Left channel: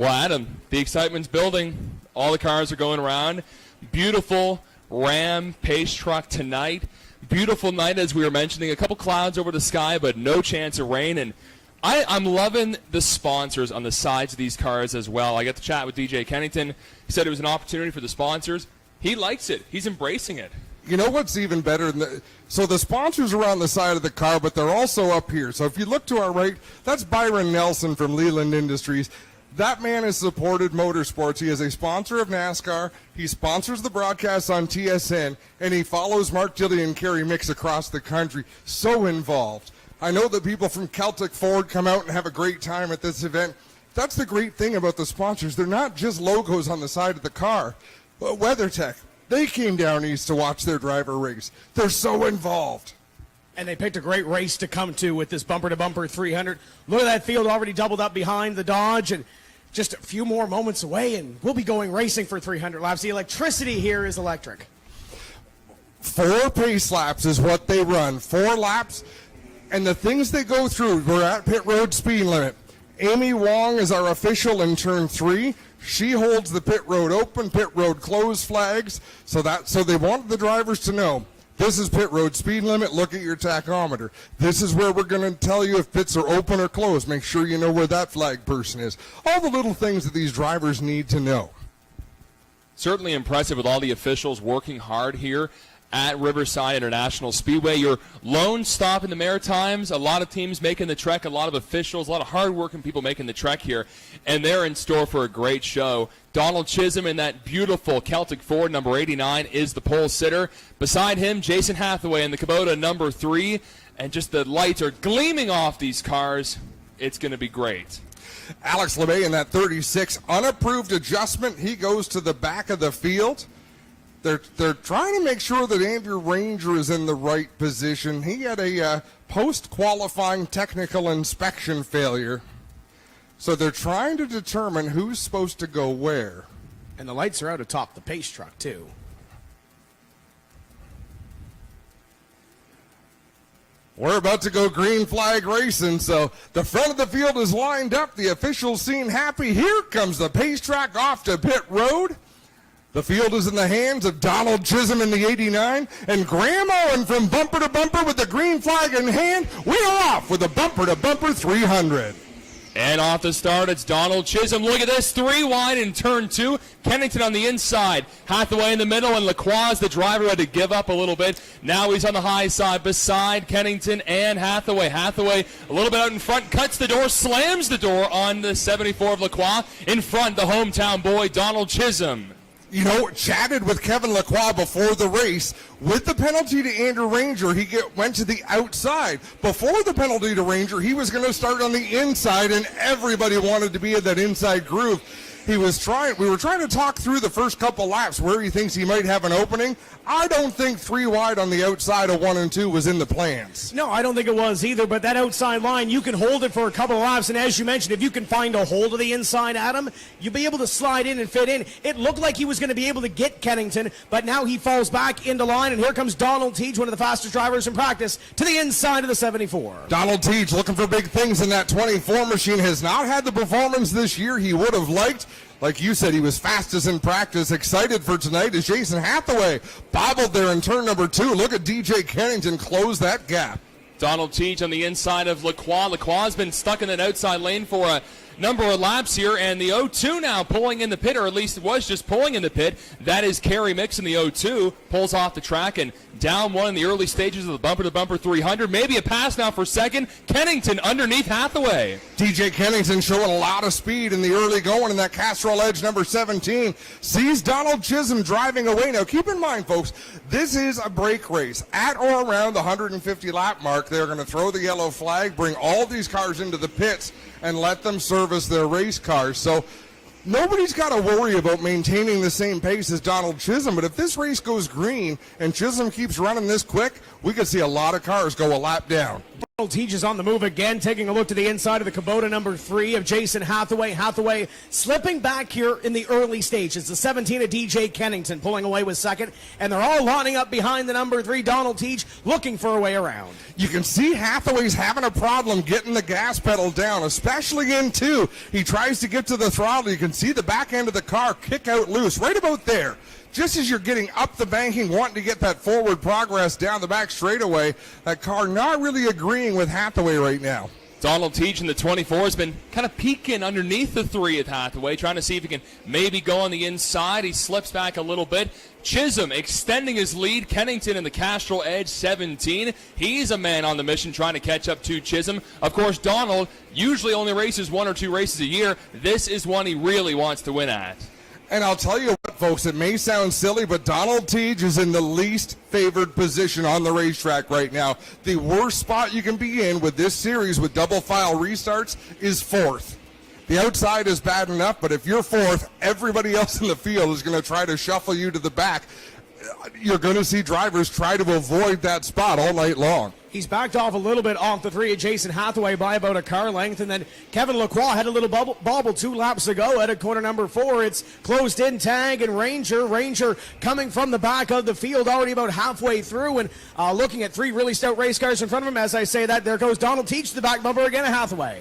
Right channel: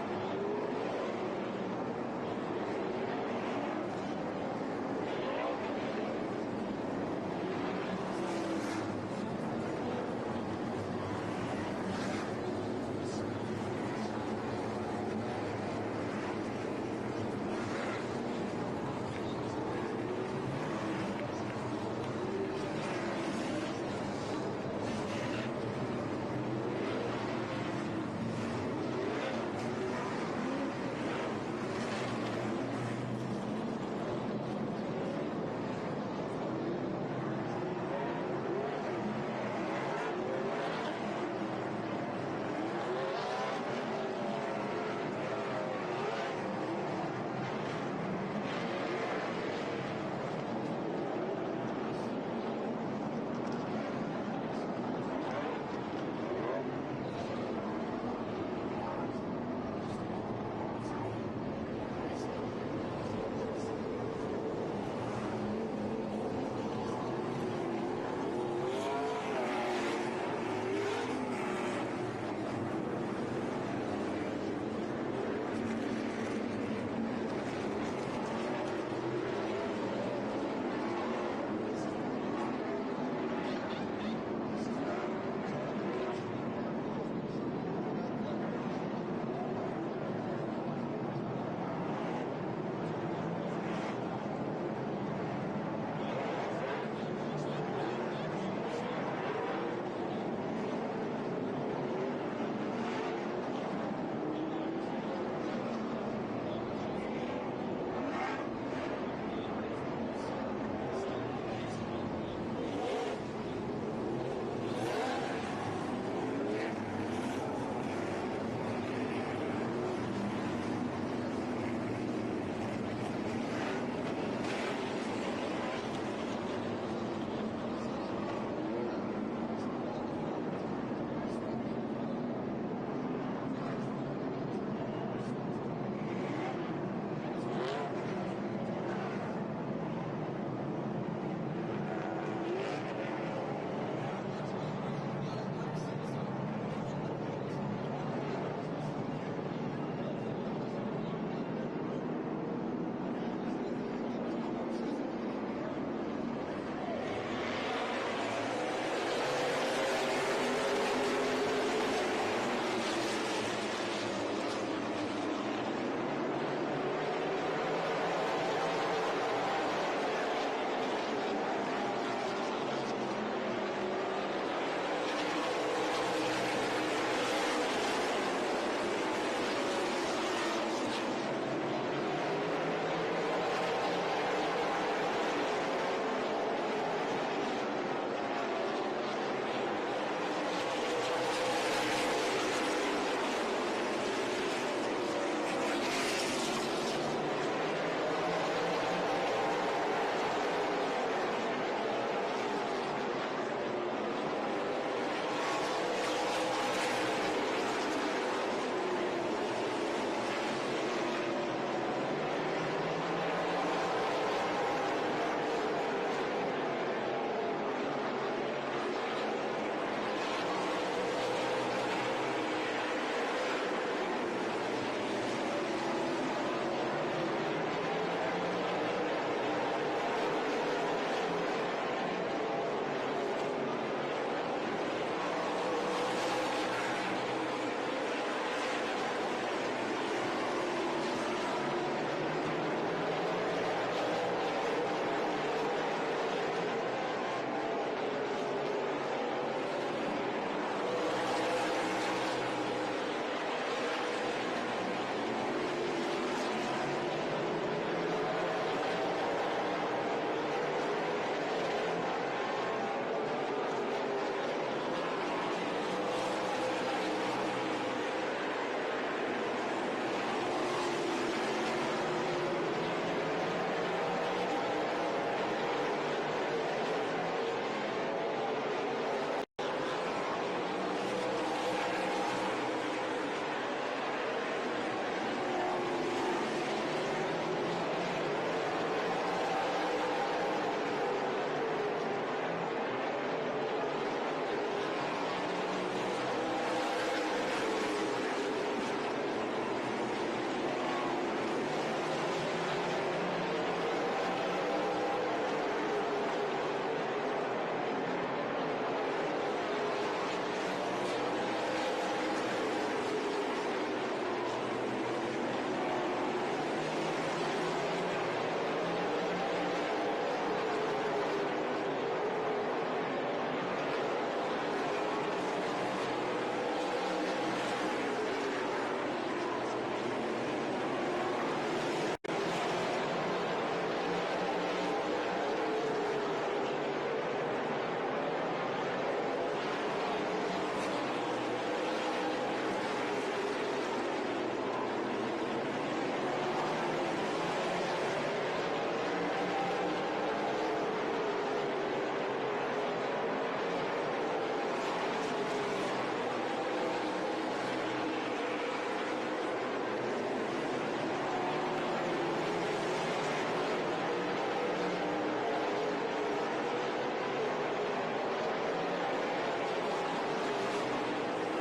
Well, Adam, the excitement's building. All the cars are going around. Beautiful Ram pace truck tonight. Beautiful night, as we were mentioning. A couple clouds over the sky, but no chance of rain. And I'm loving the sponsors on the sides of these cars as well. I got to chat with DJ Kennington. He said it was an opportunity for the sponsors. He likes it. He's embracing it. You know what's even better than so the sponsors are on the side of the car, but they're also up here. So if you look to our right, that's Byron Nelson from Leland Industries. That man has supported motorsports. He is a sponsor of NASCAR. He sponsors the broadcasts on TSN, and he follows Mark Dilley and Kerry Mix across the country. So involved. I know that people from Celtic Ford come out and have a great time at this event. That's the great thing about the sponsors. They're not just logos on the side of the car. But WeatherTech, they came down east to watch their driver race. They're so involved. And they picked a great race to come to with this bumper-to-bumper 300. Look at that field already doubled up behind the Dodge, and just a few more moments away, and we'll be going racing for 300 laps. The electricity here is electric. 4 pace laps is what they run. 4 laps, and the things they go through, we're at pit road speed limit. Amy Wong is our official in turn 3. She holds the pit road open, pit road closed flags, so they want the drivers to know, this is pit road speed limit, look at your tachometer. This is where we're going to tell you if pits are open or closed. Make sure you know where that flag person is. All the little things that these drivers need to know. Certainly impressive with all the officials working hard here at Riverside International Speedway. Your lone stop in the Maritimes, a lot of teams making the trek, a lot of officials, a lot of hard-working people making the trek here, and they're in store for a great show. Donald Chisholm in that beautiful Celtic Ford number 89 is the pole sitter. Beside him, Jason Hathaway in the Kubota number 3, and just the lights are gleaming off these cars. It's going to be great. Alex LeMay in that 36, unapproved adjustment. He goes to the back of the field. They're trying to make sure that Andrew Ranger is in the right position. He had a post-qualifying technical inspection failure. So they're trying to determine who's supposed to go where. And the lights are out atop the pace truck, too. We're about to go green flag racing, so the front of the field is lined up. The officials seem happy. Here comes the pace track off to pit road. The field is in the hands of Donald Chisholm in the 89, and Graham Owen from bumper to bumper with the green flag in hand. We are off with a bumper-to-bumper 300. And off the start, it's Donald Chisholm. Look at this, 3 wide in turn 2. Kennington on the inside. Hathaway in the middle, and Lacroix, the driver, had to give up a little bit. Now he's on the high side beside Kennington and Hathaway. Hathaway a little bit out in front, cuts the door, slams the door on the 74 of Lacroix. In front, the hometown boy, Donald Chisholm. You know, chatted with Kevin Lacroix before the race. With the penalty to Andrew Ranger, he went to the outside. Before the penalty to Ranger, he was going to start on the inside, and everybody wanted to be in that inside groove. We were trying to talk through the first couple laps where he thinks he might have an opening. I don't think 3 wide on the outside of 1 and 2 was in the plans. No, I don't think it was either, but that outside line, you can hold it for a couple of laps, and as you mentioned, if you can find a hold of the inside, Adam, you'll be able to slide in and fit in. It looked like he was going to be able to get Kennington, but now he falls back into line, and here comes Donald Teach, one of the fastest drivers in practice, to the inside of the 74. Donald Teach looking for big things in that 24 machine. Has not had the performance this year he would have liked. Like you said, he was fastest in practice. Excited for tonight is Jason Hathaway. Bobbled there in turn number 2. Look at DJ Kennington close that gap. Donald Teach on the inside of Lacroix. Lacroix has been stuck in that outside lane for a number of laps here, and the 0-2 now pulling in the pit, or at least it was just pulling in the pit. That is Kerry Mix in the 0-2. Pulls off the track and down 1 in the early stages of the bumper-to-bumper 300. Maybe a pass now for second. Kennington underneath Hathaway. DJ Kennington showing a lot of speed in the early going in that Castrol Edge number 17. Sees Donald Chisholm driving away. Now keep in mind, folks, this is a break race. At or around the 150 lap mark, they're going to throw the yellow flag, bring all these cars into the pits, and let them service their race cars. So nobody's got to worry about maintaining the same pace as Donald Chisholm, but if this race goes green and Chisholm keeps running this quick, we could see a lot of cars go a lap down. Teach is on the move again, taking a look to the inside of the Kubota number 3 of Jason Hathaway. Hathaway slipping back here in the early stages. The 17 of DJ Kennington pulling away with second, and they're all lining up behind the number 3, Donald Teach, looking for a way around. You can see Hathaway's having a problem getting the gas pedal down, especially in two. He tries to get to the throttle. You can see the back end of the car kick out loose right about there. Just as you're getting up the banking, wanting to get that forward progress down the back straightaway, that car not really agreeing with Hathaway right now. Donald Teach in the 24 has been kind of peeking underneath the 3 at Hathaway, trying to see if he can maybe go on the inside. He slips back a little bit. Chisholm extending his lead. Kennington in the Castrol Edge 17. He's a man on the mission trying to catch up to Chisholm. Of course, Donald usually only races 1 or 2 races a year. This is one he really wants to win at. And I'll tell you what, folks, it may sound silly, but Donald Teach is in the least favored position on the racetrack right now. The worst spot you can be in with this series with double file restarts is 4th. The outside is bad enough, but if you're 4th, everybody else in the field is going to try to shuffle you to the back. You're going to see drivers try to avoid that spot all night long. He's backed off a little bit off the 3 of Jason Hathaway by about a car length, and then Kevin Lacroix had a little bobble 2 laps ago at corner number 4. It's closed in tag and Ranger coming from the back of the field, already about halfway through, and looking at 3 really stout race cars in front of him. As I say that, there goes Donald Teach, the back bumper again at Hathaway.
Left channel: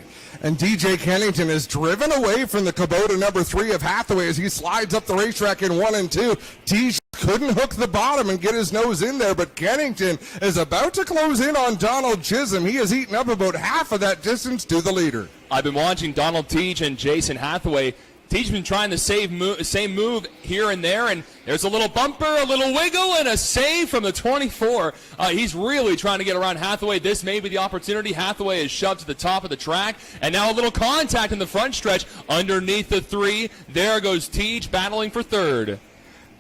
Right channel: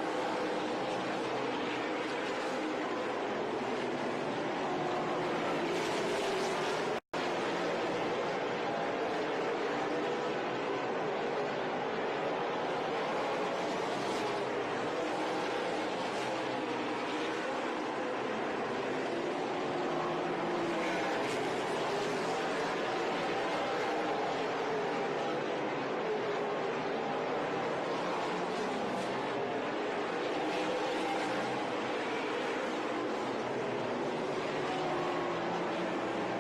And DJ Kennington is driven away from the Kubota number 3 of Hathaway as he slides up the racetrack in 1 and 2. Teach couldn't hook the bottom and get his nose in there, but Kennington is about to close in on Donald Chisholm. He has eaten up about half of that distance to the leader. I've been watching Donald Teach and Jason Hathaway. Teach been trying the same move here and there, and there's a little bumper, a little wiggle, and a save from the 24. He's really trying to get around Hathaway. This may be the opportunity. Hathaway is shoved to the top of the track, and now a little contact in the front stretch underneath the 3. There goes Teach battling for 3rd.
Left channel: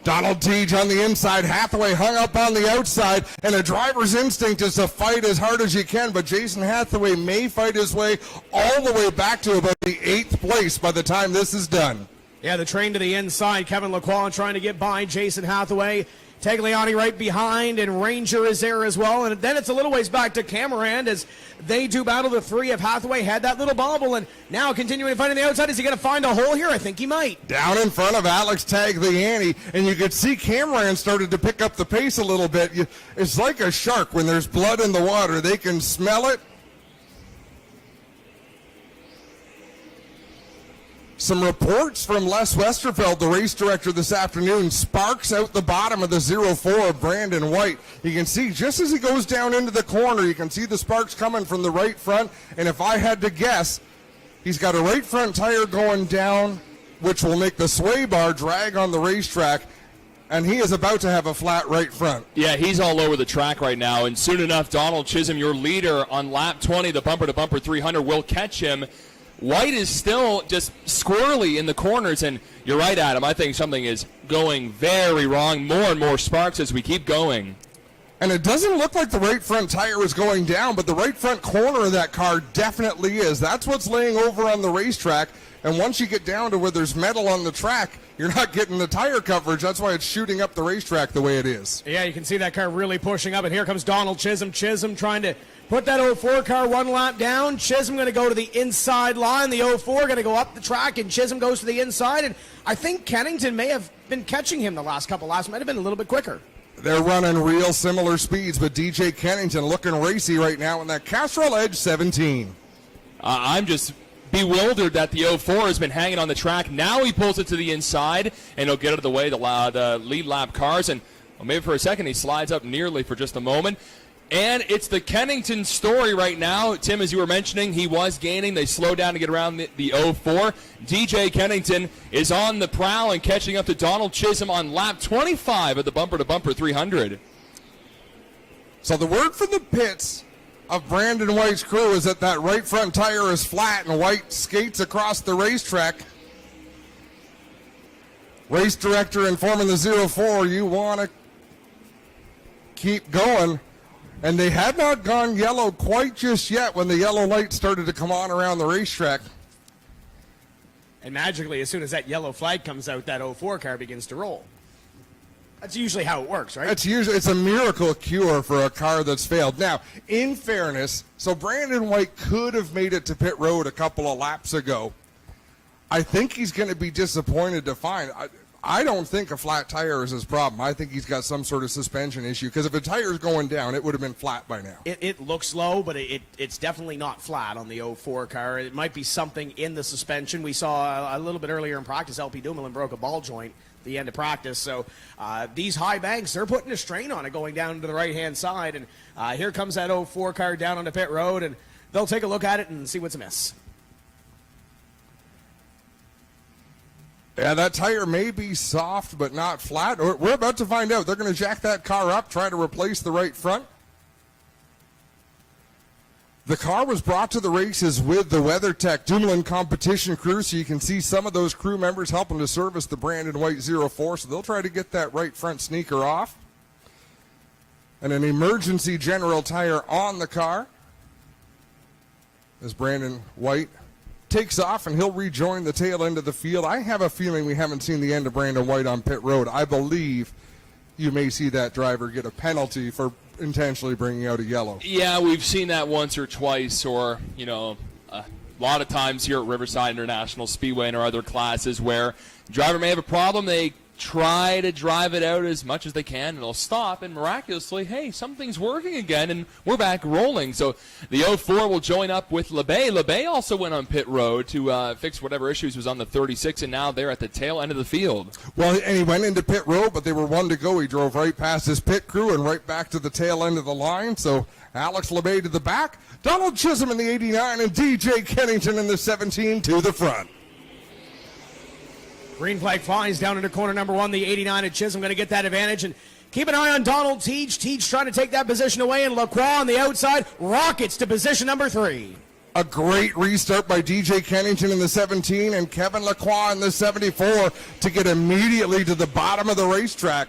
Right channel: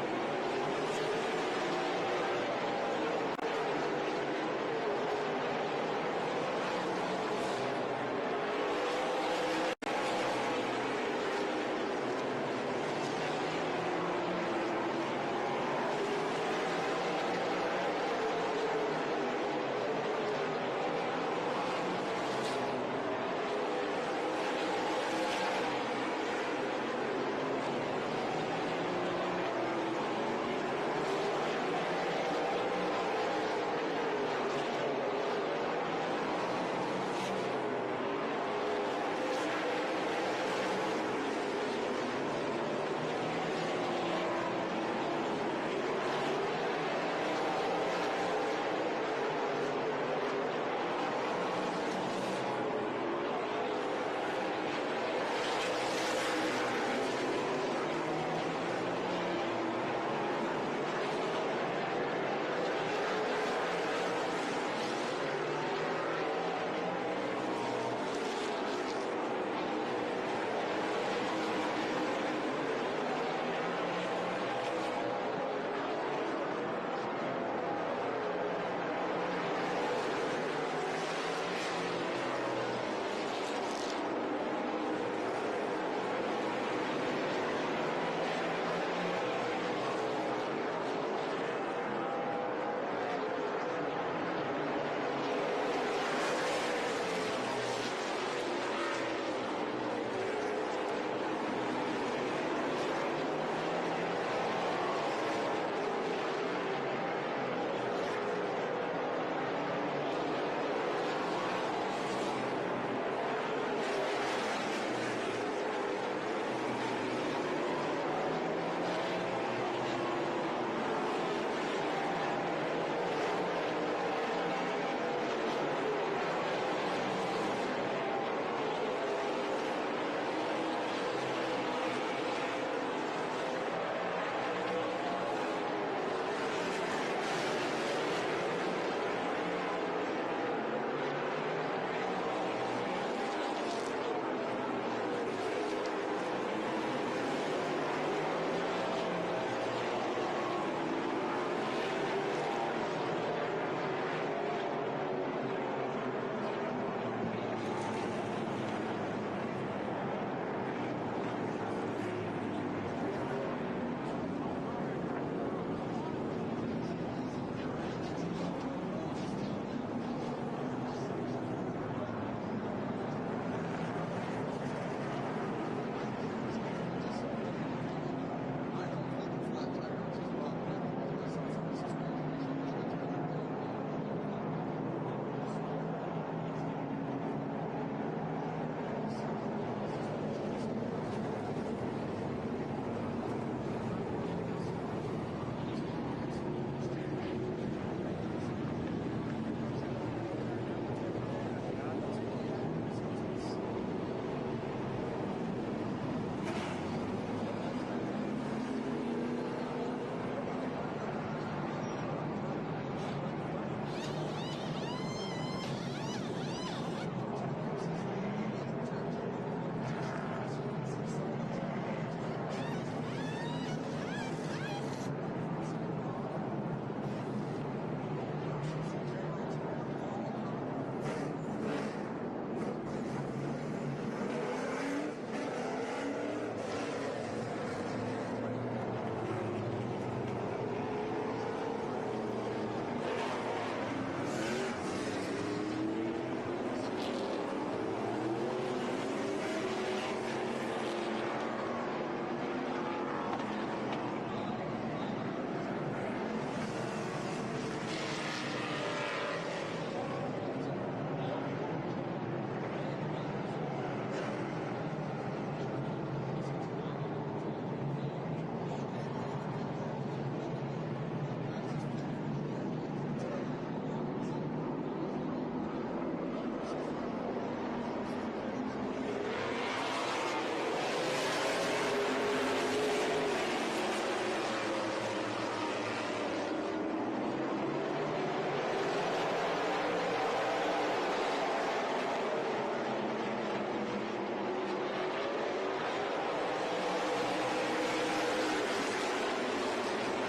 Donald Teach on the inside, Hathaway hung up on the outside, and a driver's instinct is to fight as hard as you can, but Jason Hathaway may fight his way all the way back to about the 8th place by the time this is done. Yeah, the train to the inside. Kevin Lacroix trying to get by Jason Hathaway. Tagliani right behind, and Ranger is there as well. And then it's a little ways back to Cameron as they do battle. The 3 of Hathaway had that little bobble, and now continuing to fight on the outside. Is he going to find a hole here? I think he might. Down in front of Alex Tagliani, and you could see Cameron started to pick up the pace a little bit. It's like a shark when there's blood in the water. They can smell it. Some reports from Les Westerfeld, the race director this afternoon, sparks out the bottom of the 04 of Brandon White. You can see just as he goes down into the corner, you can see the sparks coming from the right front. And if I had to guess, he's got a right front tire going down, which will make the sway bar drag on the racetrack. And he is about to have a flat right front. Yeah, he's all over the track right now. And soon enough, Donald Chisholm, your leader on lap 20, the bumper-to-bumper 300, will catch him. White is still just squirrely in the corners, and you're right, Adam. I think something is going very wrong. More and more sparks as we keep going. And it doesn't look like the right front tire is going down, but the right front corner of that car definitely is. That's what's laying over on the racetrack. And once you get down to where there's metal on the track, you're not getting the tire coverage. That's why it's shooting up the racetrack the way it is. Yeah, you can see that car really pushing up, and here comes Donald Chisholm. Chisholm trying to put that 04 car 1 lap down. Chisholm going to go to the inside line. The 04 going to go up the track, and Chisholm goes to the inside. And I think Kennington may have been catching him the last couple laps. Might have been a little bit quicker. They're running real similar speeds, but DJ Kennington looking racy right now in that Castrol Edge 17. I'm just bewildered that the 04 has been hanging on the track. Now he pulls it to the inside, and he'll get out of the way, the lead lap cars, and maybe for a second he slides up nearly for just a moment. And it's the Kennington story right now. Tim, as you were mentioning, he was gaining. They slowed down to get around the 04. DJ Kennington is on the prowl and catching up to Donald Chisholm on lap 25 of the bumper-to-bumper 300. So the word for the pits of Brandon White's crew is that right front tire is flat, and White skates across the racetrack. Race director informing the 04, you want to keep going. And they had not gone yellow quite just yet when the yellow light started to come on around the racetrack. And magically, as soon as that yellow flag comes out, that 04 car begins to roll. That's usually how it works, right? It's a miracle cure for a car that's failed. Now, in fairness, so Brandon White could have made it to pit road a couple of laps ago. I think he's going to be disappointed to find I don't think a flat tire is his problem. I think he's got some sort of suspension issue, because if a tire's going down, it would have been flat by now. It looks low, but it's definitely not flat on the 04 car. It might be something in the suspension. We saw a little bit earlier in practice, LP Dumoulin broke a ball joint at the end of practice. So these high banks, they're putting a strain on it going down to the right-hand side. And here comes that 04 car down on the pit road, and they'll take a look at it and see what's amiss. Yeah, that tire may be soft but not flat. We're about to find out. They're going to jack that car up, try to replace the right front. The car was brought to the races with the WeatherTech Dumoulin competition crew, so you can see some of those crew members helping to service the Brandon White 04, so they'll try to get that right front sneaker off. And an emergency general tire on the car as Brandon White takes off, and he'll rejoin the tail end of the field. I have a feeling we haven't seen the end of Brandon White on pit road. I believe you may see that driver get a penalty for intentionally bringing out a yellow. Yeah, we've seen that once or twice, or, a lot of times here at Riverside International Speedway and our other classes where the driver may have a problem. They try to drive it out as much as they can, and they'll stop, and miraculously, hey, something's working again, and we're back rolling. So the 04 will join up with LeBay. LeBay also went on pit road to fix whatever issues was on the 36, and now they're at the tail end of the field. Well, and he went into pit road, but they were one to go. He drove right past his pit crew and right back to the tail end of the line. So Alex LeBay to the back, Donald Chisholm in the 89, and DJ Kennington in the 17 to the front. Green flag flies down into corner number 1. The 89 at Chisholm going to get that advantage. And keep an eye on Donald Teach. Teach trying to take that position away. And Lacroix on the outside rockets to position number 3. A great restart by DJ Kennington in the 17 and Kevin Lacroix in the 74 to get immediately to the bottom of the racetrack.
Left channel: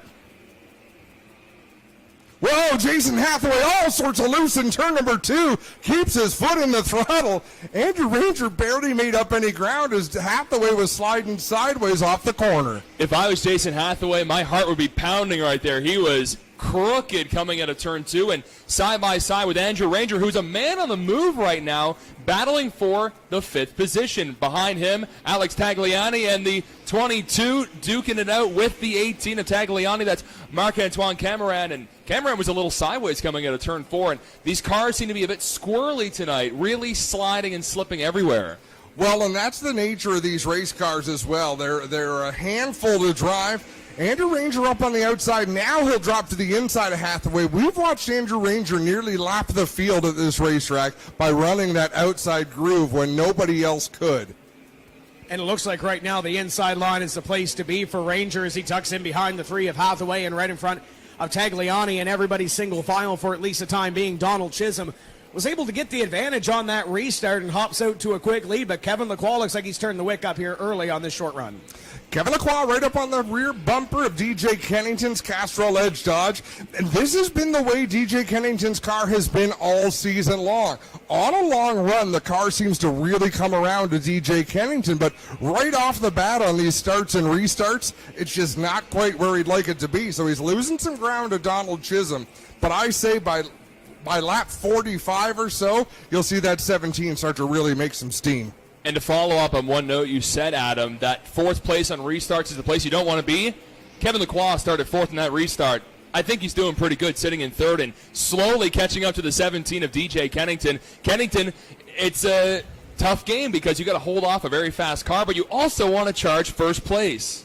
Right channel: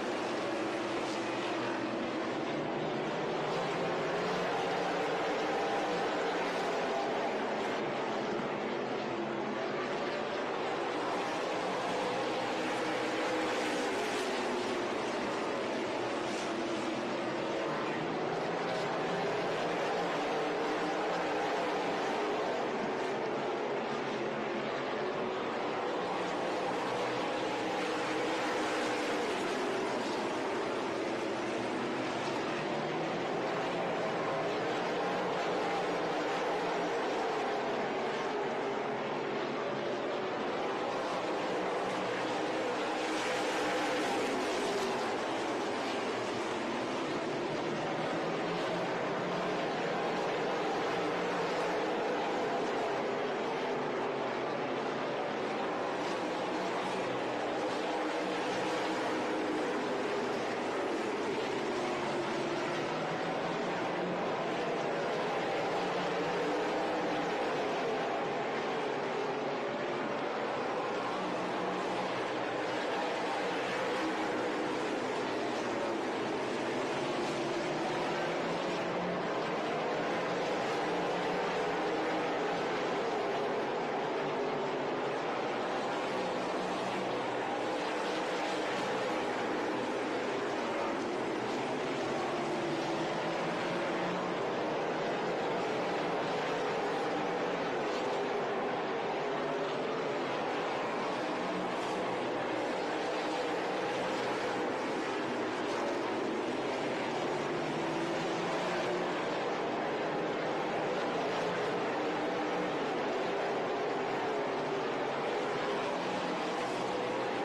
Whoa, Jason Hathaway all sorts of loose in turn number 2. Keeps his foot in the throttle. Andrew Ranger barely made up any ground as Hathaway was sliding sideways off the corner. If I was Jason Hathaway, my heart would be pounding right there. He was crooked coming out of turn 2 and side by side with Andrew Ranger, who's a man on the move right now, battling for the 5th position. Behind him, Alex Tagliani, and the 22 duking it out with the 18 of Tagliani. That's Marc-Antoine Cameron, and Cameron was a little sideways coming out of turn 4, and these cars seem to be a bit squirrely tonight, really sliding and slipping everywhere. Well, and that's the nature of these race cars as well. They're a handful to drive. Andrew Ranger up on the outside. Now he'll drop to the inside of Hathaway. We've watched Andrew Ranger nearly lap the field at this racetrack by running that outside groove when nobody else could. And it looks like right now the inside line is the place to be for Ranger as he tucks in behind the 3 of Hathaway and right in front of Tagliani, and everybody's single file for at least the time being. Donald Chisholm was able to get the advantage on that restart and hops out to a quick lead, but Kevin Lacroix looks like he's turned the wick up here early on this short run. Kevin Lacroix right up on the rear bumper of DJ Kennington's Castrol Edge Dodge. And this has been the way DJ Kennington's car has been all season long. On a long run, the car seems to really come around to DJ Kennington, but right off the bat on these starts and restarts, it's just not quite where he'd like it to be. So he's losing some ground to Donald Chisholm. But I say by lap 45 or so, you'll see that 17 start to really make some steam. And to follow up on one note you said, Adam, that 4th place on restarts is the place you don't want to be. Kevin Lacroix started 4th in that restart. I think he's doing pretty good sitting in 3rd and slowly catching up to the 17 of DJ Kennington. Kennington, it's a tough game because you got to hold off a very fast car, but you also want to charge 1st place.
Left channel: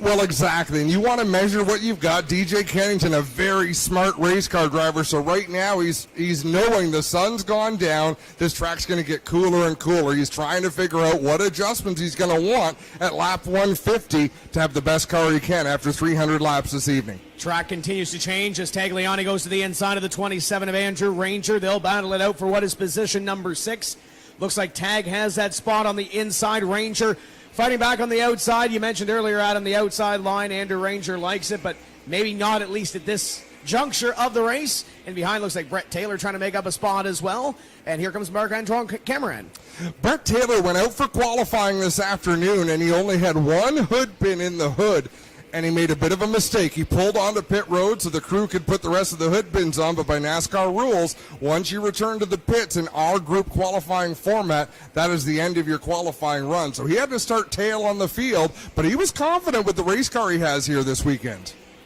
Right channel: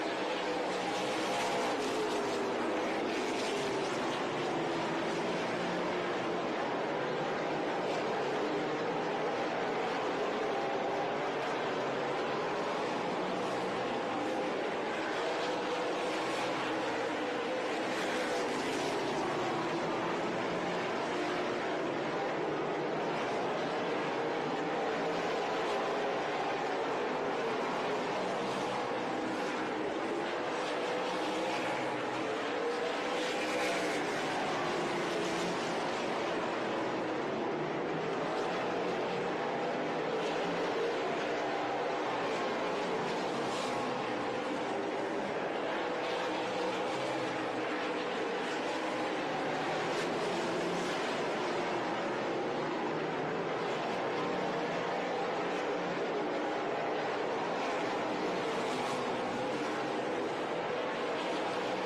Well, exactly, and you want to measure what you've got. DJ Kennington, a very smart race car driver, so right now he's knowing the sun's gone down, this track's going to get cooler and cooler. He's trying to figure out what adjustments he's going to want at lap 150 to have the best car he can after 300 laps this evening. Track continues to change as Tagliani goes to the inside of the 27 of Andrew Ranger. They'll battle it out for what is position number 6. Looks like Tag has that spot on the inside. Ranger fighting back on the outside. You mentioned earlier, Adam, the outside line. Andrew Ranger likes it, but maybe not at least at this juncture of the race. And behind looks like Brett Taylor trying to make up a spot as well. And here comes Marc-Antoine Cameron. Brett Taylor went out for qualifying this afternoon, and he only had one hood pin in the hood. and he made a bit of a mistake. He pulled onto pit road so the crew could put the rest of the hood bins on, but by NASCAR rules, once you return to the pits in our group qualifying format, that is the end of your qualifying run. So he had to start tail on the field, but he was confident with the race car he has here this weekend.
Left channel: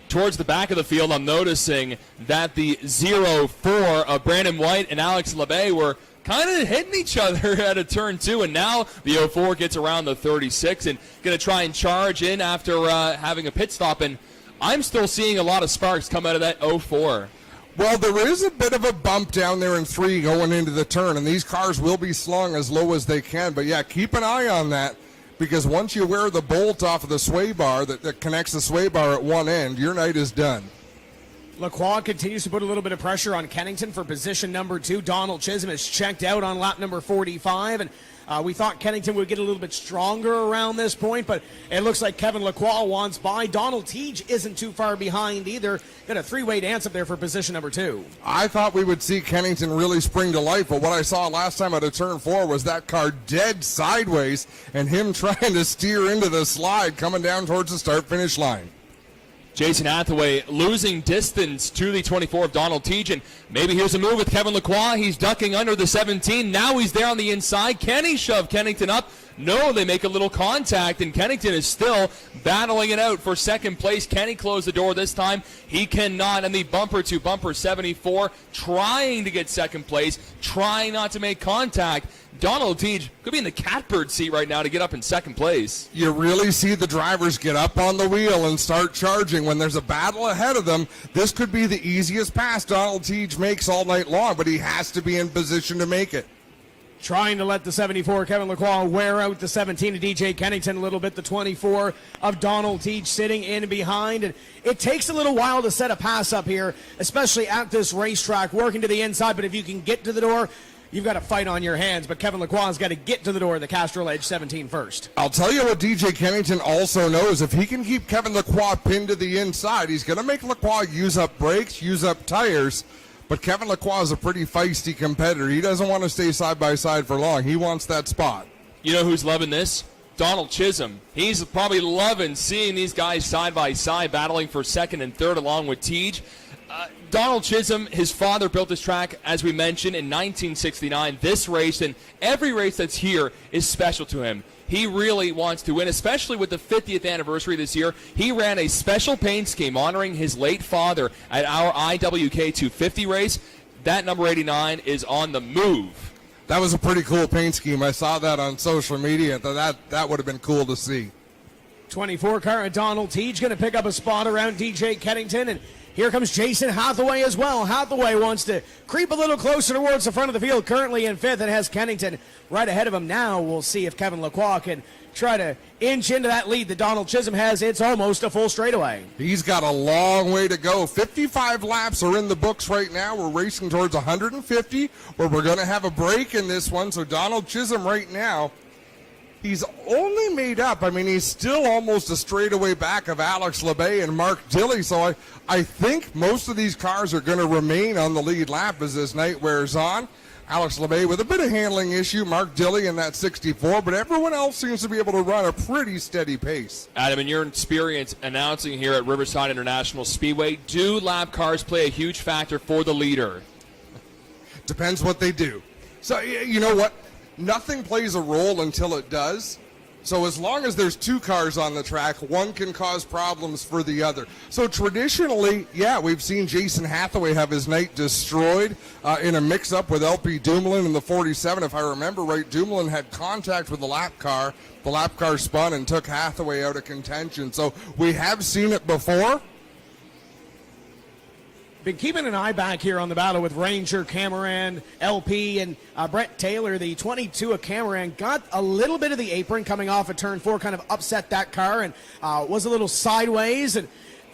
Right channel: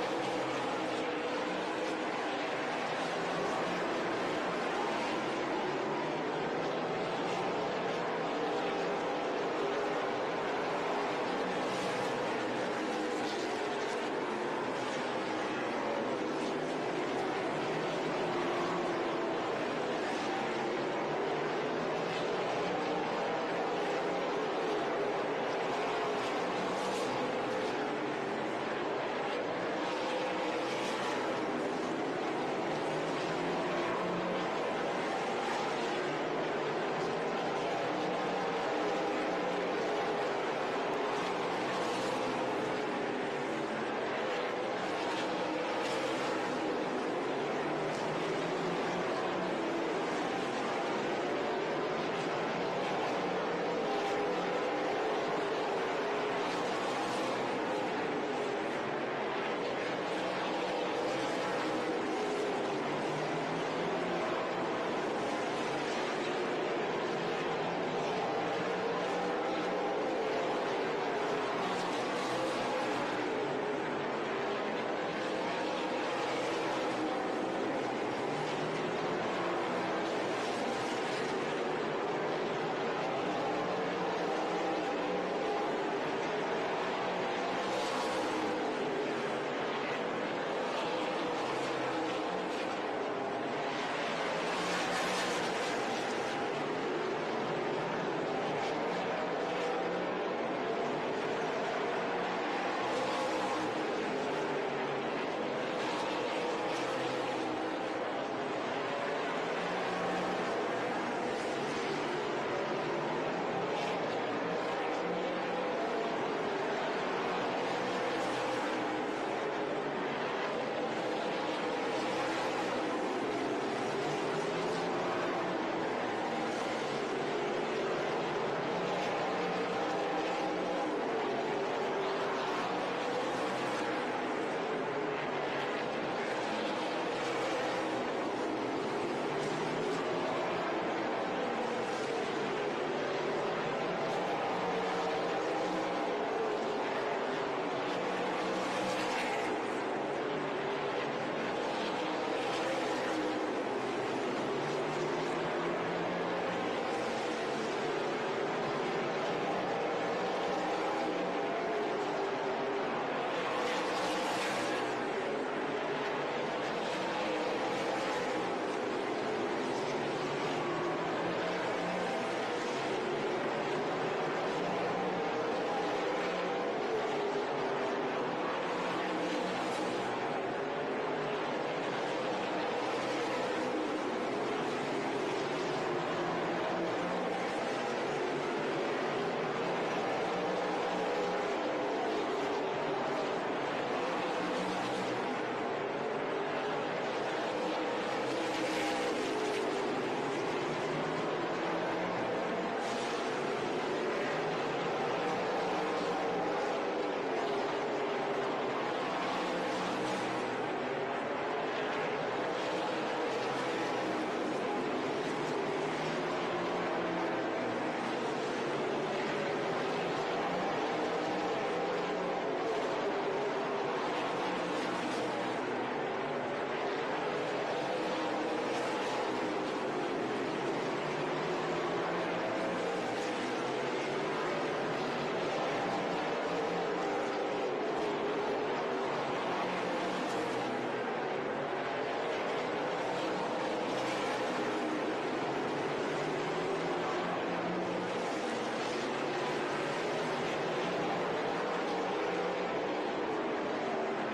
Towards the back of the field, I'm noticing that the 0-4 of Brandon White and Alex LeBay were kind of hitting each other at a turn 2, and now the 04 gets around the 36 and going to try and charge in after having a pit stop, and I'm still seeing a lot of sparks come out of that 04. Well, there is a bit of a bump down there in 3 going into the turn, and these cars will be slung as low as they can, but yeah, keep an eye on that, because once you wear the bolt off of the sway bar that connects the sway bar at one end, your night is done. Lacroix continues to put a little bit of pressure on Kennington for position number 2. Donald Chisholm is checked out on lap number 45, and we thought Kennington would get a little bit stronger around this point, but it looks like Kevin Lacroix wants by. Donald Teague isn't too far behind either. Got a 3-way dance up there for position number 2. I thought we would see Kennington really spring to life, but what I saw last time out of turn 4 was that car dead sideways and him trying to steer into the slide coming down towards the start-finish line. Jason Hathaway losing distance to the 24 of Donald Teague, and maybe here's a move with Kevin Lacroix. He's ducking under the 17. Now he's there on the inside. Can he shove Kennington up? No, they make a little contact, and Kennington is still battling it out for second place. Can he close the door this time? He cannot, and the bumper-to-bumper 74 trying to get second place, trying not to make contact. Donald Teague could be in the catbird seat right now to get up in second place. You really see the drivers get up on the wheel and start charging when there's a battle ahead of them. This could be the easiest pass Donald Teague makes all night long, but he has to be in position to make it. Trying to let the 74 Kevin Lacroix wear out the 17 of DJ Kennington a little bit. The 24 of Donald Teague sitting in behind. And it takes a little while to set a pass up here, especially at this racetrack, working to the inside. But if you can get to the door, you've got a fight on your hands, but Kevin Lacroix has got to get to the door of the Castrol Edge 17 first. I'll tell you what DJ Kennington also knows. If he can keep Kevin Lacroix pinned to the inside, he's going to make Lacroix use up brakes, use up tires. But Kevin Lacroix is a pretty feisty competitor. He doesn't want to stay side by side for long. He wants that spot. You know who's loving this? Donald Chisholm. He's probably loving seeing these guys side by side battling for second and third along with Teague. Donald Chisholm, his father built this track, as we mentioned, in 1969. This race and every race that's here is special to him. He really wants to win, especially with the 50th anniversary this year. He ran a special paint scheme honoring his late father at our IWK 250 race. That number 89 is on the move. That was a pretty cool paint scheme. I saw that on social media. That would have been cool to see. 24 car of Donald Teague going to pick up a spot around DJ Kennington, and here comes Jason Hathaway as well. Hathaway wants to creep a little closer towards the front of the field, currently in 5th, and has Kennington right ahead of him. Now we'll see if Kevin Lacroix can try to inch into that lead that Donald Chisholm has. It's almost a full straightaway. He's got a long way to go. 55 laps are in the books right now. We're racing towards 150, where we're going to have a break in this one. So Donald Chisholm right now, he's only made up. I mean, he's still almost a straightaway back of Alex LeBay and Mark Dilley. So I think most of these cars are going to remain on the lead lap as this night wears on. Alex LeBay with a bit of handling issue, Mark Dilley in that 64, but everyone else seems to be able to run a pretty steady pace. Adam, in your experience announcing here at Riverside International Speedway, do lap cars play a huge factor for the leader? Depends what they do. So, you know what? Nothing plays a role until it does. So as long as there's 2 cars on the track, one can cause problems for the other. So traditionally, yeah, we've seen Jason Hathaway have his night destroyed in a mix-up with LP Dumoulin in the 47. If I remember right, Dumoulin had contact with the lap car. The lap car spun and took Hathaway out of contention. So we have seen it before. Been keeping an eye back here on the battle with Ranger, Cameron, LP, and Brett Taylor. The 22 of Cameron got a little bit of the apron coming off of turn 4, kind of upset that car, and was a little sideways and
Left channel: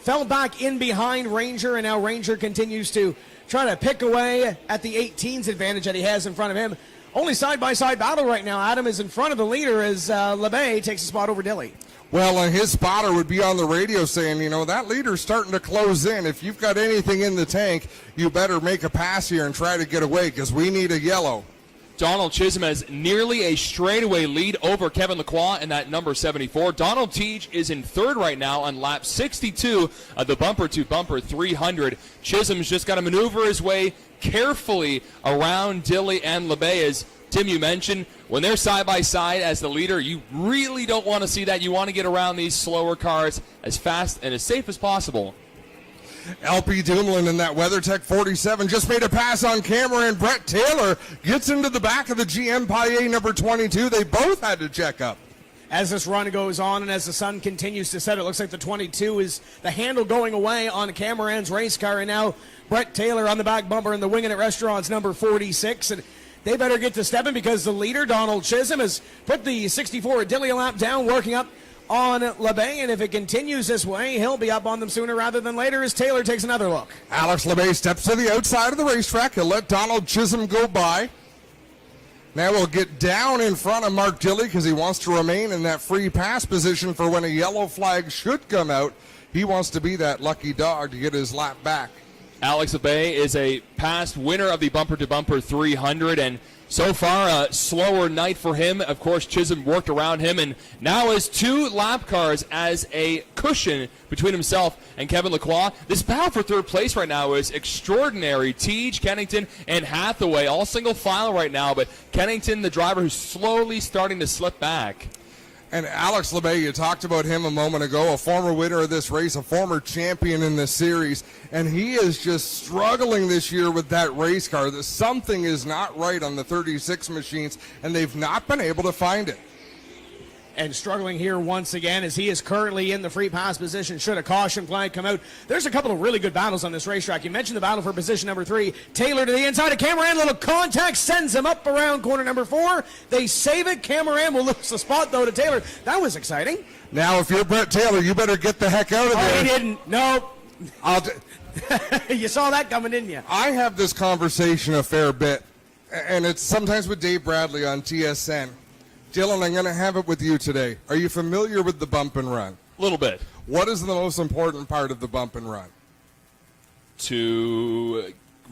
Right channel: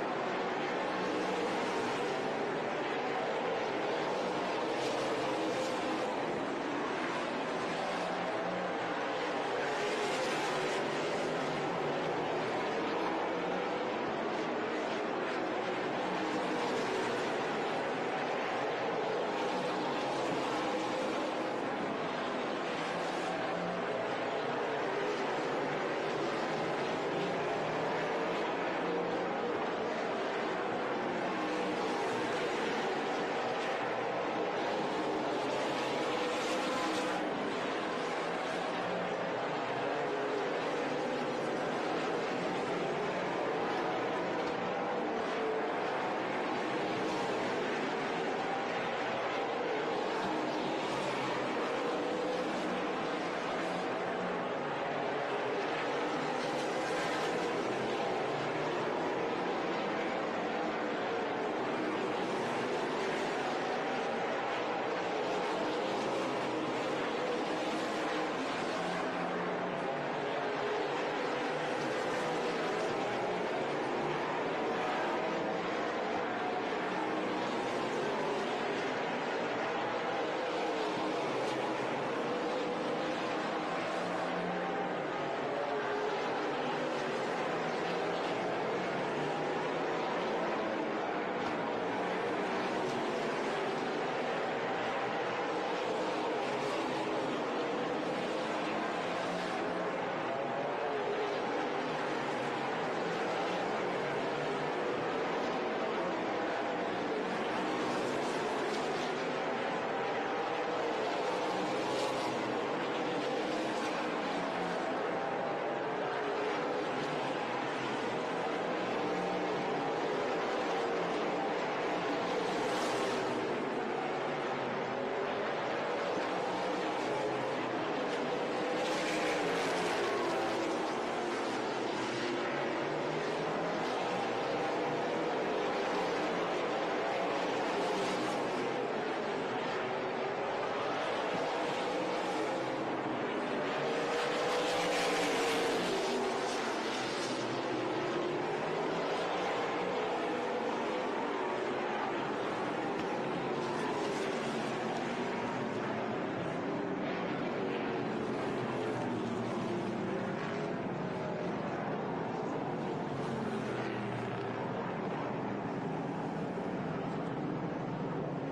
fell back in behind Ranger, and now Ranger continues to try to pick away at the 18's advantage that he has in front of him. Only side-by-side battle right now. Adam is in front of the leader as LeBay takes a spot over Dilley. Well, and his spotter would be on the radio saying, you know, that leader's starting to close in. If you've got anything in the tank, you better make a pass here and try to get away because we need a yellow. Donald Chisholm has nearly a straightaway lead over Kevin Lacroix in that number 74. Donald Teach is in third right now on lap 62 of the bumper-to-bumper 300. Chisholm's just got to maneuver his way carefully around Dilly and LeBay. As Tim, you mentioned, when they're side by side as the leader, you really don't want to see that. You want to get around these slower cars as fast and as safe as possible. LP Dumoulin in that WeatherTech 47 just made a pass on camera, and Brett Taylor gets into the back of the GM Paillet number 22. They both had to check up. As this run goes on and as the sun continues to set, it looks like the 22 is the handle going away on Cameron's race car, and now Brett Taylor on the back bumper in the Winging It Restaurants number 46, and they better get to stepping because the leader, Donald Chisholm, has put the 64 Dilly lap down, working up on LeBay, and if it continues this way, he'll be up on them sooner rather than later as Taylor takes another look. Alex LeBay steps to the outside of the racetrack. He'll let Donald Chisholm go by. Now we'll get down in front of Mark Dilly because he wants to remain in that free pass position for when a yellow flag should come out. He wants to be that lucky dog to get his lap back. Alex LeBay is a past winner of the bumper-to-bumper 300, and so far a slower night for him. Of course, Chisholm worked around him and now has 2 lap cars as a cushion between himself and Kevin Lacroix. This battle for third place right now is extraordinary. Teach, Kennington, and Hathaway all single file right now, but Kennington, the driver, who's slowly starting to slip back. And Alex LeBay, you talked about him a moment ago, a former winner of this race, a former champion in this series, and he is just struggling this year with that race car. Something is not right on the 36 machines, and they've not been able to find it. And struggling here once again as he is currently in the free pass position should a caution flag come out. There's a couple of really good battles on this racetrack. You mentioned the battle for position number 3. Taylor to the inside of Cameron, little contact, sends him up around corner number 4. They save it. Cameron will lose the spot though to Taylor. That was exciting. Now if you're Brett Taylor, you better get the heck out of there. Oh, he didn't. No. You saw that coming, didn't you? I have this conversation a fair bit, and it's sometimes with Dave Bradley on TSN. Dylan, I'm going to have it with you today. Are you familiar with the bump and run? A little bit. What is the most important part of the bump and run? To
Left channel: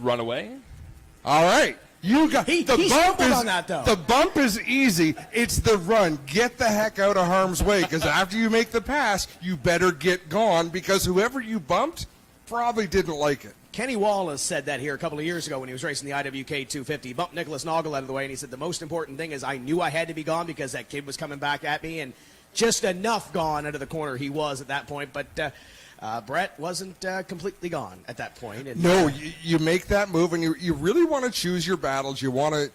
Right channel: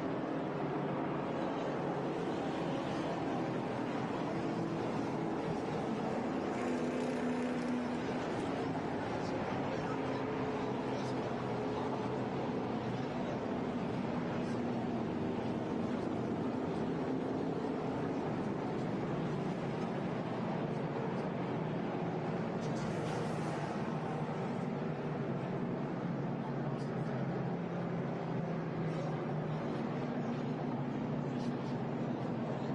run away. All right. You got he the bump is on that, though. The bump is easy. It's the run. Get the heck out of harm's way, because after you make the pass, you better get gone, because whoever you bumped probably didn't like it. Kenny Wallace said that here a couple of years ago when he was racing the IWK 250. He bumped Nicholas Noggle out of the way, and he said the most important thing is I knew I had to be gone because that kid was coming back at me, and just enough gone out of the corner he was at that point. But Brett wasn't completely gone at that point. And, no, you make that move, and you really want to choose your battles. You want to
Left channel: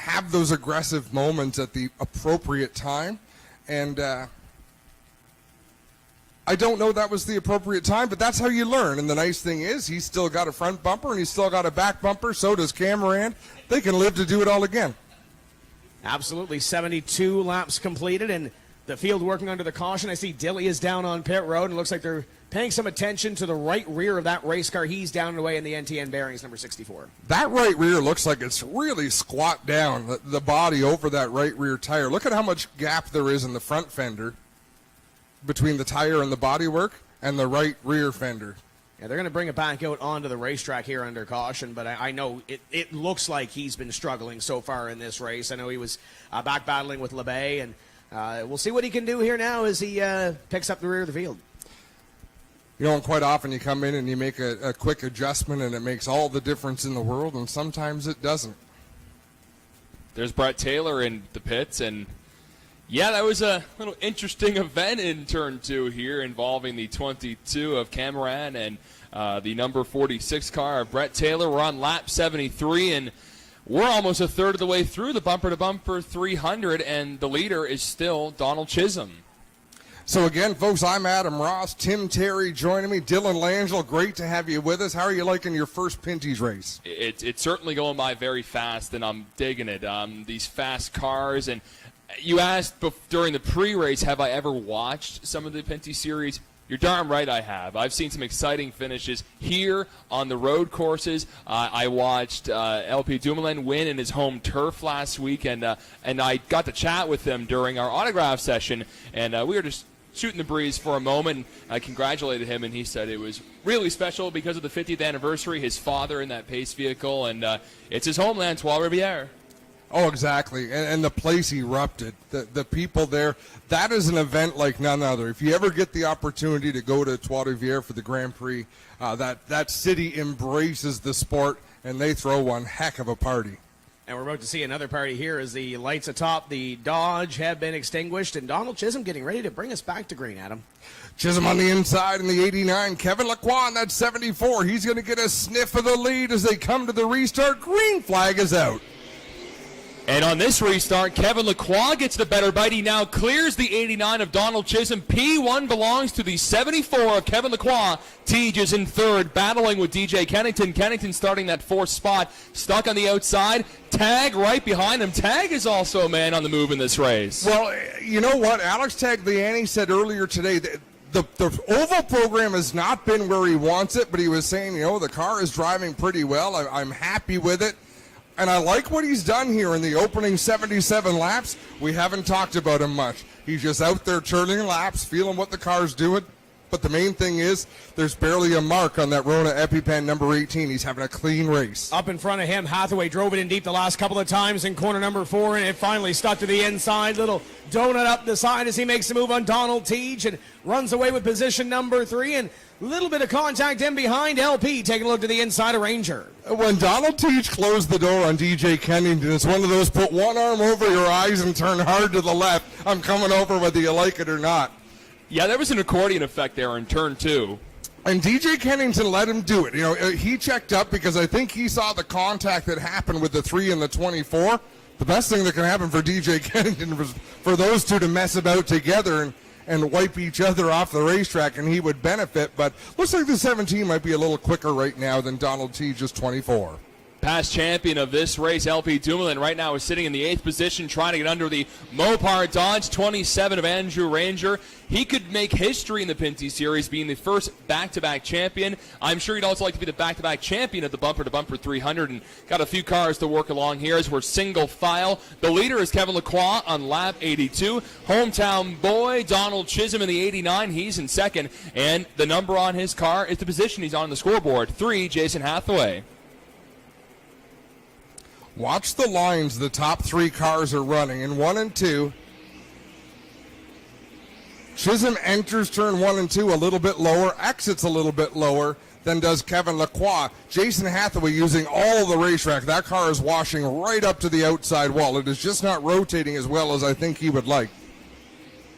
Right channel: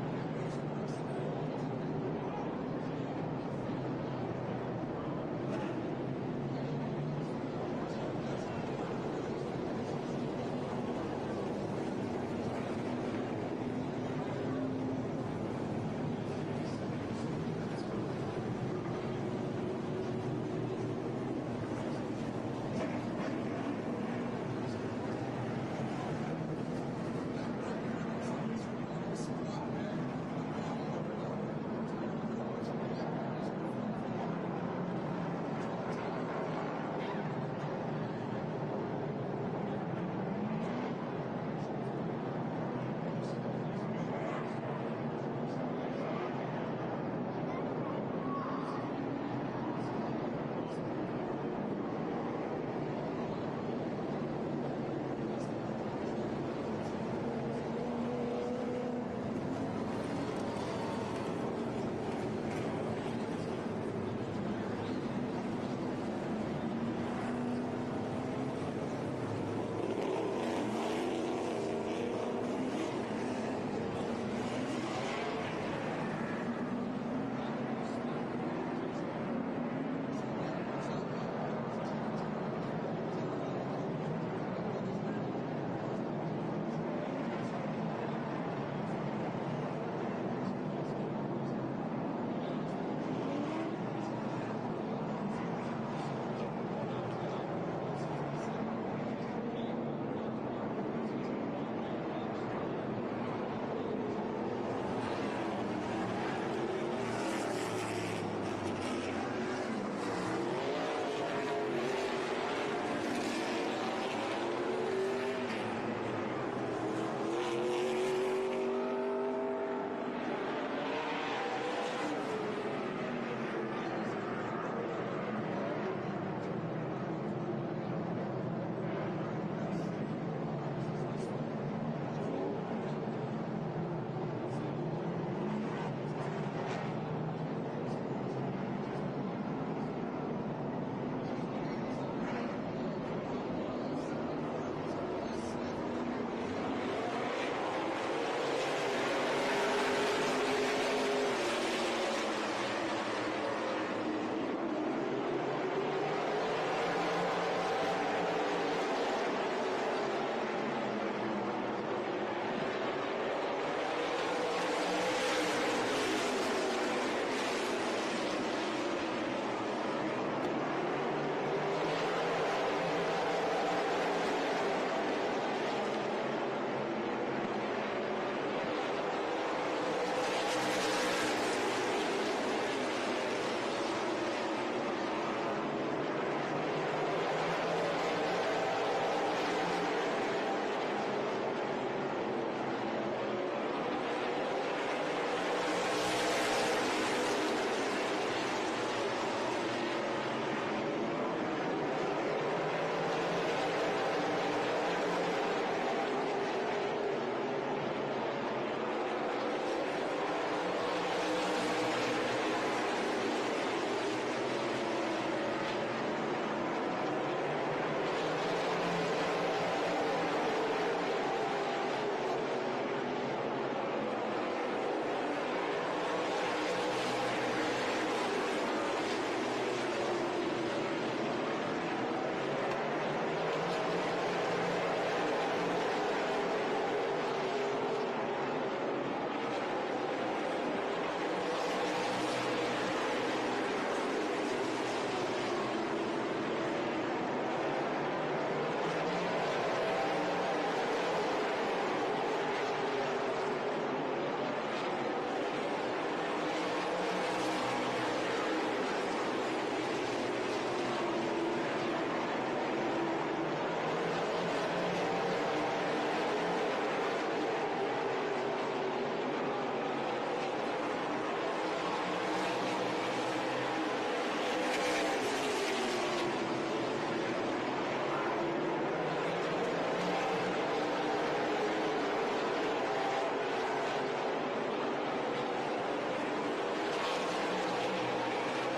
have those aggressive moments at the appropriate time, and I don't know that was the appropriate time, but that's how you learn. And the nice thing is he's still got a front bumper and he's still got a back bumper. So does Cameron. They can live to do it all again. Absolutely. 72 laps completed and the field working under the caution. I see Dilly is down on pit road. It looks like they're paying some attention to the right rear of that race car. He's down and away in the NTN bearings, number 64. That right rear looks like it's really squat down, the body over that right rear tire. Look at how much gap there is in the front fender between the tire and the bodywork and the right rear fender. Yeah, they're going to bring it back out onto the racetrack here under caution, but I know it looks like he's been struggling so far in this race. I know he was back battling with LeBay, and we'll see what he can do here now as he picks up the rear of the field. You know, quite often you come in and you make a quick adjustment and it makes all the difference in the world, and sometimes it doesn't. There's Brett Taylor in the pits, and yeah, that was a little interesting event in turn 2 here involving the 22 of Cameron and the number 46 car of Brett Taylor. We're on lap 73, and we're almost a third of the way through the bumper-to-bumper 300, and the leader is still Donald Chisholm. So again, folks, I'm Adam Ross. Tim Terry joining me. Dylan Langell, great to have you with us. How are you liking your first Pinty's race? It's certainly going by very fast, and I'm digging it. These fast cars, and you asked during the pre-race, have I ever watched some of the Pinty series? You're darn right I have. I've seen some exciting finishes here on the road courses. I watched LP Dumoulin win in his home turf last week, and I got to chat with him during our autograph session, and we were just shooting the breeze for a moment. I congratulated him, and he said it was really special because of the 50th anniversary, his father in that pace vehicle, and it's his homeland, Trois Rivières. Oh, exactly. And the place erupted. The people there, that is an event like none other. If you ever get the opportunity to go to Trois-Rivières for the Grand Prix, that city embraces the sport, and they throw one heck of a party. And we're about to see another party here as the lights atop the Dodge have been extinguished, and Donald Chisholm getting ready to bring us back to green, Adam. Chisholm on the inside in the 89. Kevin Lacroix in that 74. He's going to get a sniff of the lead as they come to the restart. Green flag is out. And on this restart, Kevin Lacroix gets the better bite. He now clears the 89 of Donald Chisholm. P1 belongs to the 74 of Kevin Lacroix. Tej is in third, battling with DJ Kennington. Kennington starting that fourth spot, stuck on the outside. Tag right behind him. Tag is also a man on the move in this race. Well, you know what? Alex Tagliani said earlier today that the oval program has not been where he wants it, but he was saying, the car is driving pretty well. I'm happy with it. And I like what he's done here in the opening 77 laps. We haven't talked about him much. He's just out there turning laps, feeling what the car's doing. But the main thing is there's barely a mark on that Rona EpiPen number 18. He's having a clean race. Up in front of him, Hathaway drove it in deep the last couple of times in corner number 4, and it finally stuck to the inside. Little donut up the side as he makes the move on Donald Tej and runs away with position number 3. And a little bit of contact in behind. LP taking a look to the inside of Ranger. When Donald Tej closed the door on DJ Kennington, it's one of those put one arm over your eyes and turn hard to the left. I'm coming over whether you like it or not. Yeah, there was an accordion effect there in turn 2. And DJ Kennington let him do it. He checked up because I think he saw the contact that happened with the 3 and the 24. The best thing that can happen for DJ Kennington was for those two to mess about together and wipe each other off the racetrack, and he would benefit. But looks like the 17 might be a little quicker right now than Donald Tej, just 24. Past champion of this race, LP Dumoulin, right now is sitting in the 8th position, trying to get under the Mopar Dodge 27 of Andrew Ranger. He could make history in the Pinty Series, being the first back-to-back champion. I'm sure he'd also like to be the back-to-back champion of the Bumper-to-Bumper 300, and got a few cars to work along here as we're single file. The leader is Kevin Lacroix on lap 82. Hometown boy Donald Chisholm in the 89, he's in second, and the number on his car is the position he's on the scoreboard. 3, Jason Hathaway. Watch the lines the top 3 cars are running. In 1 and 2, Chisholm enters turn 1 and 2 a little bit lower, exits a little bit lower than does Kevin Lacroix. Jason Hathaway using all the racetrack. That car is washing right up to the outside wall. It is just not rotating as well as I think he would like.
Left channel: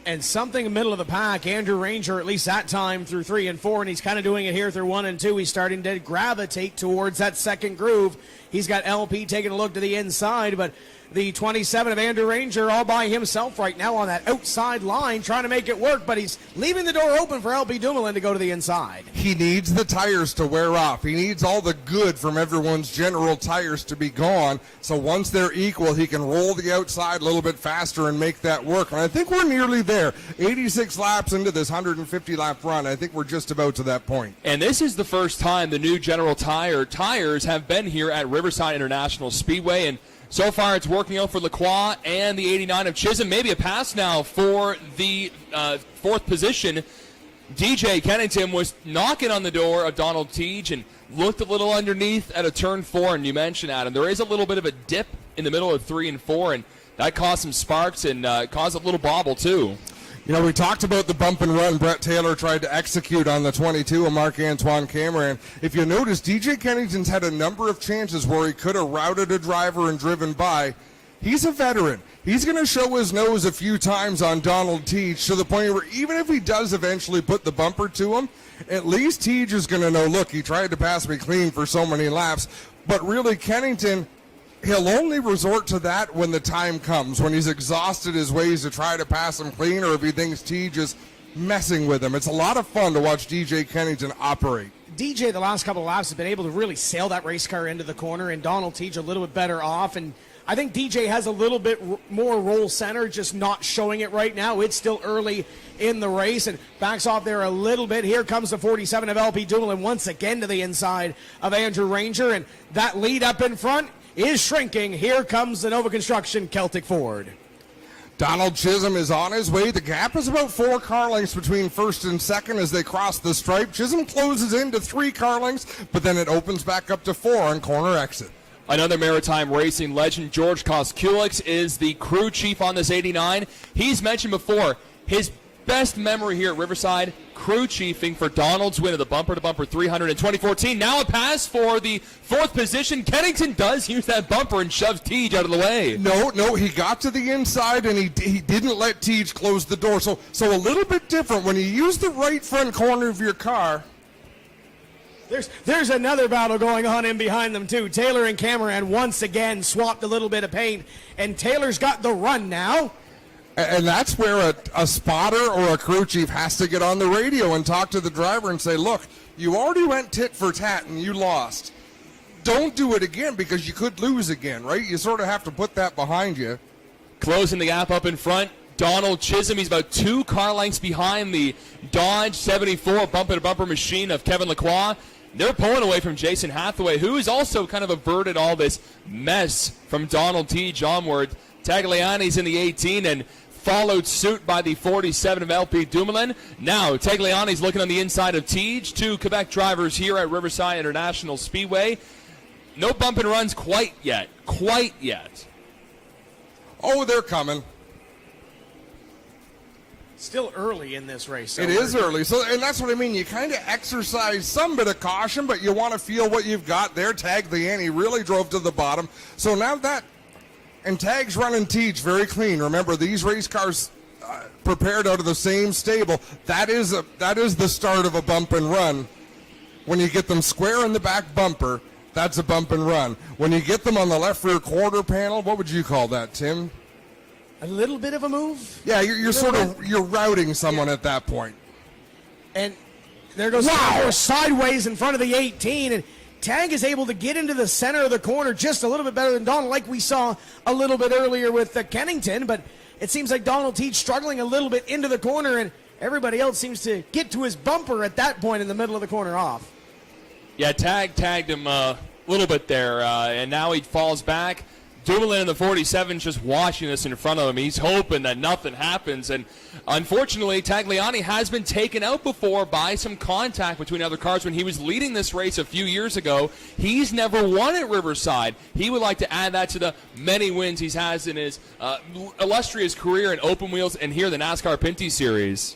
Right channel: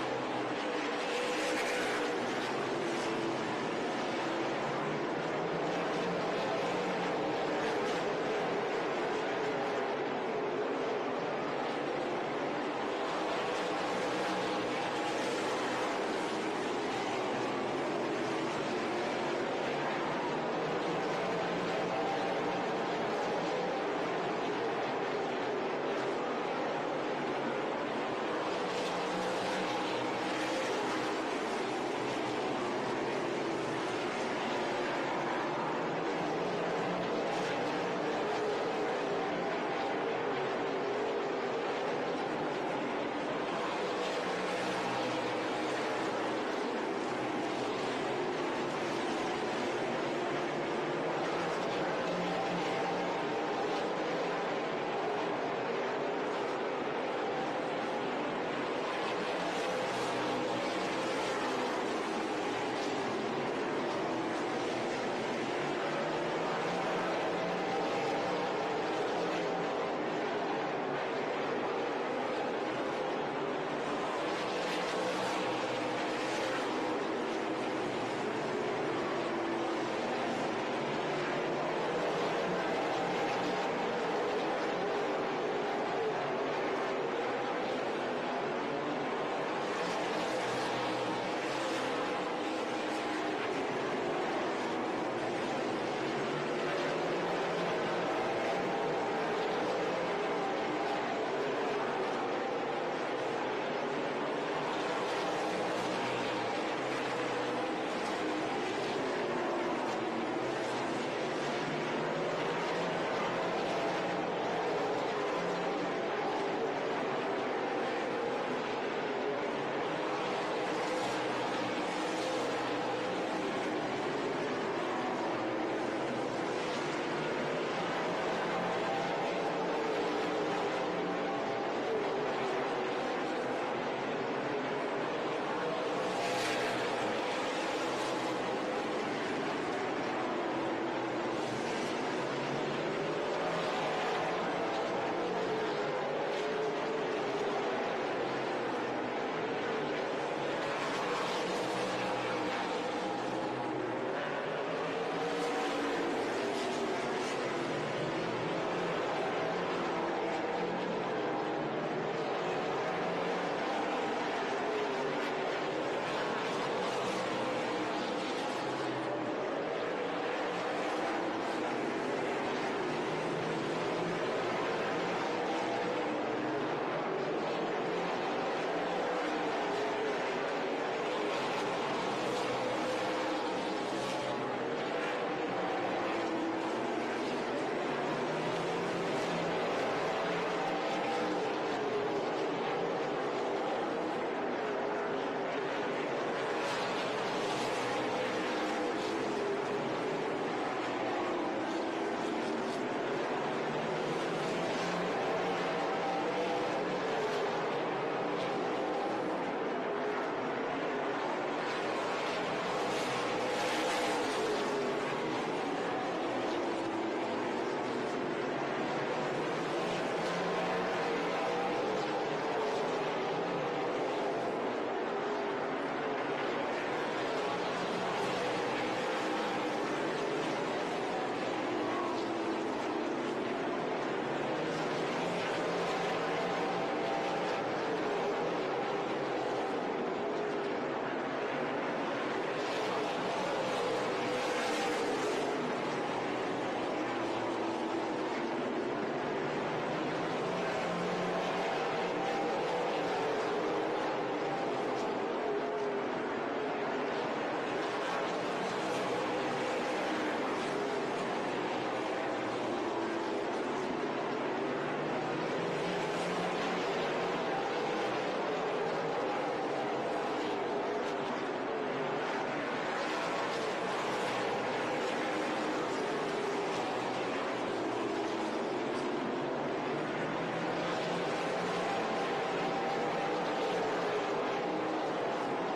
And something middle of the pack, Andrew Ranger, at least that time through 3 and 4, and he's kind of doing it here through 1 and 2. He's starting to gravitate towards that second groove. He's got LP taking a look to the inside, but the 27 of Andrew Ranger all by himself right now on that outside line, trying to make it work, but he's leaving the door open for LP Dumoulin to go to the inside. He needs the tires to wear off. He needs all the good from everyone's general tires to be gone, so once they're equal, he can roll the outside a little bit faster and make that work. And I think we're nearly there. 86 laps into this 150-lap run. I think we're just about to that point. And this is the first time the new General tires have been here at Riverside International Speedway, and so far it's working out for Lacroix and the 89 of Chisholm. Maybe a pass now for the 4th position. DJ Kennington was knocking on the door of Donald Tej and looked a little underneath at a turn 4, and you mentioned, Adam, there is a little bit of a dip in the middle of 3 and 4, and that caused some sparks and caused a little bobble too. We talked about the bump and run Brett Taylor tried to execute on the 22 of Marc-Antoine Cameron. If you notice, DJ Kennington's had a number of chances where he could have routed a driver and driven by. He's a veteran. He's going to show his nose a few times on Donald Tej to the point where even if he does eventually put the bumper to him, at least Tej is going to know, look, he tried to pass me clean for so many laps. But really, Kennington, he'll only resort to that when the time comes, when he's exhausted his ways to try to pass him clean, or if he thinks Tej is messing with him. It's a lot of fun to watch DJ Kennington operate. DJ, the last couple of laps, has been able to really sail that race car into the corner, and Donald Tej a little bit better off. And I think DJ has a little bit more roll center, just not showing it right now. It's still early in the race, and backs off there a little bit. Here comes the 47 of LP Dumoulin once again to the inside of Andrew Ranger, and that lead up in front is shrinking. Here comes the Nova Construction Celtic Ford. Donald Chisholm is on his way. The gap is about 4 car lengths between first and second as they cross the stripe. Chisholm closes into 3 car lengths, but then it opens back up to 4 on corner exit. Another maritime racing legend, George Koskulix, is the crew chief on this 89. He's mentioned before his best memory here at Riverside, crew chiefing for Donald's win of the bumper-to-bumper 300 in 2014. Now a pass for the 4th position. Kennington does use that bumper and shoves Teej out of the way. No, he got to the inside and he didn't let Teej close the door. So a little bit different when you use the right front corner of your car. There's another battle going on in behind them too. Taylor and Cameron once again swapped a little bit of paint, and Taylor's got the run now. And that's where a spotter or a crew chief has to get on the radio and talk to the driver and say, look, you already went tit for tat and you lost. Don't do it again because you could lose again, right? You sort of have to put that behind you. Closing the gap up in front, Donald Chisholm. He's about 2 car lengths behind the Dodge 74 bumper-to-bumper machine of Kevin Lacroix. They're pulling away from Jason Hathaway, who has also kind of averted all this mess from Donald Teej onward. Tagliani's in the 18 and followed suit by the 47 of LP Dumoulin. Now Tagliani's looking on the inside of Teej. 2 Quebec drivers here at Riverside International Speedway. No bump and runs quite yet. Oh, they're coming. Still early in this race. It is early, and that's what I mean. You kind of exercise some bit of caution, but you want to feel what you've got there. Tagliani really drove to the bottom. So now that, and Tag's running Teej very clean. Remember, these race cars prepared out of the same stable. That is the start of a bump and run. When you get them square in the back bumper, that's a bump and run. When you get them on the left rear quarter panel, what would you call that, Tim? A little bit of a move. Yeah, you're routing someone at that point. And there goes sideways in front of the 18, and Tag is able to get into the center of the corner just a little bit better than Donald, like we saw a little bit earlier with Kennington. But it seems like Donald Teej struggling a little bit into the corner, and everybody else seems to get to his bumper at that point in the middle of the corner off. Yeah, tagged him a little bit there, and now he falls back. Dumoulin in the 47 just watching this in front of him. He's hoping that nothing happens. And unfortunately, Tagliani has been taken out before by some contact between other cars when he was leading this race a few years ago. He's never won at Riverside. He would like to add that to the many wins he has in his illustrious career in open wheels and here the NASCAR Pinty Series.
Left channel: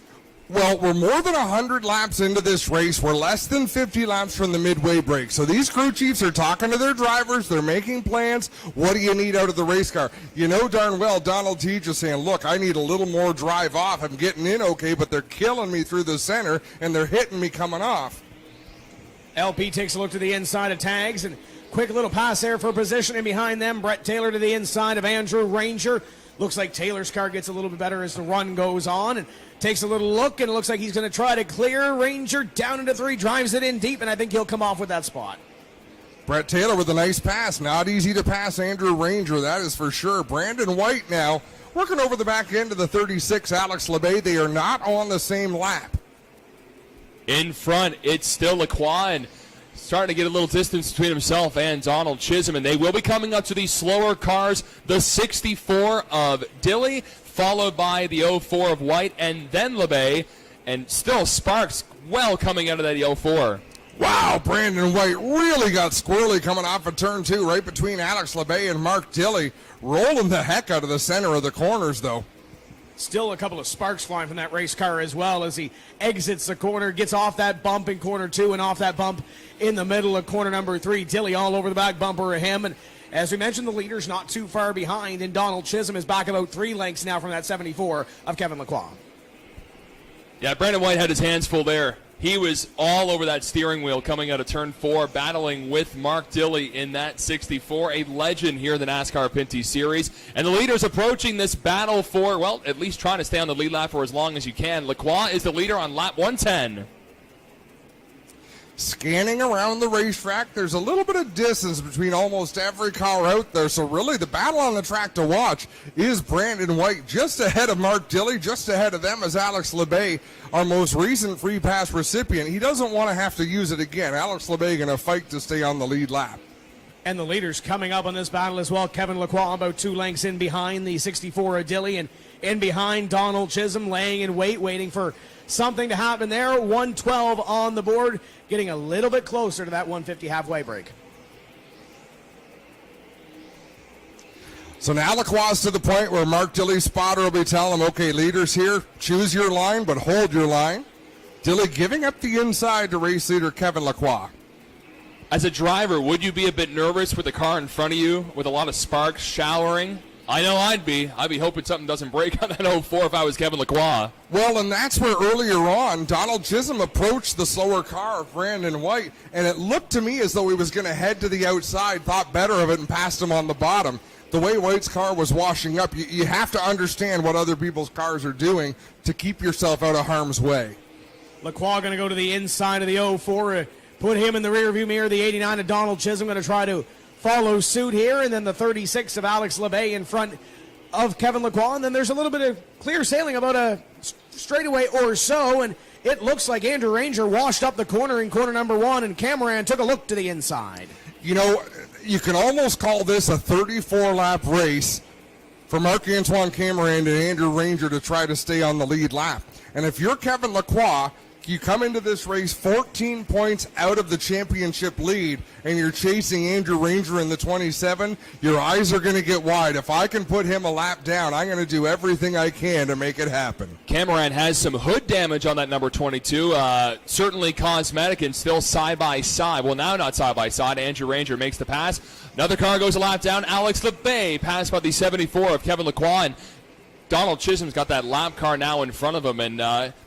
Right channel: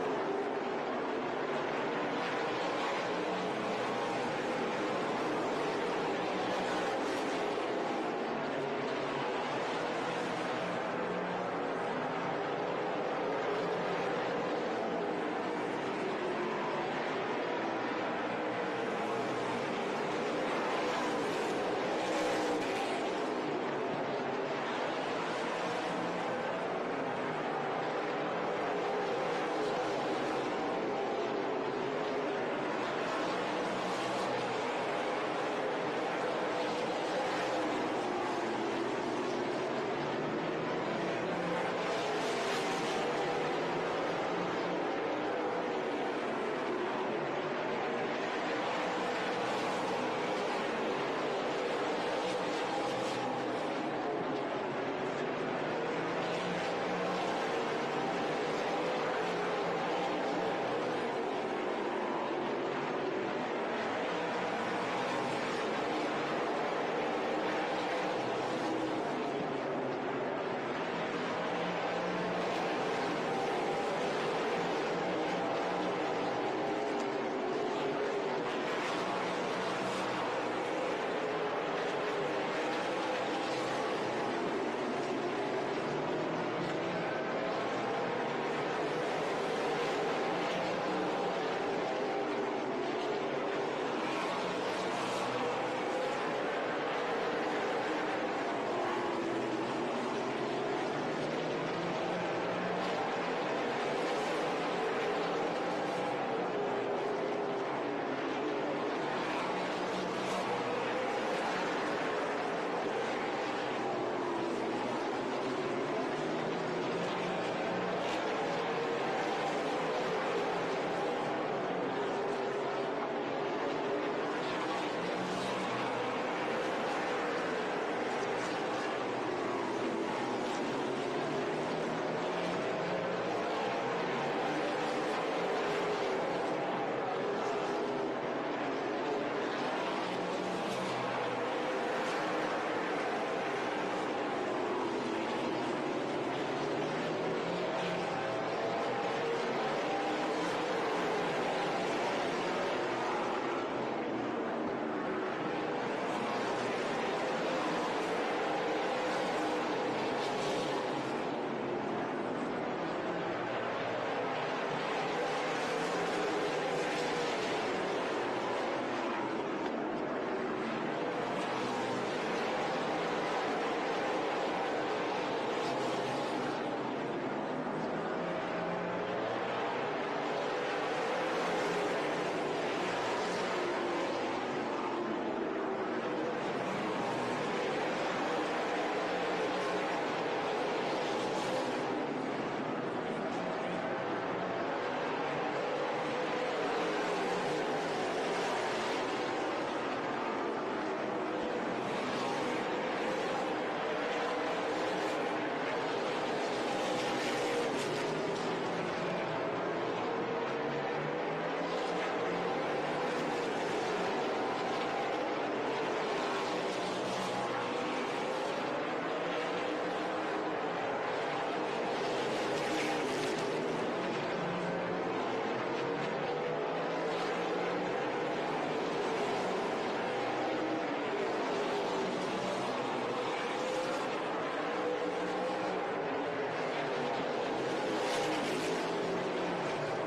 Well, we're more than 100 laps into this race. We're less than 50 laps from the midway break. So these crew chiefs are talking to their drivers. They're making plans. What do you need out of the race car? You know darn well Donald Teej is saying, look, I need a little more drive off. I'm getting in okay, but they're killing me through the center, and they're hitting me coming off. LP takes a look to the inside of Tags, and quick little pass there for positioning behind them. Brett Taylor to the inside of Andrew Ranger. Looks like Taylor's car gets a little bit better as the run goes on, and takes a little look, and it looks like he's going to try to clear. Ranger down into 3, drives it in deep, and I think he'll come off with that spot. Brett Taylor with a nice pass. Not easy to pass Andrew Ranger, that is for sure. Brandon White now working over the back end of the 36, Alex LeBay. They are not on the same lap. In front, it's still Lacroix, and starting to get a little distance between himself and Donald Chisholm, and they will be coming up to these slower cars, the 64 of Dilly, followed by the 04 of White, and then LeBay, and still Sparks well coming out of that 04. Wow, Brandon White really got squirrely coming off of turn 2, right between Alex LeBay and Mark Dilly, rolling the heck out of the center of the corners, though. Still a couple of sparks flying from that race car as well as he exits the corner, gets off that bump in corner 2 and off that bump in the middle of corner number 3. Dilly all over the back bumper of him, and as we mentioned, the leader's not too far behind, and Donald Chisholm is back about 3 lengths now from that 74 of Kevin Lacroix. Yeah, Brandon White had his hands full there. He was all over that steering wheel coming out of turn 4, battling with Mark Dilly in that 64, a legend here in the NASCAR Pinty Series. And the leader's approaching this battle for, well, at least trying to stay on the lead lap for as long as you can. Lacroix is the leader on lap 110. Scanning around the racetrack, there's a little bit of distance between almost every car out there, so really the battle on the track to watch is Brandon White. Just ahead of Mark Dilly, just ahead of them is Alex LeBay, our most recent free pass recipient. He doesn't want to have to use it again. Alex LeBay going to fight to stay on the lead lap. And the leaders coming up on this battle as well. Kevin Lacroix about 2 lengths in behind the 64 of Dilly, and in behind Donald Chisholm laying in wait, waiting for something to happen there. 112 on the board, getting a little bit closer to that 150 halfway break. So now Lacroix's to the point where Mark Dilley's spotter will be telling him, okay, leaders here, choose your line, but hold your line. Dilley giving up the inside to race leader Kevin Lacroix. As a driver, would you be a bit nervous with the car in front of you with a lot of sparks showering? I know I'd be hoping something doesn't break on that 04 if I was Kevin Lacroix. Well, and that's where earlier on, Donald Chisholm approached the slower car of Brandon White, and it looked to me as though he was going to head to the outside, thought better of it, and passed him on the bottom. The way White's car was washing up, you have to understand what other people's cars are doing to keep yourself out of harm's way. Lacroix going to go to the inside of the 04, put him in the rearview mirror. The 89 of Donald Chisholm going to try to follow suit here, and then the 36 of Alex LeBay in front of Kevin Lacroix. And then there's a little bit of clear sailing about a straightaway or so, and it looks like Andrew Ranger washed up the corner in corner number 1, and Cameron took a look to the inside. You know, you can almost call this a 34-lap race for Marc-Antoine Cameron and Andrew Ranger to try to stay on the lead lap. And if you're Kevin Lacroix, you come into this race 14 points out of the championship lead, and you're chasing Andrew Ranger in the 27, your eyes are going to get wide. If I can put him a lap down, I'm going to do everything I can to make it happen. Cameron has some hood damage on that number 22, certainly cosmetic and still side-by-side. Well, now not side-by-side. Andrew Ranger makes the pass. Another car goes a lap down. Alex LeBay passed by the 74 of Kevin Lacroix, and Donald Chisholm's got that lap car now in front of him, and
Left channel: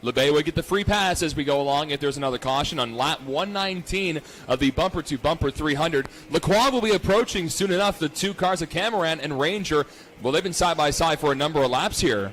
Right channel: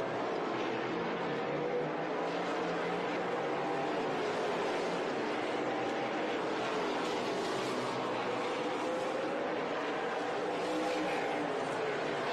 LeBay would get the free pass as we go along if there's another caution on lap 119 of the bumper-to-bumper 300. Lacroix will be approaching soon enough the two cars of Cameron and Ranger. Well, they've been side-by-side for a number of laps here.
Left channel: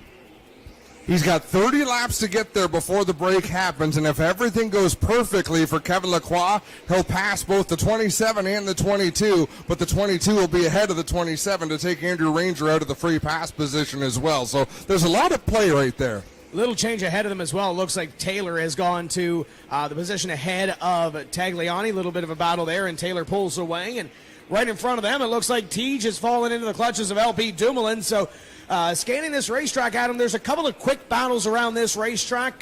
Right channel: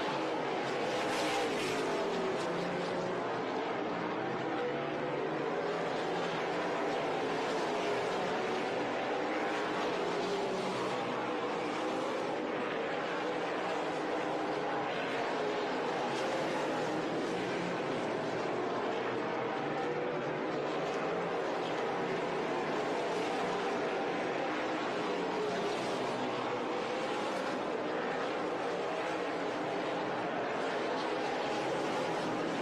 He's got 30 laps to get there before the break happens, and if everything goes perfectly for Kevin Lacroix, he'll pass both the 27 and the 22, but the 22 will be ahead of the 27 to take Andrew Ranger out of the free pass position as well. So there's a lot of play right there. Little change ahead of them as well. It looks like Taylor has gone to the position ahead of Tagliani. A little bit of a battle there, and Taylor pulls away. And right in front of them, it looks like Tej has fallen into the clutches of LP Dumoulin. So scanning this racetrack, Adam, there's a couple of quick battles around this racetrack.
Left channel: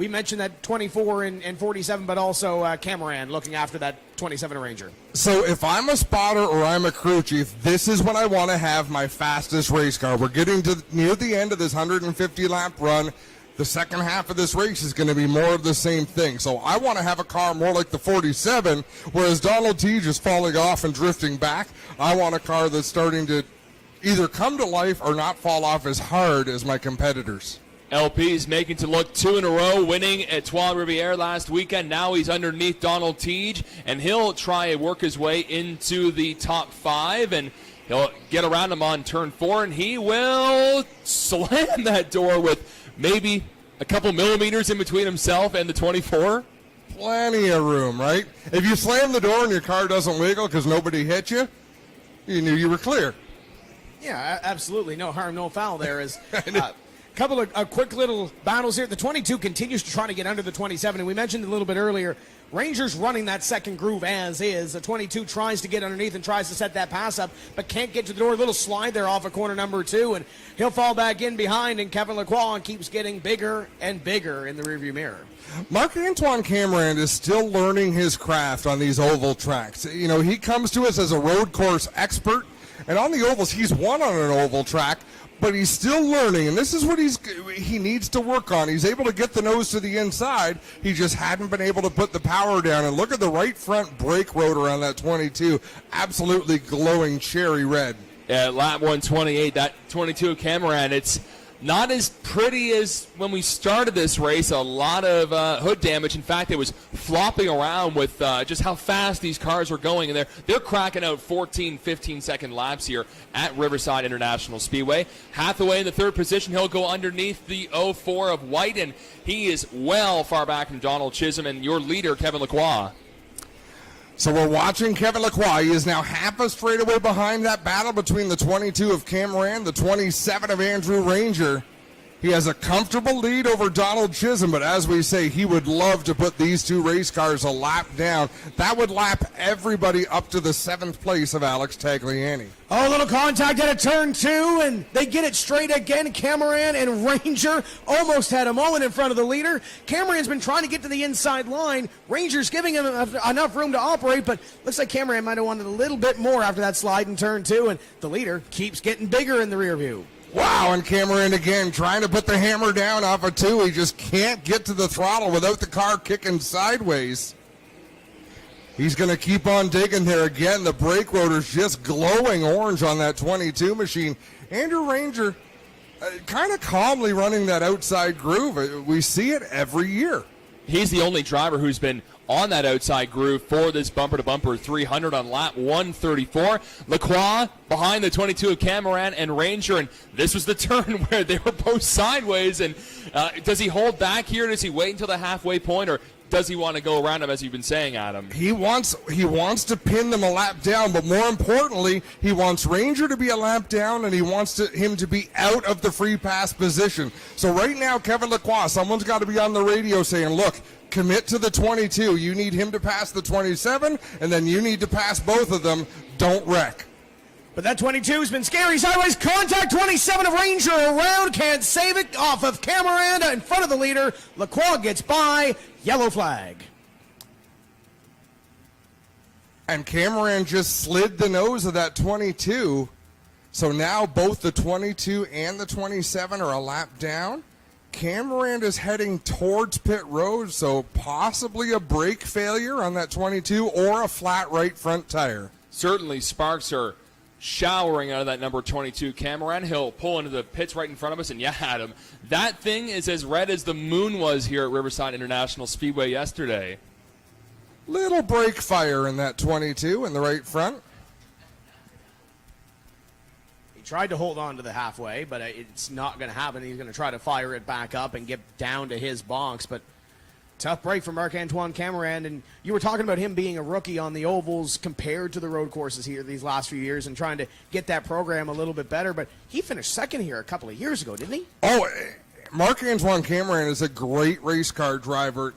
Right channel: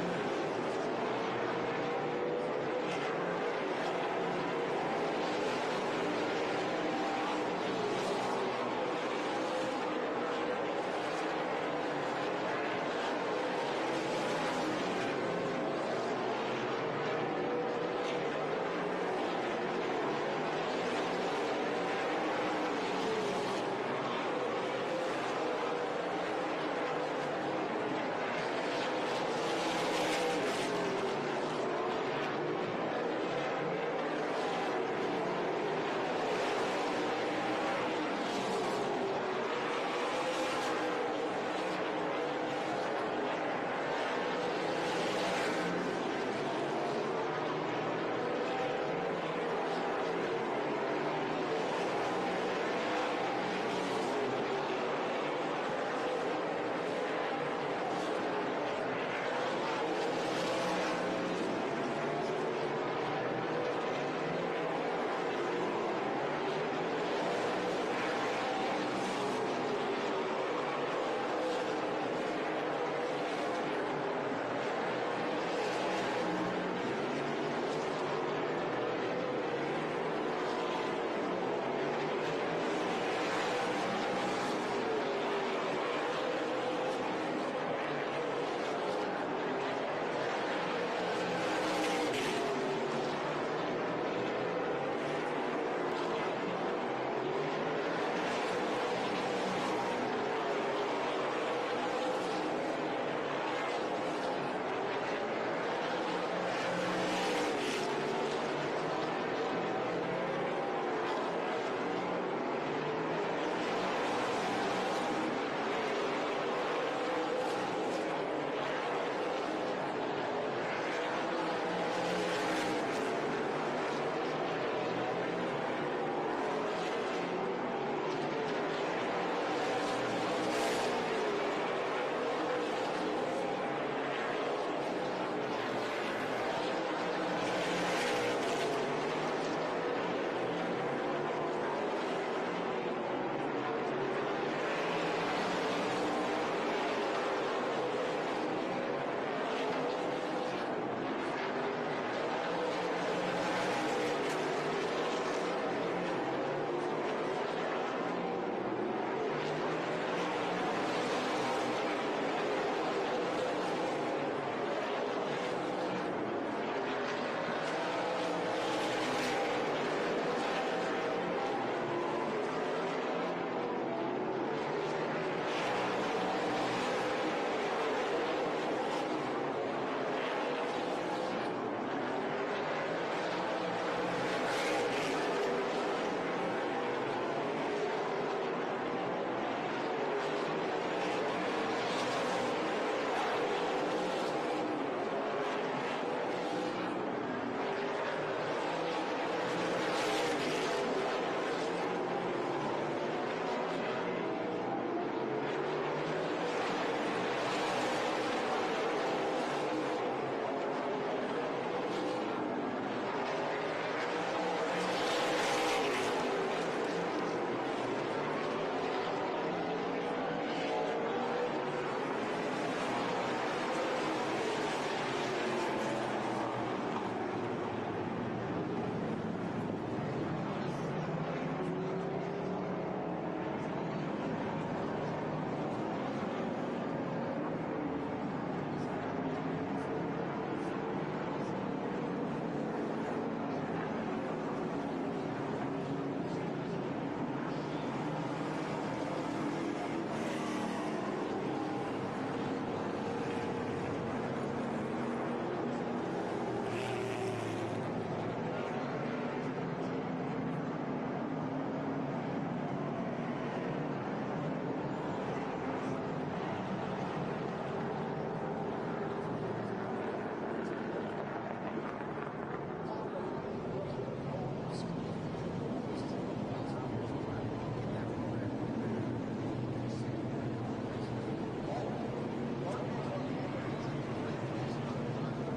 We mentioned that 24 and 47, but also Cameron looking after that 27 Ranger. So if I'm a spotter or I'm a crew chief, this is when I want to have my fastest race car. We're getting to near the end of this 150-lap run. The second half of this race is going to be more of the same thing. So I want to have a car more like the 47, whereas Donald Tej is falling off and drifting back. I want a car that's starting to either come to life or not fall off as hard as my competitors. LP's making to look 2 in a row, winning at Trois Rivières last weekend. Now he's underneath Donald Tej, and he'll try and work his way into the top 5, and he'll get around him on turn 4, and he will slam that door with maybe a couple millimeters in between himself and the 24. Plenty of room, right? If you slam the door and your car doesn't wiggle because nobody hit you, you knew you were clear. Yeah, absolutely. No harm, no foul there. Is a couple of quick little battles here. The 22 continues to try to get under the 27, and we mentioned a little bit earlier, Rangers running that second groove as is. The 22 tries to get underneath and tries to set that pass up, but can't get to the door. A little slide there off of corner number 2, and he'll fall back in behind, and Kevin Lacroix keeps getting bigger and bigger in the rearview mirror. Marc-Antoine Cameron is still learning his craft on these oval tracks. You know, he comes to us as a road course expert, and on the ovals, he's won on an oval track, but he's still learning, and this is what he needs to work on. He's able to get the nose to the inside. He just hadn't been able to put the power down, and look at the right front brake rotor on that 22. Absolutely glowing cherry red. At lap 128, that 22 Cameron, it's not as pretty as when we started this race. A lot of hood damage. In fact, it was flopping around with just how fast these cars were going. And they're cracking out 14, 15-second laps here at Riverside International Speedway. Hathaway in the third position. He'll go underneath the 04 of White, and he is well far back from Donald Chisholm and your leader, Kevin Lacroix. So we're watching Kevin Lacroix. He is now half a straightaway behind that battle between the 22 of Cameron, the 27 of Andrew Ranger. He has a comfortable lead over Donald Chisholm, but as we say, he would love to put these two race cars a lap down. That would lap everybody up to the 7th place of Alex Tagliani. Oh, a little contact at a turn 2, and they get it straight again. Cameron and Ranger almost had a moment in front of the leader. Cameron's been trying to get to the inside line. Ranger's giving him enough room to operate, but looks like Cameron might have wanted a little bit more after that slide in turn 2, and the leader keeps getting bigger in the rear view. Wow, and Cameron again trying to put the hammer down off of 2. He just can't get to the throttle without the car kicking sideways. He's going to keep on digging there again. The brake rotor's just glowing orange on that 22 machine. Andrew Ranger kind of calmly running that outside groove. We see it every year. He's the only driver who's been on that outside groove for this bumper-to-bumper 300 on lap 134. Lacroix behind the 22 of Cameron and Ranger, and this was the turn where they were both sideways. And does he hold back here? Does he wait until the halfway point, or does he want to go around him, as you've been saying, Adam? He wants to pin them a lap down, but more importantly, he wants Ranger to be a lap down, and he wants him to be out of the free pass position. So right now, Kevin Lacroix, someone's got to be on the radio saying, look, commit to the 22. You need him to pass the 27, and then you need to pass both of them. Don't wreck. But that 22's been scary. Sideways contact, 27 of Ranger around, can't save it, off of Cameron in front of the leader. Lacroix gets by, yellow flag. And Cameron just slid the nose of that 22. So now both the 22 and the 27 are a lap down. Cameron is heading towards pit road, so possibly a brake failure on that 22 or a flat right front tire. Certainly sparks are showering out of that number 22 Cameron. He'll pull into the pits right in front of us, and yeah, Adam, that thing is as red as the moon was here at Riverside International Speedway yesterday. Little brake fire in that 22 in the right front. Tried to hold on to the halfway, but it's not going to happen. He's going to try to fire it back up and get down to his box, but tough break for Marc-Antoine Cameron. And you were talking about him being a rookie on the ovals compared to the road courses here these last few years and trying to get that program a little bit better, but he finished second here a couple of years ago, didn't he? Oh, Marc-Antoine Cameron is a great race car driver.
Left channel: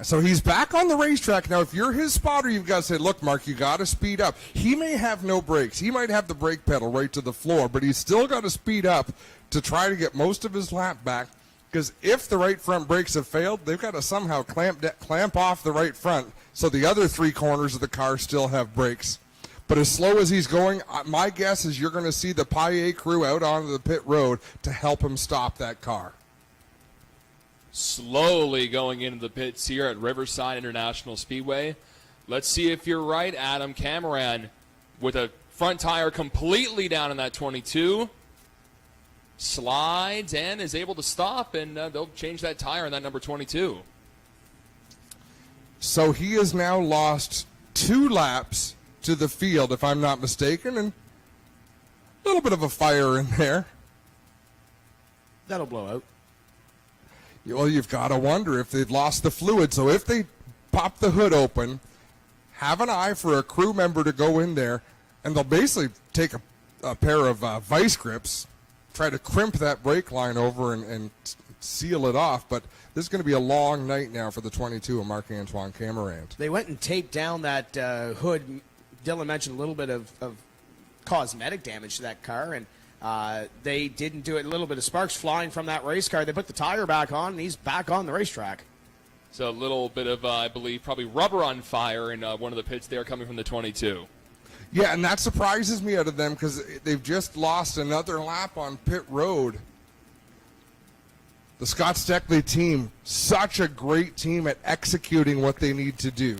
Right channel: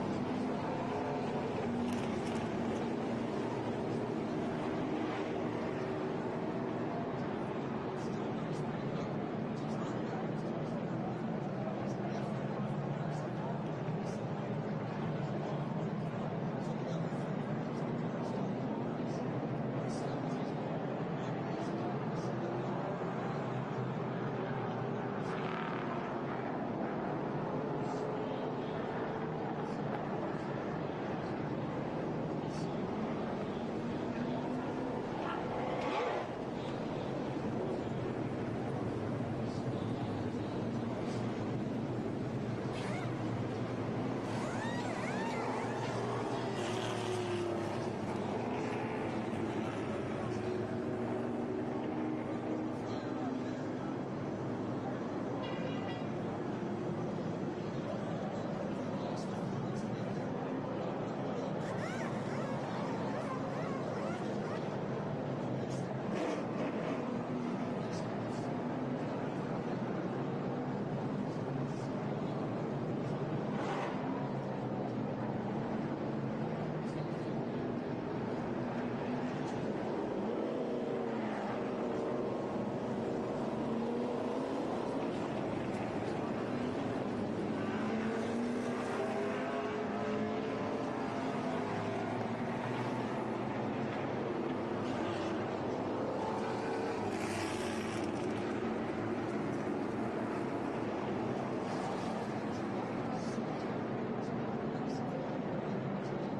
So he's back on the racetrack. Now, if you're his spotter, you've got to say, look, Mark, you got to speed up. He may have no brakes. He might have the brake pedal right to the floor, but he's still got to speed up to try to get most of his lap back, because if the right front brakes have failed, they've got to somehow clamp off the right front so the other 3 corners of the car still have brakes. But as slow as he's going, my guess is you're going to see the Paillet crew out onto the pit road to help him stop that car. Slowly going into the pits here at Riverside International Speedway. Let's see if you're right, Adam. Cameron with a front tire completely down in that 22. Slides and is able to stop, and they'll change that tire in that number 22. So he has now lost 2 laps to the field, if I'm not mistaken, and a little bit of a fire in there. That'll blow out. Well, you've got to wonder if they've lost the fluid. So if they pop the hood open, have an eye for a crew member to go in there, and they'll basically take a pair of vice grips, try to crimp that brake line over and seal it off. But this is going to be a long night now for the 22 of Marc-Antoine Cameron. They went and taped down that hood. Dylan mentioned a little bit of cosmetic damage to that car, and they didn't do it. A little bit of sparks flying from that race car. They put the tire back on, and he's back on the racetrack. So a little bit of, I believe, probably rubber on fire in one of the pits there coming from the 22. Yeah, and that surprises me out of them because they've just lost another lap on pit road. The Scott Steckley team, such a great team at executing what they need to do.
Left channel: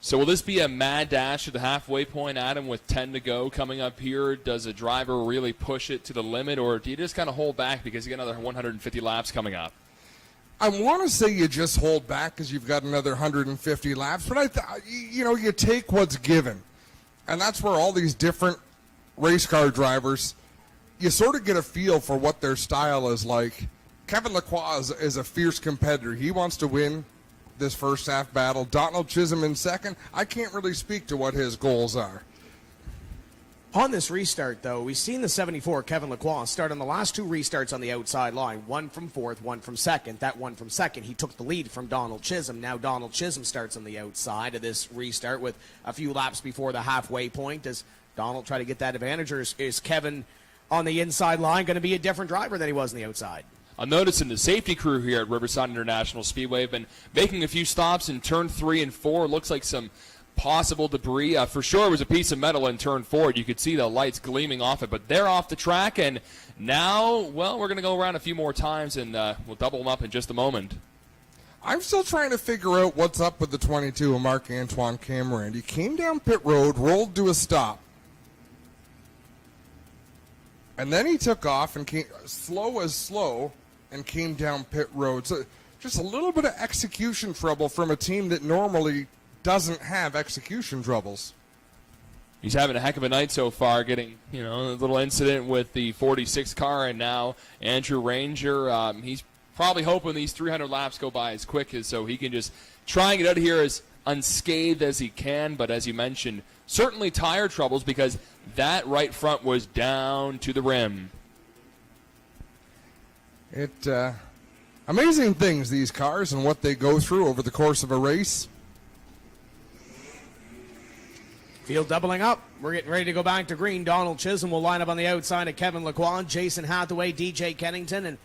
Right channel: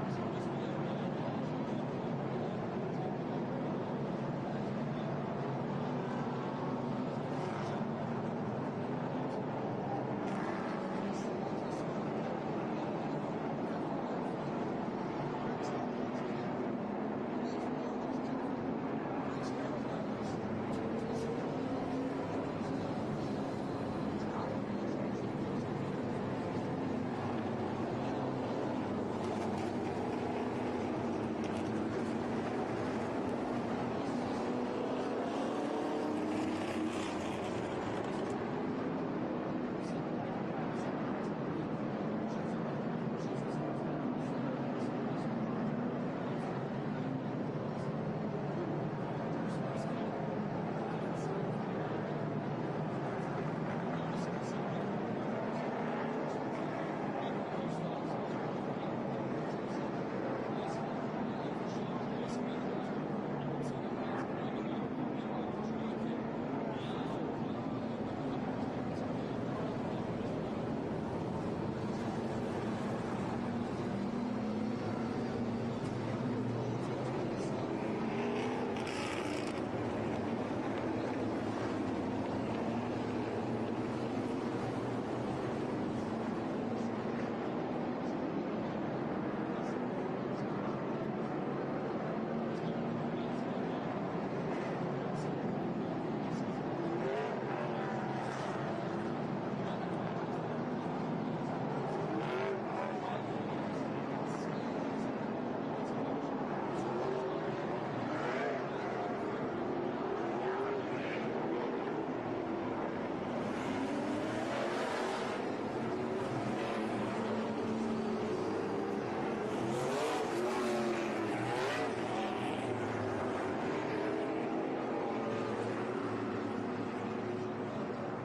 So will this be a mad dash to the halfway point, Adam, with 10 to go coming up here? Does a driver really push it to the limit, or do you just kind of hold back because you got another 150 laps coming up? I want to say you just hold back because you've got another 150 laps, but you take what's given. And that's where all these different race car drivers, you sort of get a feel for what their style is like. Kevin Lacroix is a fierce competitor. He wants to win this first half battle. Donald Chisholm in second. I can't really speak to what his goals are. On this restart, though, we've seen the 74 Kevin Lacroix start on the last two restarts on the outside line. One from fourth, one from second. That one from second, he took the lead from Donald Chisholm. Now Donald Chisholm starts on the outside of this restart with a few laps before the halfway point. Does Donald try to get that advantage, or is Kevin on the inside line going to be a different driver than he was on the outside? I'm noticing the safety crew here at Riverside International Speedway have been making a few stops in turn 3 and 4. Looks like some possible debris. For sure it was a piece of metal in turn 4. You could see the lights gleaming off it, but they're off the track, and now, well, we're going to go around a few more times, and we'll double them up in just a moment. I'm still trying to figure out what's up with the 22 of Marc-Antoine Cameron. He came down pit road, rolled to a stop, and then he took off and came slow and came down pit road. So just a little bit of execution trouble from a team that normally doesn't have execution troubles. He's having a heck of a night so far, getting, a little incident with the 46 car, and now Andrew Ranger. He's probably hoping these 300 laps go by as quick as so he can just try and get out of here as unscathed as he can. But as you mentioned, certainly tire troubles because that right front was down to the rim. Amazing things, these cars, and what they go through over the course of a race. Field doubling up. We're getting ready to go back to green. Donald Chisholm will line up on the outside of Kevin Lacroix, Jason Hathaway, DJ Kennington, and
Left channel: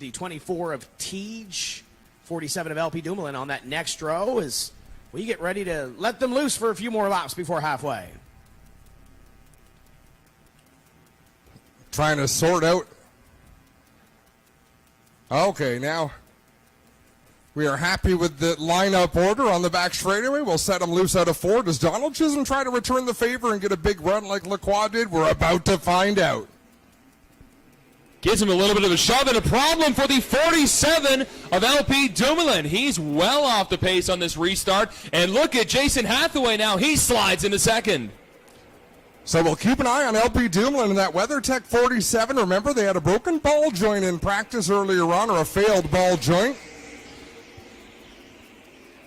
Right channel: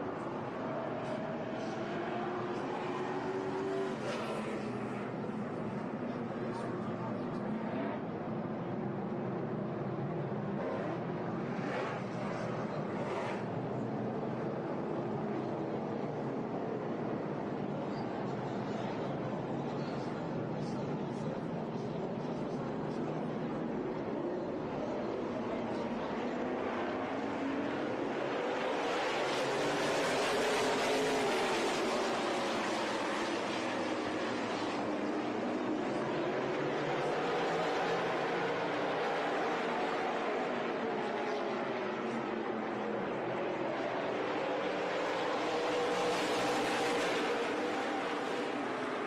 the 24 of Teej, 47 of LP Dumoulin on that next row as we get ready to let them loose for a few more laps before halfway. Trying to sort out. Okay, now we are happy with the lineup order on the back straightaway. We'll set him loose out of 4. Does Donald Chisholm try to return the favor and get a big run like Lacroix did? We're about to find out. Gives him a little bit of a shove, and a problem for the 47 of LP Dumoulin. He's well off the pace on this restart. And look at Jason Hathaway now. He slides into second. So we'll keep an eye on LP Dumoulin and that WeatherTech 47. Remember, they had a broken ball joint in practice earlier on, or a failed ball joint.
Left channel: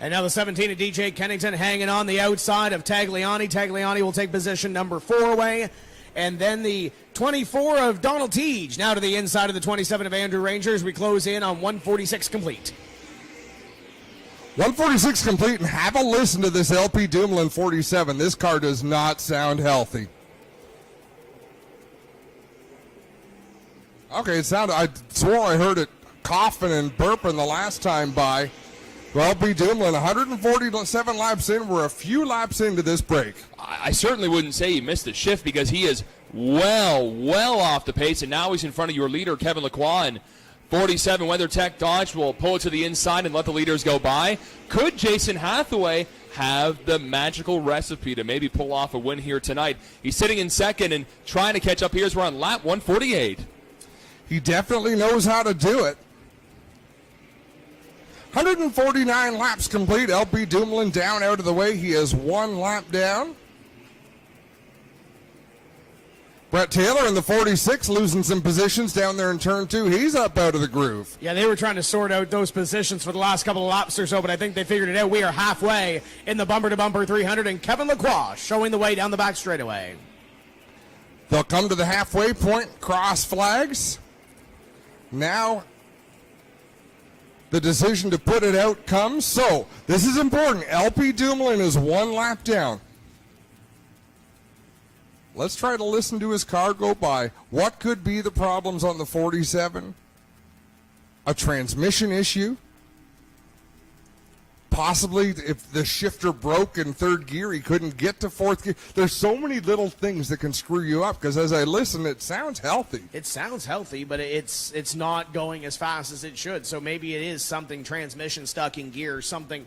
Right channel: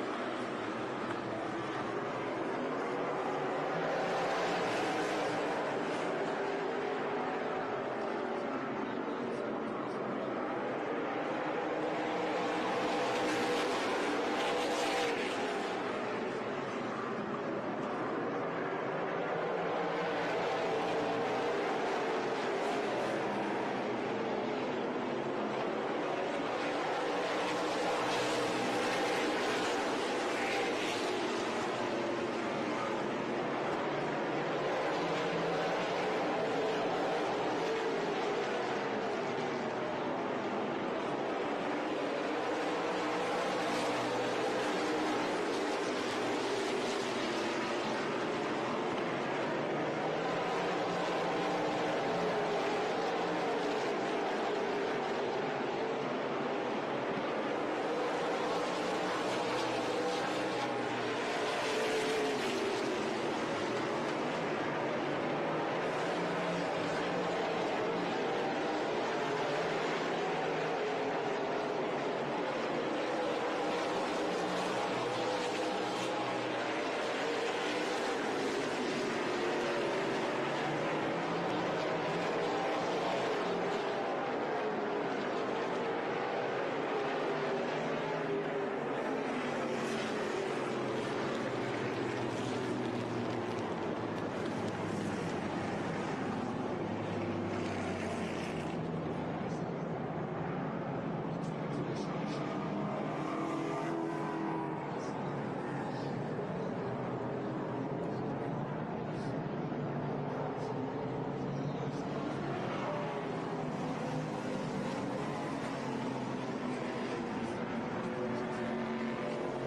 And now the 17 of DJ Kennington hanging on the outside of Tagliani. Tagliani will take position number 4 away. And then the 24 of Donald Teej now to the inside of the 27 of Andrew Rangers. We close in on 146 complete. 146 complete, and have a listen to this LP Dumoulin 47. This car does not sound healthy. Okay, I swore I heard it coughing and burping the last time by. Well, LP Dumoulin, 147 laps in. We're a few laps into this break. I certainly wouldn't say he missed a shift because he is well off the pace, and now he's in front of your leader, Kevin Lacroix, and 47 WeatherTech Dodge will pull it to the inside and let the leaders go by. Could Jason Hathaway have the magical recipe to maybe pull off a win here tonight? He's sitting in second and trying to catch up here as we're on lap 148. He definitely knows how to do it. 149 laps complete. LP Dumoulin down out of the way. He is 1 lap down. Brett Taylor in the 46 losing some positions down there in turn 2. He's up out of the groove. Yeah, they were trying to sort out those positions for the last couple of laps or so, but I think they figured it out. We are halfway in the bumper-to-bumper 300, and Kevin Lacroix showing the way down the back straightaway. They'll come to the halfway point, cross flags. Now the decision to put it out comes. So this is important. LP Dumoulin is 1 lap down. Let's try to listen to his car go by. What could be the problems on the 47? A transmission issue? Possibly if the shifter broke in 3rd gear, he couldn't get to 4th gear. There's so many little things that can screw you up, because as I listen, it sounds healthy. It sounds healthy, but it's not going as fast as it should. So maybe it is something transmission stuck in gear, something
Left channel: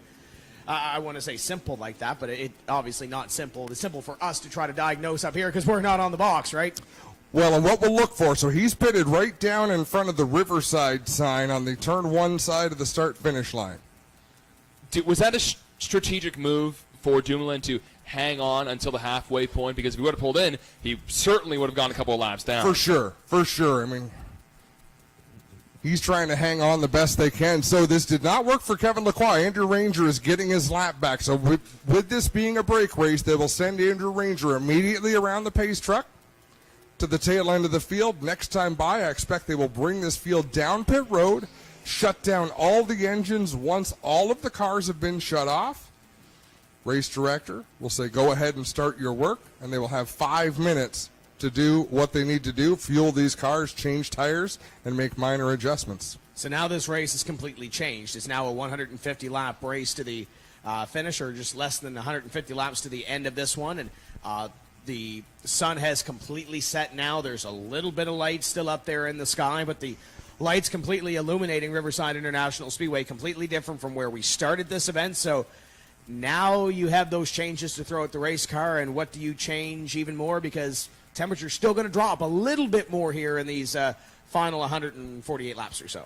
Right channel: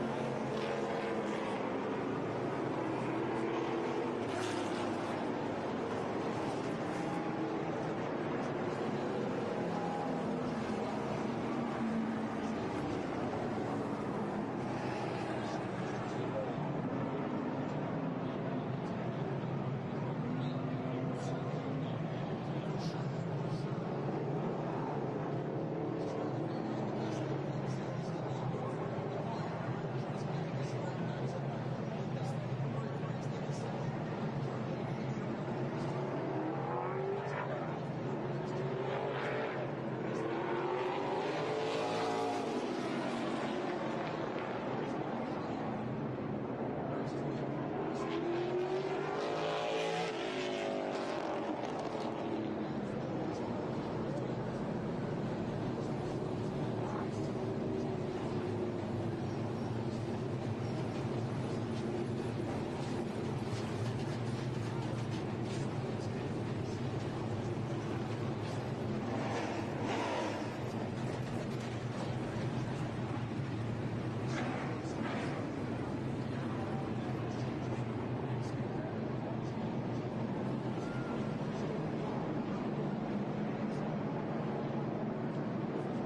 I want to say simple like that, but it obviously not simple. It's simple for us to try to diagnose up here because we're not on the box, right? Well, and what we'll look for, so he's pitted right down in front of the Riverside sign on the turn 1 side of the start-finish line. Was that a strategic move for Dumoulin to hang on until the halfway point? Because if he would have pulled in, he certainly would have gone a couple of laps down. For sure. I mean, He's trying to hang on the best they can. So this did not work for Kevin Lacroix. Andrew Ranger is getting his lap back. So with this being a break race, they will send Andrew Ranger immediately around the pace truck to the tail end of the field. Next time by, I expect they will bring this field down pit road, shut down all the engines once all of the cars have been shut off. Race director will say, go ahead and start your work, and they will have 5 minutes to do what they need to do, fuel these cars, change tires, and make minor adjustments. So now this race is completely changed. It's now a 150-lap race to the finish, or just less than 150 laps to the end of this one. And the sun has completely set now. There's a little bit of light still up there in the sky, but the lights completely illuminating Riverside International Speedway, completely different from where we started this event. So now you have those changes to throw at the race car, and what do you change even more? Because temperature's still going to drop a little bit more here in these final 148 laps or so.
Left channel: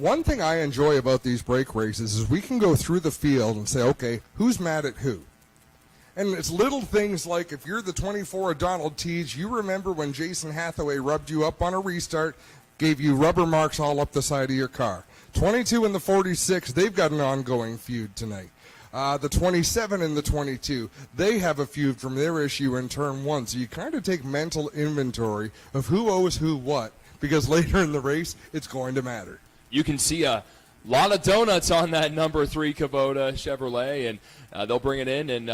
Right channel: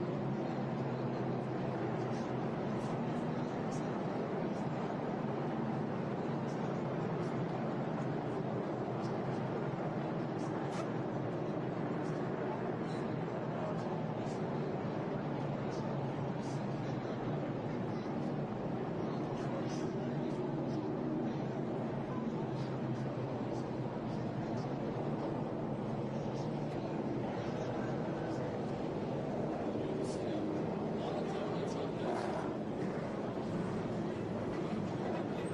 One thing I enjoy about these break races is we can go through the field and say, okay, who's mad at who? And it's little things like, if you're the 24 of Donald Teach, you remember when Jason Hathaway rubbed you up on a restart, gave you rubber marks all up the side of your car. 22 and the 46, they've got an ongoing feud tonight. The 27 and the 22, they have a feud from their issue in turn one. So you kind of take mental inventory of who owes who what, because later in the race, it's going to matter. You can see a lot of donuts on that number 3 Kubota Chevrolet, and they'll bring it in and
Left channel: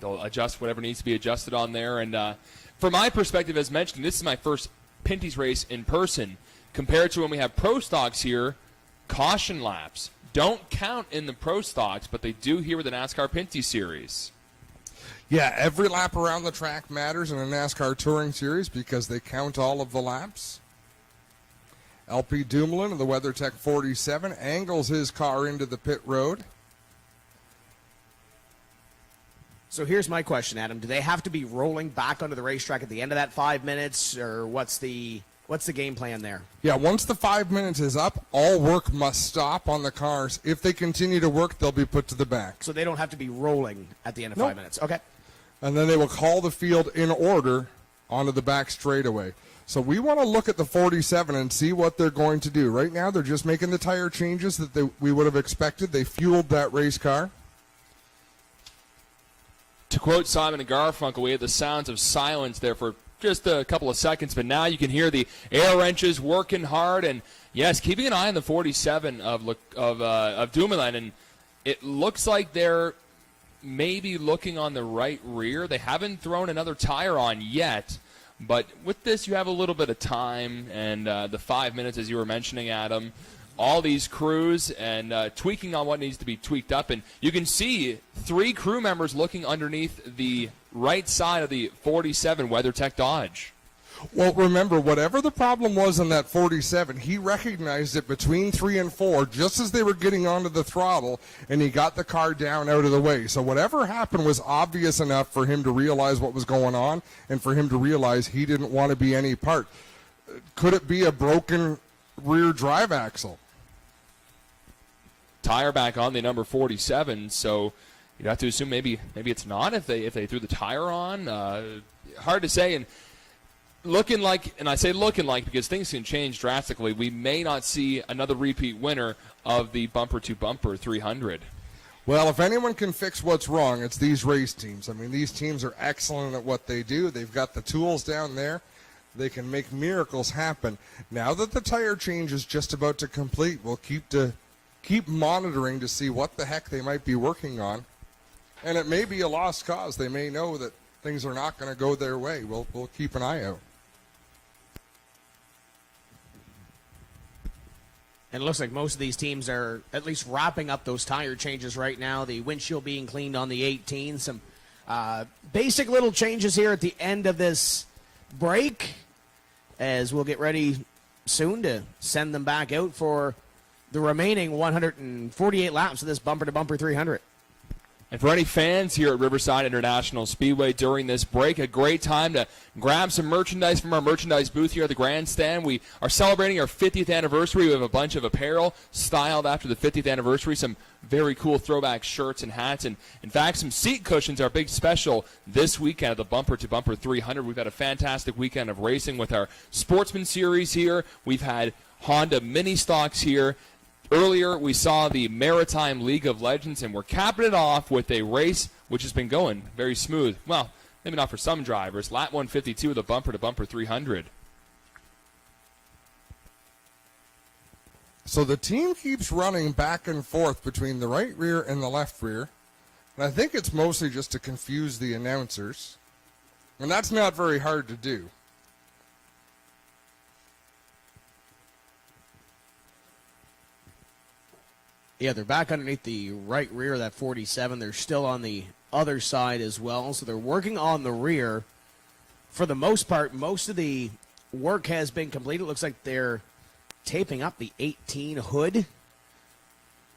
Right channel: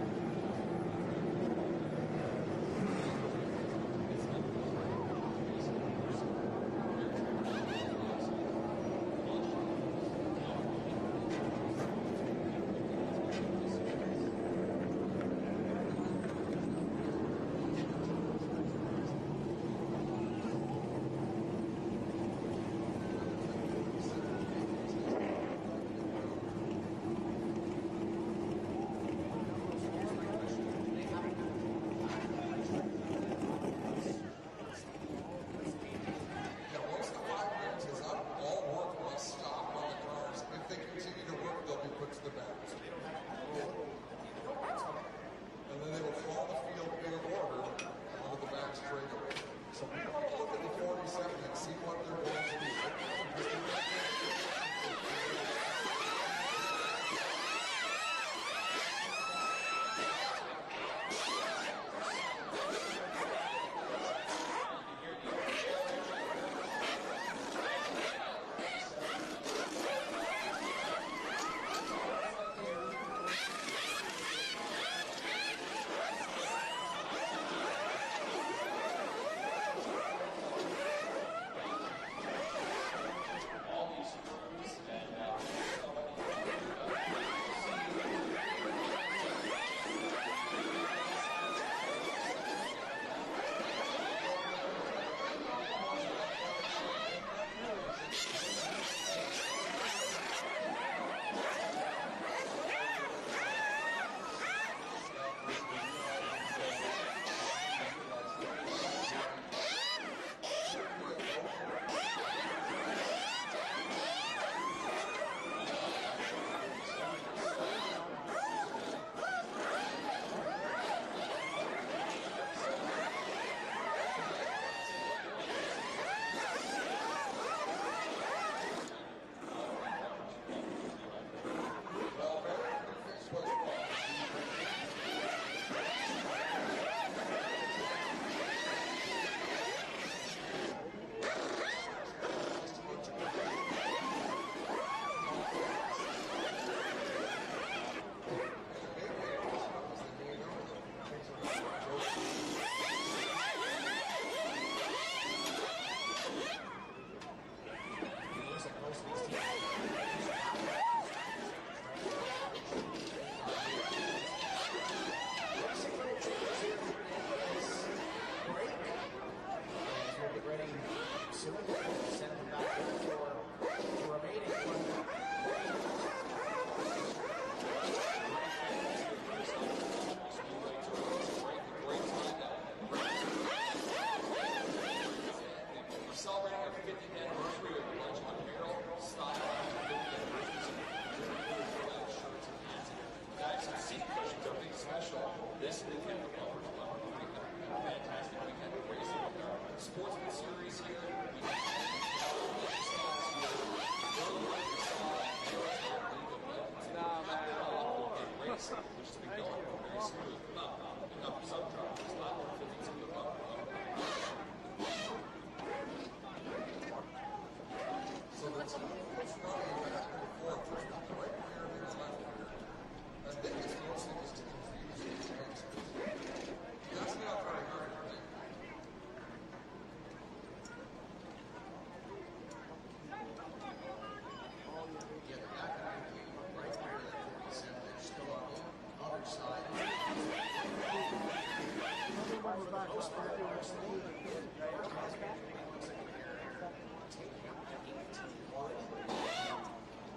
they'll adjust whatever needs to be adjusted on there. And from my perspective, as mentioned, this is my first Pinty's race in person. Compared to when we have pro stocks here, caution laps don't count in the pro stocks, but they do here with the NASCAR Pinty series. Yeah, every lap around the track matters in a NASCAR Touring Series because they count all of the laps. LP Dumoulin of the WeatherTech 47 angles his car into the pit road. So here's my question, Adam. Do they have to be rolling back onto the racetrack at the end of that 5 minutes, or what's the game plan there? Yeah, once the 5 minutes is up, all work must stop on the cars. If they continue to work, they'll be put to the back. So they don't have to be rolling at the end of 5 minutes. Okay. And then they will call the field in order onto the back straightaway. So we want to look at the 47 and see what they're going to do. Right now, they're just making the tire changes that we would have expected. They fueled that race car. To quote Simon and Garfunkel, we had the sounds of silence there for just a couple of seconds, but now you can hear the air wrenches working hard, and yes, keeping an eye on the 47 of Dumoulin, and it looks like they're maybe looking on the right rear. They haven't thrown another tire on yet, but with this you have a little bit of time, and the 5 minutes, as you were mentioning, Adam, all these crews and tweaking on what needs to be tweaked up, and you can see 3 crew members looking underneath the right side of the 47 WeatherTech Dodge. Well, remember, whatever the problem was in that 47, he recognized it between 3 and 4 just as they were getting onto the throttle, and he got the car down out of the way. So whatever happened was obvious enough for him to realize what was going on and for him to realize he didn't want to be any part. Could it be a broken rear drive axle? Tire back on the number 47, so you have to assume maybe it's not if they threw the tire on. Hard to say, and looking like, and I say looking like because things can change drastically, we may not see another repeat winner of the bumper to bumper 300. Well, if anyone can fix what's wrong, it's these race teams. I mean, these teams are excellent at what they do. They've got the tools down there. They can make miracles happen. Now that the tire change is just about to complete, we'll keep monitoring to see what the heck they might be working on. And it may be a lost cause. They may know that things are not going to go their way. We'll keep an eye out. And it looks like most of these teams are at least wrapping up those tire changes right now. The windshield being cleaned on the 18. Some basic little changes here at the end of this break, as we'll get ready soon to send them back out for the remaining 148 laps of this bumper-to-bumper 300. And for any fans here at Riverside International Speedway during this break, a great time to grab some merchandise from our merchandise booth here at the grandstand. We are celebrating our 50th anniversary. We have a bunch of apparel styled after the 50th anniversary, some very cool throwback shirts and hats, and in fact some seat cushions are a big special this weekend at the Bumper to Bumper 300. We've had a fantastic weekend of racing with our Sportsman Series here. We've had Honda mini stocks here. Earlier we saw the Maritime League of Legends, and we're capping it off with a race which has been going very smooth. Well, maybe not for some drivers. Lap 152 of the Bumper to Bumper 300. So the team keeps running back and forth between the right rear and the left rear. And I think it's mostly just to confuse the announcers. And that's not very hard to do. Yeah, they're back underneath the right rear of that 47. They're still on the other side as well. So they're working on the rear. For the most part, most of the work has been completed. It looks like they're taping up the 18 hood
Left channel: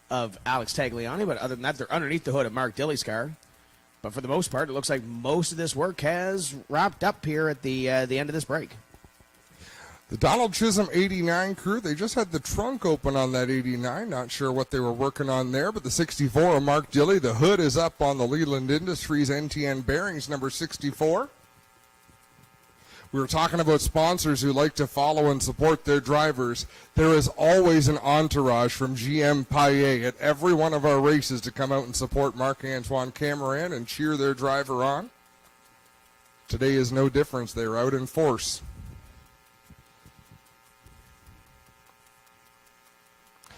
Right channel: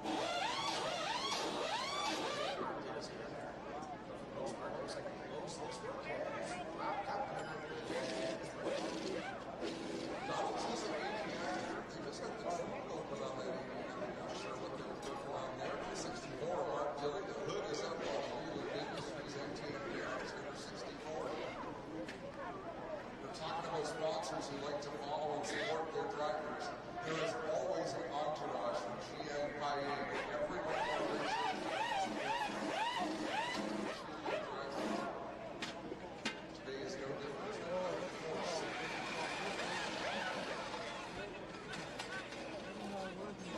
of Alex Tagliani, but other than that, they're underneath the hood of Mark Dilley's car. But for the most part, it looks like most of this work has wrapped up here at the end of this break. The Donald Chisholm 89 crew, they just had the trunk open on that 89. Not sure what they were working on there, but the 64 of Mark Dilley, the hood is up on the Leland Industries NTN Bearings number 64. We were talking about sponsors who like to follow and support their drivers. There is always an entourage from GM Paillet at every one of our races to come out and support Marc-Antoine Cameron and cheer their driver on. Today is no difference. They're out in force.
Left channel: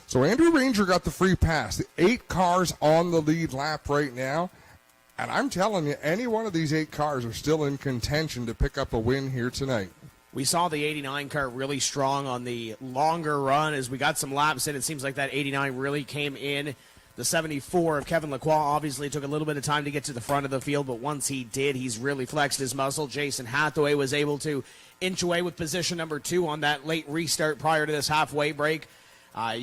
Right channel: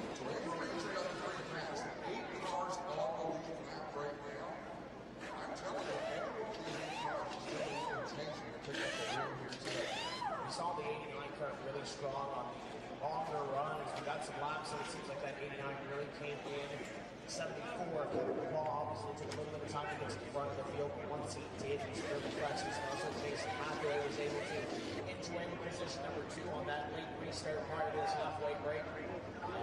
So Andrew Ranger got the free pass. 8 cars on the lead lap right now. And I'm telling you, any one of these 8 cars are still in contention to pick up a win here tonight. We saw the 89 car really strong on the longer run. As we got some laps in, it seems like that 89 really came in. The 74 of Kevin Lacroix obviously took a little bit of time to get to the front of the field, but once he did, he's really flexed his muscle. Jason Hathaway was able to inch away with position number 2 on that late restart prior to this halfway break.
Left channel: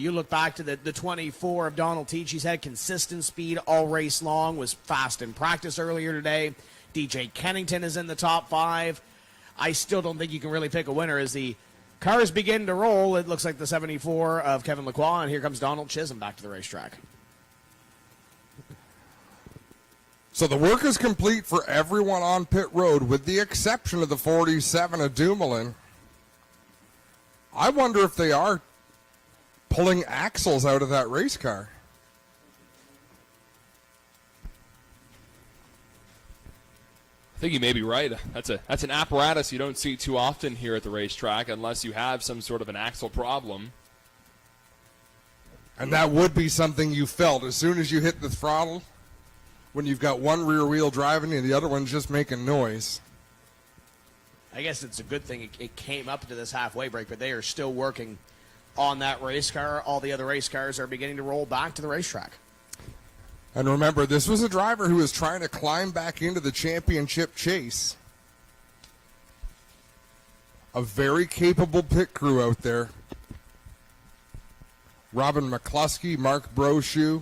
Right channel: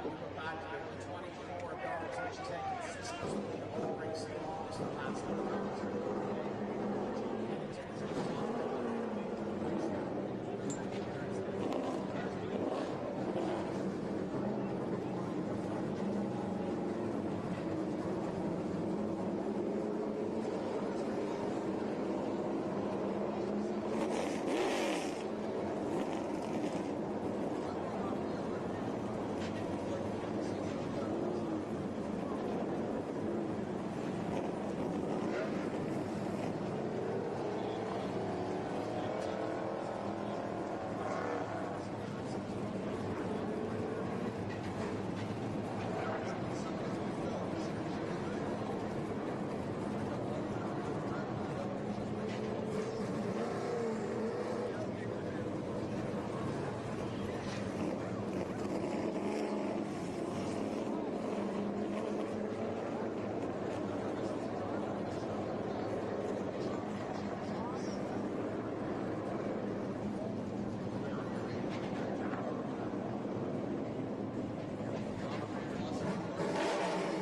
You look back to the 24 of Donald Teach. He's had consistent speed all race long, was fast in practice earlier today. DJ Kennington is in the top 5. I still don't think you can really pick a winner. As the cars begin to roll, it looks like the 74 of Kevin Lacroix, and here comes Donald Chisholm back to the racetrack. So the work is complete for everyone on pit road, with the exception of the 47 of Dumoulin. I wonder if they are pulling axles out of that race car. I think you may be right. That's an apparatus you don't see too often here at the racetrack unless you have some sort of an axle problem. And that would be something you felt as soon as you hit the throttle, when you've got one rear wheel driving and the other one's just making noise. I guess it's a good thing it came up to this halfway break, but they are still working on that race car. All the other race cars are beginning to roll back to the racetrack. And remember, this was a driver who was trying to climb back into the championship chase. A very capable pit crew out there. Robin McCluskey, Mark Brochu.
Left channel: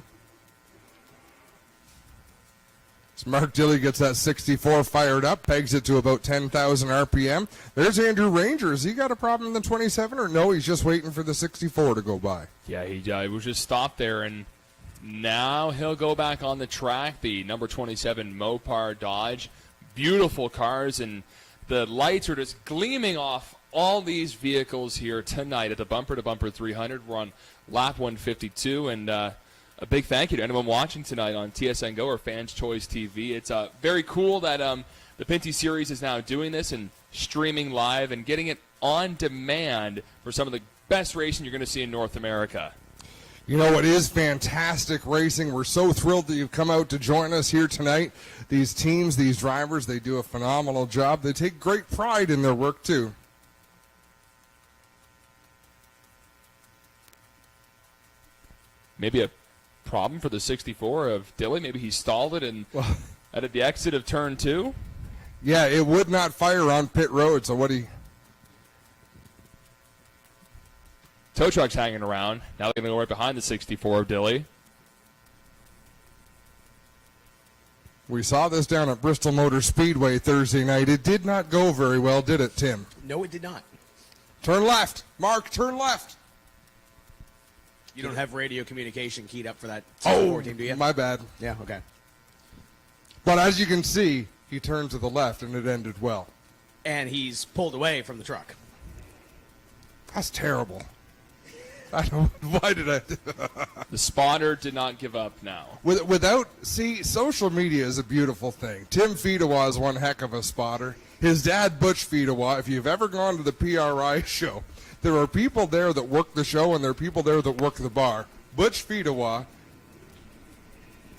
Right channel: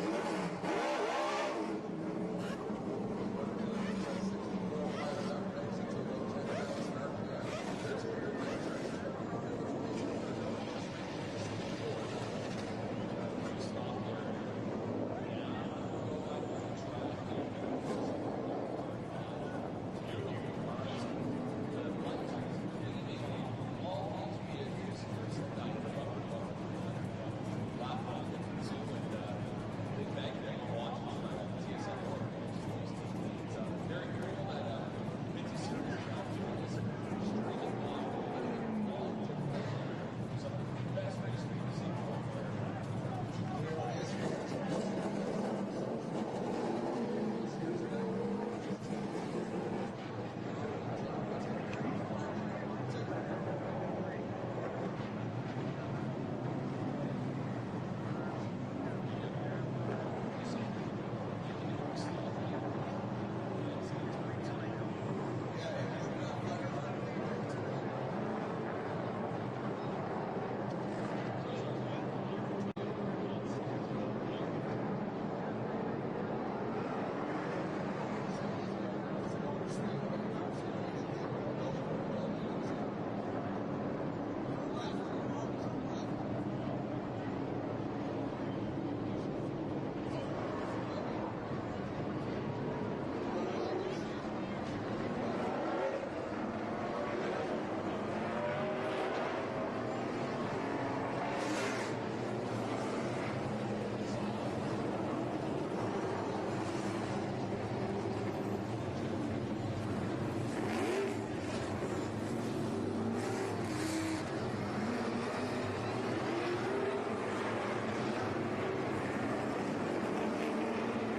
So Mark Dilley gets that 64 fired up, pegs it to about 10,000 RPM. There's Andrew Ranger. Has he got a problem in the 27, or no, he's just waiting for the 64 to go by? Yeah, he was just stopped there, and now he'll go back on the track. The number 27 Mopar Dodge. Beautiful cars, and the lights are just gleaming off all these vehicles here tonight at the Bumper to Bumper 300. We're on lap 152, and a big thank you to anyone watching tonight on TSN Go or Fans Choice TV. It's very cool that the Pinty Series is now doing this and streaming live and getting it on demand for some of the best racing you're going to see in North America. You know, it is fantastic racing. We're so thrilled that you've come out to join us here tonight. These teams, these drivers, they do a phenomenal job. They take great pride in their work, too. Maybe a problem for the 64 of Dilley. Maybe he stalled it and at the exit of turn 2. Yeah, it would not fire on pit road, so what he... Tow truck's hanging around. Now they're going to go right behind the 64 of Dilley. We saw this down at Bristol Motor Speedway Thursday night. It did not go very well, did it, Tim? No, it did not. Turn left. Mark, turn left. don't have radio communication keyed up for that. Oh, 14, do you? my bad. Yeah, okay. But as you can see, he turned to the left and it ended well. And he's pulled away from the truck. That's terrible. Why did I do The spotter did not give up now. See, social media is a beautiful thing. Tim Fedewa is one heck of a spotter. His dad, Butch Fedewa, if you've ever gone to the PRI show, there are people there that work the show and there are people there that work the bar. Butch Fedewa,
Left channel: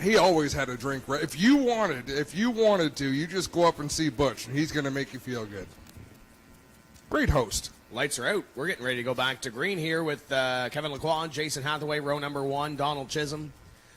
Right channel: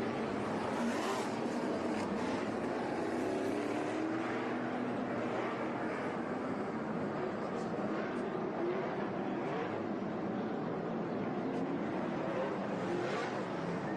he always had a drink. If you wanted to, you just go up and see Butch and he's going to make you feel good. Great host. Lights are out. We're getting ready to go back to green here with Kevin Lacroix, Jason Hathaway, row number 1, Donald Chisholm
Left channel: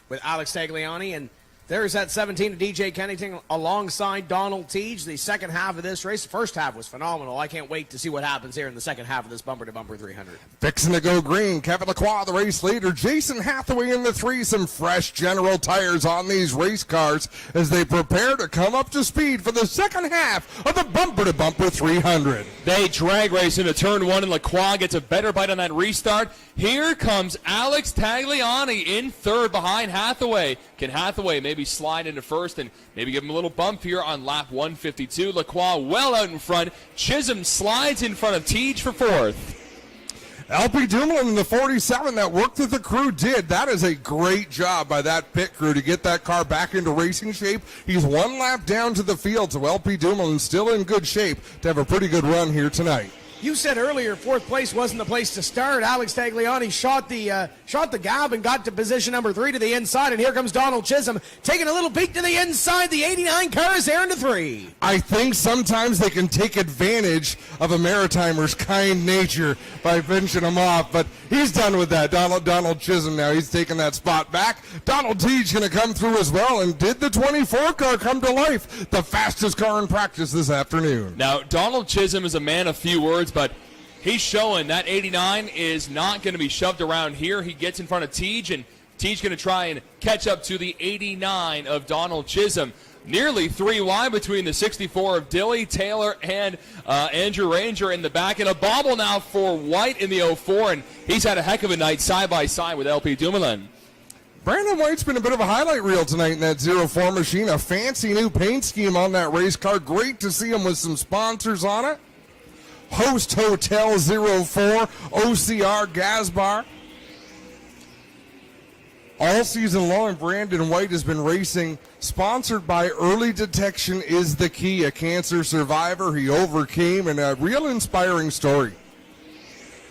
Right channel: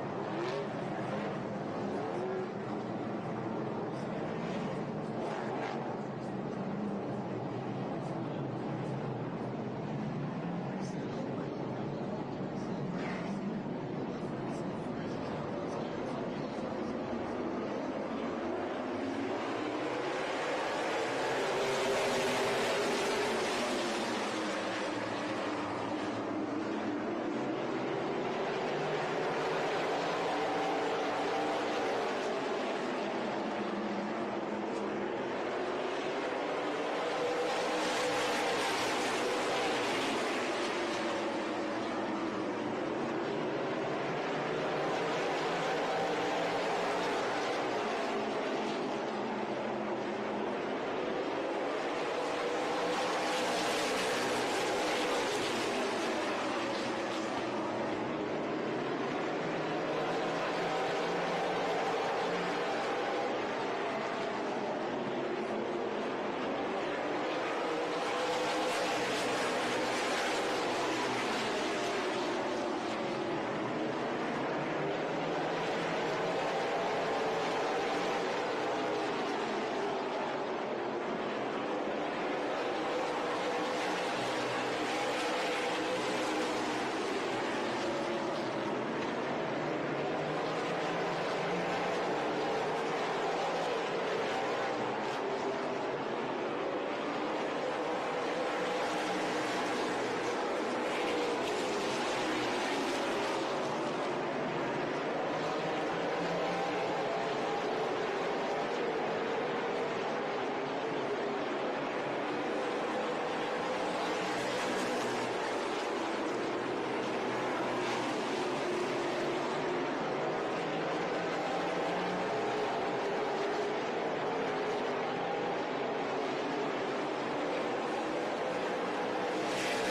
with Alex Tagliani. And there's that 17 of DJ Kennington alongside Donald Teague. The second half of this race, the first half was phenomenal. I can't wait to see what happens here in the second half of this bumper-to-bumper 300. Fixing to go green. Kevin Lacroix, the race leader. Jason Hathaway in the 3. Some fresh General tires on these race cars as they prepare to come up to speed for the second half of the bumper-to-bumper 300. They drag race into turn 1, and Lacroix gets a better bite on that restart. Here comes Alex Tagliani in third behind Hathaway. Can Hathaway maybe slide into first and maybe give him a little bump here on lap 152? Lacroix well out in front. Chisholm slides in front of Teague for fourth. LP Dumoulin in the 47, that work that the crew did. That is a great job by that pit crew to get that car back into racing shape. He's one lap down to the field, so LP Dumoulin still in good shape to have a pretty good run here tonight. You said earlier fourth place wasn't the place to start. Alex Tagliani shot the gab and got to position number 3 to the inside, and here comes Donald Chisholm taking a little peek to the inside. The 89 car is there into 3. I think sometimes they can take advantage of a Maritimer's kind nature by finishing him off, but he's done with that. Donald Chisholm now, he's taking that spot back. Donald Teague going to come through as well, and did the 24 car come to life? The fastest car in practice this afternoon. Now, Donald Chisholm is a man of few words, but he's showing that 89 is not going to be shoved around here. He gets in front of Teague, and Teague going to try and catch up to the 89 of Donald Chisholm. Nearly 3 wide between the 64 of Dilly, Taylor, and Andrew Ranger in the back. And a bobble now for White in the 04, and he's had a heck of a night side-by-side with LP Dumoulin. Brandon White's been a bit of a highlight reel tonight in that 04 machine. A fancy new paint scheme on that race car. Great to see him with some sponsors on it. Host Hotel 04, OCR Gas Bar. All season long, Brandon White has been racing, sponsored by Early Detection is the Key, a cancer survivor he overcame, and a real inspiring story.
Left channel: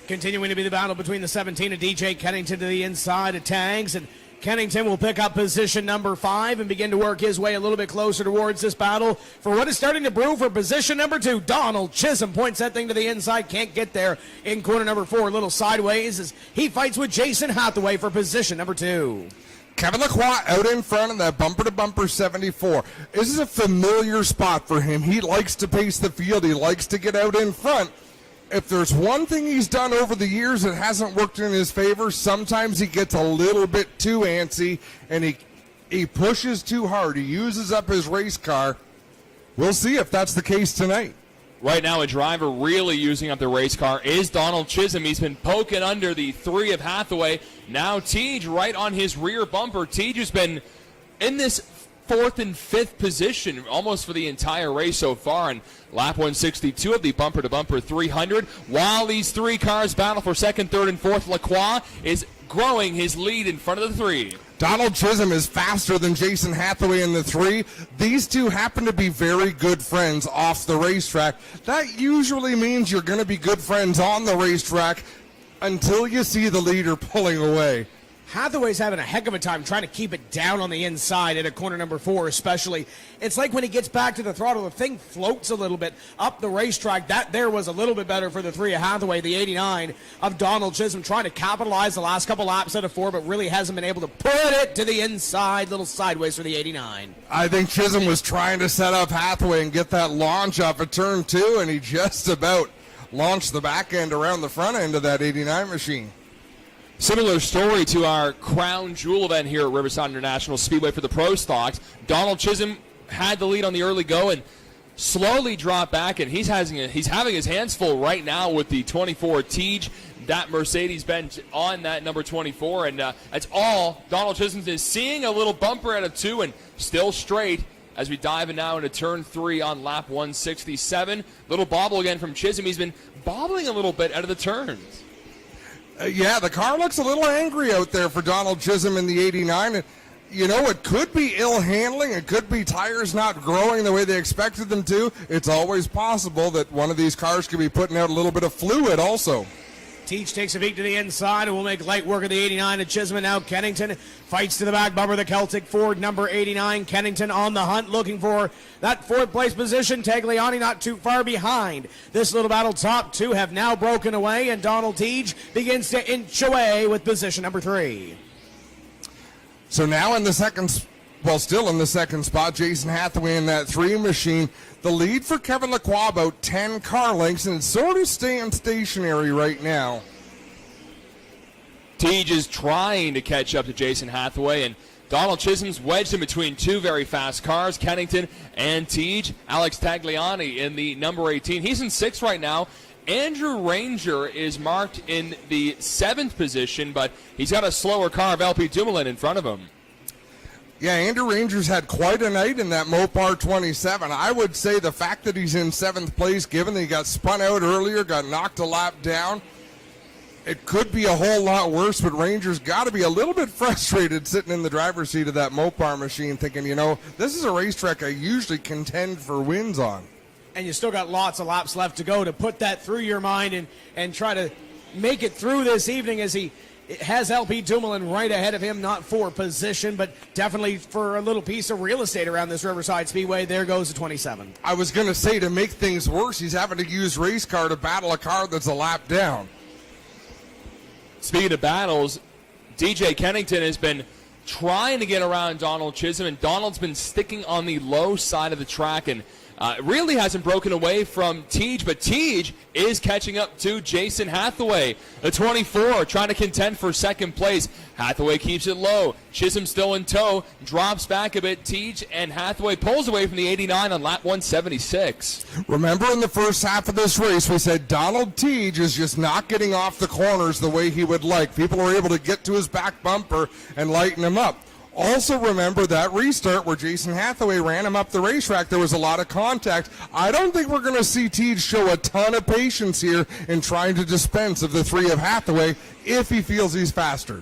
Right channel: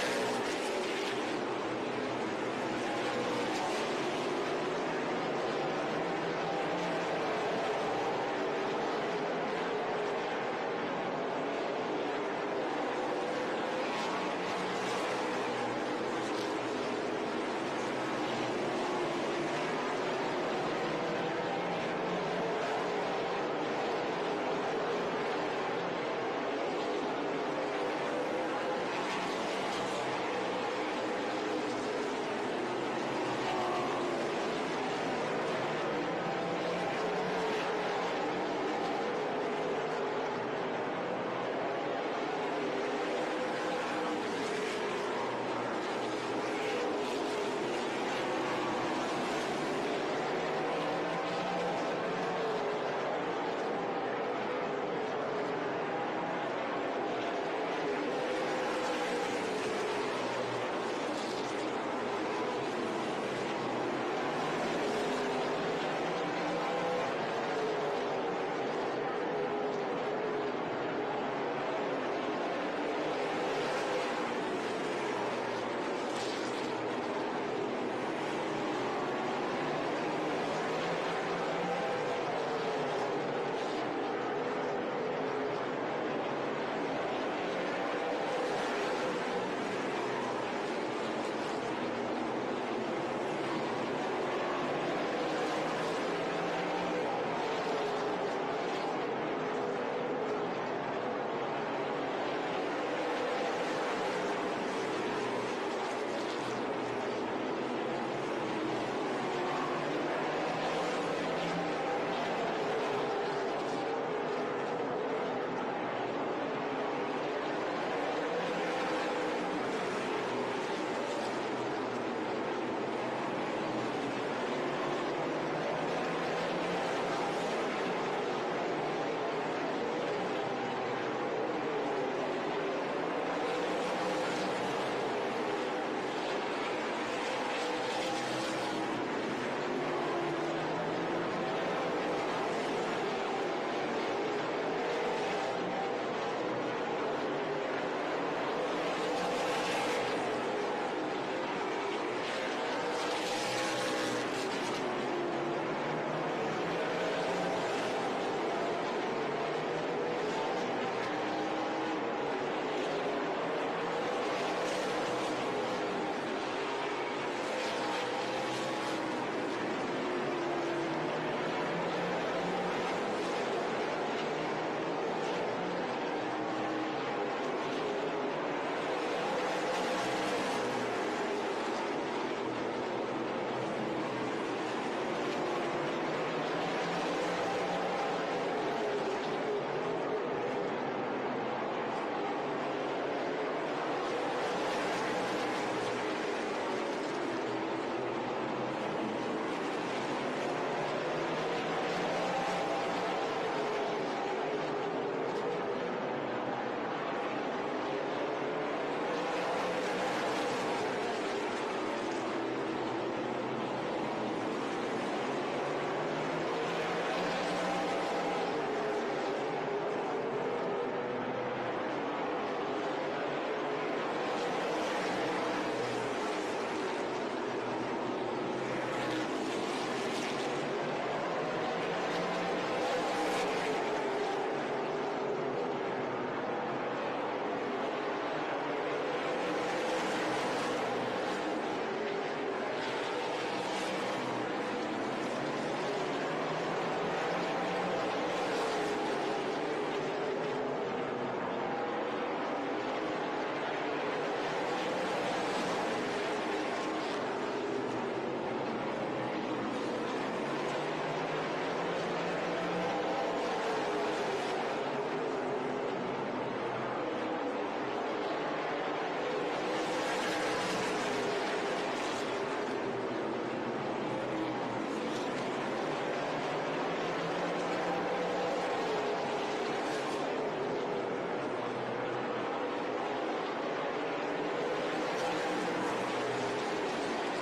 Continuing to be the battle between the 17 of DJ Kennington to the inside of Tags, and Kennington will pick up position number 5 and begin to work his way a little bit closer towards this battle for what is starting to brew for position number 2. Donald Chisholm points that thing to the inside, can't get there in corner number 4, a little sideways as he fights with Jason Hathaway for position number 2. Kevin Lacroix out in front of that bumper-to-bumper 74. This is a familiar spot for him. He likes to pace the field. He likes to get out in front. If there's one thing he's done over the years that hasn't worked in his favor, sometimes he gets a little bit too antsy and he pushes too hard. He uses up his race car. We'll see if that's the case tonight. Right now, a driver really using up the race car is Donald Chisholm. He's been poking under the 3 of Hathaway. Now Teague right on his rear bumper. Teague has been in this 4th and 5th position almost for the entire race so far. And lap 162 of the bumper-to-bumper 300. While these 3 cars battle for 2nd, 3rd, and 4th, Lacroix is growing his lead in front of the 3. Donald Chisholm is faster than Jason Hathaway in the 3. These two happen to be very good friends off the racetrack. That usually means you're going to be good friends on the racetrack until you see the leader pulling away. Hathaway's having a heck of a time trying to keep it down on the inside at a corner number 4 especially. It's like when he gets back to the throttle, the thing floats a little bit up the racetrack. That there was a little bit better for the 3 of Hathaway. The 89 of Donald Chisholm trying to capitalize the last couple laps out of 4, but really hasn't been able to put it to the inside, little sideways for the 89. I think Chisholm was trying to set up Hathaway and get that launch off of turn 2, and he just about launched the back end around the front end of that 89 machine. Similar story to our crown jewel event here at Riverside International Speedway for the Pro Stocks. Donald Chisholm had the lead on the early go and slowly dropped back, and he's having his hands full right now with the 24 Teague. that Mercedes-Benz on that number 24, and that's all Donald Chisholm is seeing. A little bumper at a 2 and still straight as we dive in now into turn 3 on lap 167. Little bobble again from Chisholm. He's been bobbling a little bit out of the turn. Yeah, the car looks a little angry out there for Donald Chisholm in the 89. And, you know, it could be ill handling. It could be tires not growing the way they expected them to. It's always possible that one of these cars could be putting out a little bit of fluid also. Teach takes a peek to the inside and will make light work of the 89 and Chisholm. And now Kennington fights to the back bumper. The Celtic Ford number 89. Kennington on the hunt looking for that 4th place position. Tagliani not too far behind. This little battle, top 2 have now broken away, and Donald Teach begins to inch away with position number 3. So now in the second, well, still in the second spot, Jason Hathaway in that 3 machine. The lead for Kevin Lacroix about 10 car lengths, and sort of staying stationary right now. Teach is trying to catch up to Jason Hathaway, and Donald Chisholm's wedged in between 2 very fast cars, Kennington and Teach. Alex Tagliani in the number 18. He's in 6th right now. Andrew Ranger is marked in the 7th position, but he's got a slower car of LP Dumoulin in front of him. Yeah, Andrew Ranger's had quite a night in that Mopar 27. I would say the fact that he's in 7th place, given that he got spun out earlier, got knocked a lap down, it could be a whole lot worse, but Ranger's got to be a little bit frustrated sitting in the driver's seat of that Mopar machine thinking, you know, this is a racetrack I usually contend for wins on. And you still got lots of laps left to go to put that through your mind and try to make it through this evening as he has LP Dumoulin right ahead of him, not for position, but definitely for a little piece of real estate around this Riverside Speedway. There goes the 27. I was going to say, to make things worse, he's having to use race car to battle a car that's a lap down. Speaking of battles, DJ Kennington has been trying to get around Donald Chisholm, and Donald's been sticking on the low side of the track and really hasn't broken away from Teach, but Teach is catching up to Jason Hathaway. The 24 trying to contend for 2nd place. Hathaway keeps it low. Chisholm still in tow, drops back a bit. Teach and Hathaway pulls away from the 89 on lap 176. Remember in the first half of this race, we said Donald Teach is just not getting off the corners the way he would like. People were able to get to his back bumper and lighten him up. Also remember that restart where Jason Hathaway ran him up the racetrack. There was a lot of contact. I don't think we're going to see Teach show a ton of patience here in trying to dispense of the 3 of Hathaway if he feels he's faster.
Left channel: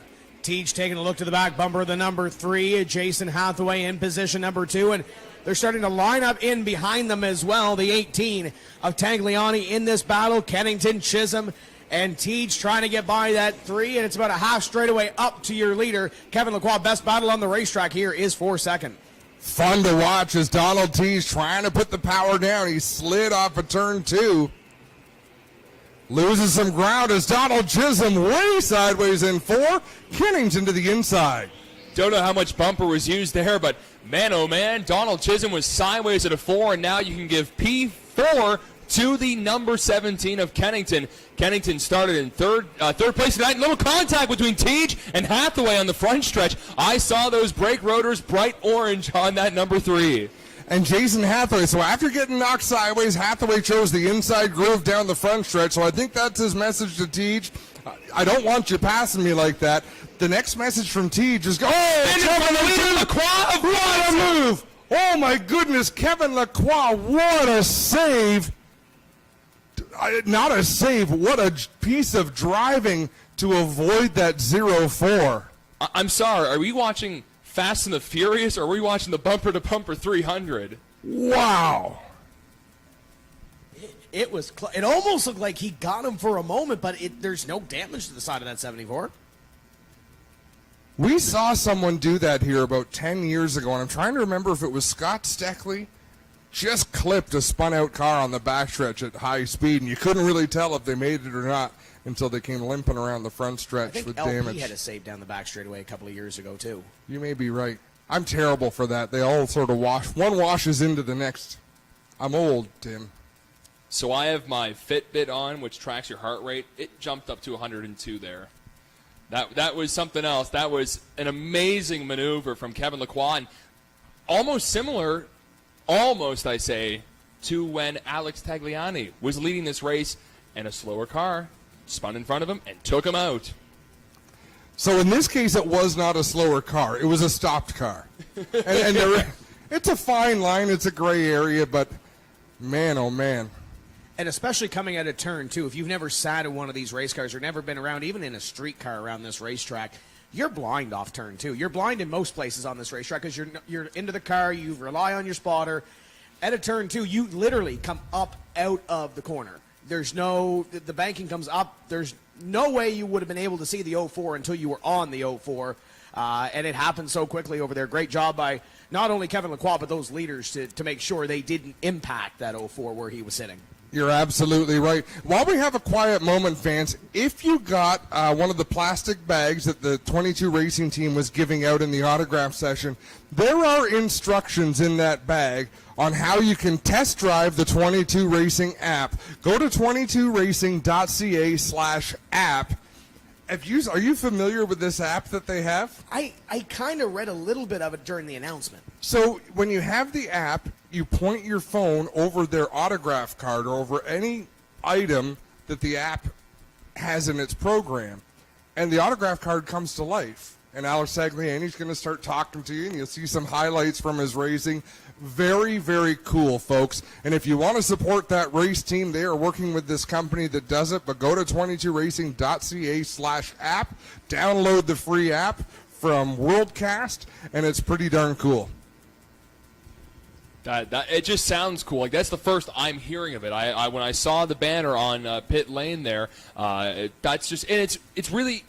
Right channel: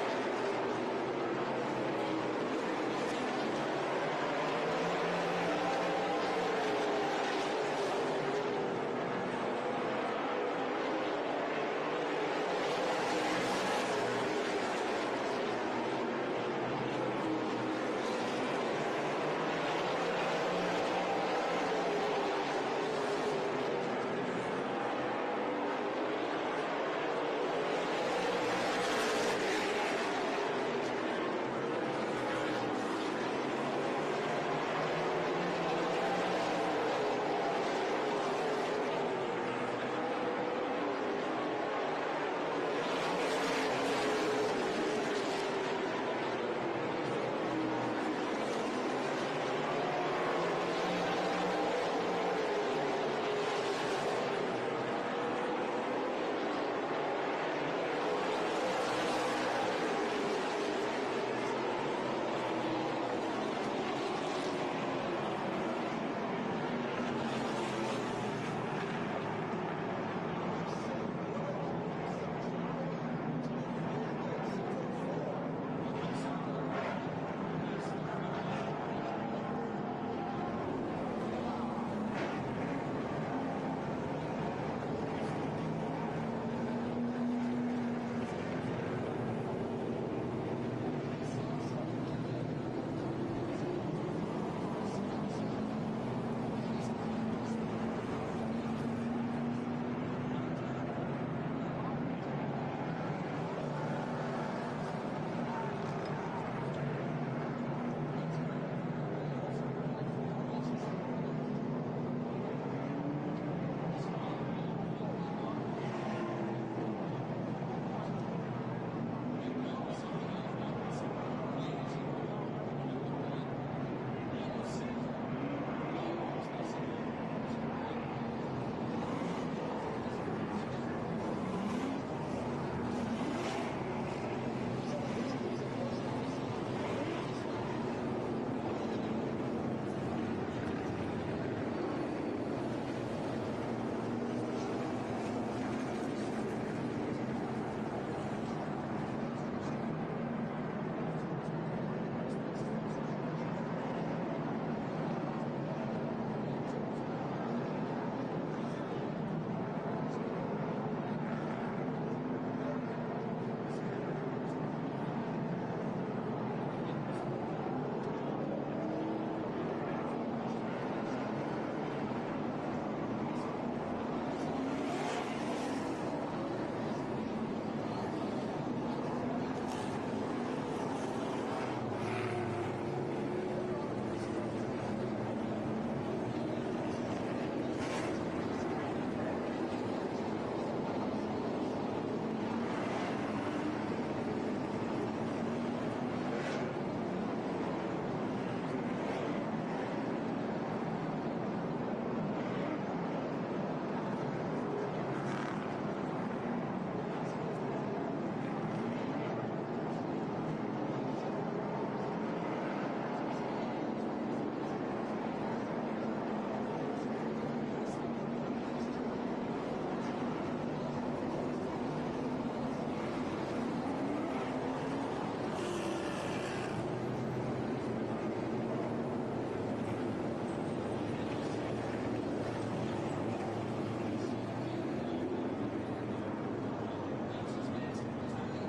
Teach taking a look to the back bumper of the number 3. Jason Hathaway in position number 2, and they're starting to line up in behind them as well. The 18 of Tagliani in this battle. Kennington, Chisholm, and Teach trying to get by that 3, and it's about a half straightaway up to your leader. Kevin Lacroix, best battle on the racetrack here is for 2nd. Fun to watch as Donald Teach trying to put the power down. He slid off of turn 2. Loses some ground as Donald Chisholm way sideways in 4. Kennington to the inside. Don't know how much bumper was used there, but man, oh man, Donald Chisholm was sideways at a 4, and now you can give P4 to the number 17 of Kennington. Kennington started in third place tonight. Little contact between Teach and Hathaway on the front stretch. I saw those brake rotors bright orange on that number 3. And Jason Hathaway, so after getting knocked sideways, Hathaway chose the inside groove down the front stretch, so I think that's his message to Teach. I don't want you passing me like that. The next message from Teach is, Kevin Lacroix, what a move! Oh my goodness, Kevin Lacroix, what a save! Not a save, what a piece of driving to avoid that 0-4. I'm sorry, are we watching Fast and the Furious, or are we watching the bumper-to-bumper 300? Wow. It almost looked like he got him for a moment, but there's no damage to the side of that 74. We saw someone do that here about 10 years ago, and I'm trying to remember if it was Scott Steckley. Just clipped a spun-out car on the backstretch at high speed, and you couldn't really tell if they made it or not until they came limping around the front stretch with LP damage. had a save down the back straightaway a couple of years ago, too. You may be right. I'm terrible for that. They all sort of wash. One washes into the next. I'm old, Tim. So I have my Fitbit on, which tracks your heart rate. It jumped up to 102 there. That was something else. That was an amazing maneuver from Kevin Lacroix. And almost similar, I say, to when Alex Tagliani was leading this race in a slower car. spun in front of him, and took him out. So in this case, it was not a slower car. It was a stopped car. It's a fine line. It's a gray area, but man, oh man. And especially coming out of turn two, if you've never sat in one of these race cars or never been around, even in a street car around this racetrack, you're blind off turn two. You're blind in most places on this racetrack because you're into the car, you rely on your spotter. At a turn two, you literally come up out of the corner. There's no, the banking comes up. There's no way you would have been able to see the 04 until you were on the 04. And it happened so quickly over there. Great job by not only Kevin Lacroix, but those leaders to make sure they didn't impact that 04 where he was sitting. You're absolutely right. While we have a quiet moment, fans, if you got one of the plastic bags that the 22 Racing team was giving out in the autograph session, there are instructions in that bag on how you can test drive the 22 Racing app. Go to 22racing.ca/app. Are you familiar with this app that they have? I kind of read a little bit of it during the announcement. So when you have the app, you point your phone over their autograph card or over any item that the app has in its program, and the autograph card comes to life. And Alex Sagliani's going to start talking to you, and you'll see some highlights from his racing. Very, very cool, folks. And if you want to support that race team, they are working with this company that does it. But go to 22racing.ca/app, download the free app from Worldcast, and it's pretty darn cool. It just sounds cool. Like, that's the first I'm hearing of it. When I saw the banner on pit lane there, that's just, and it's really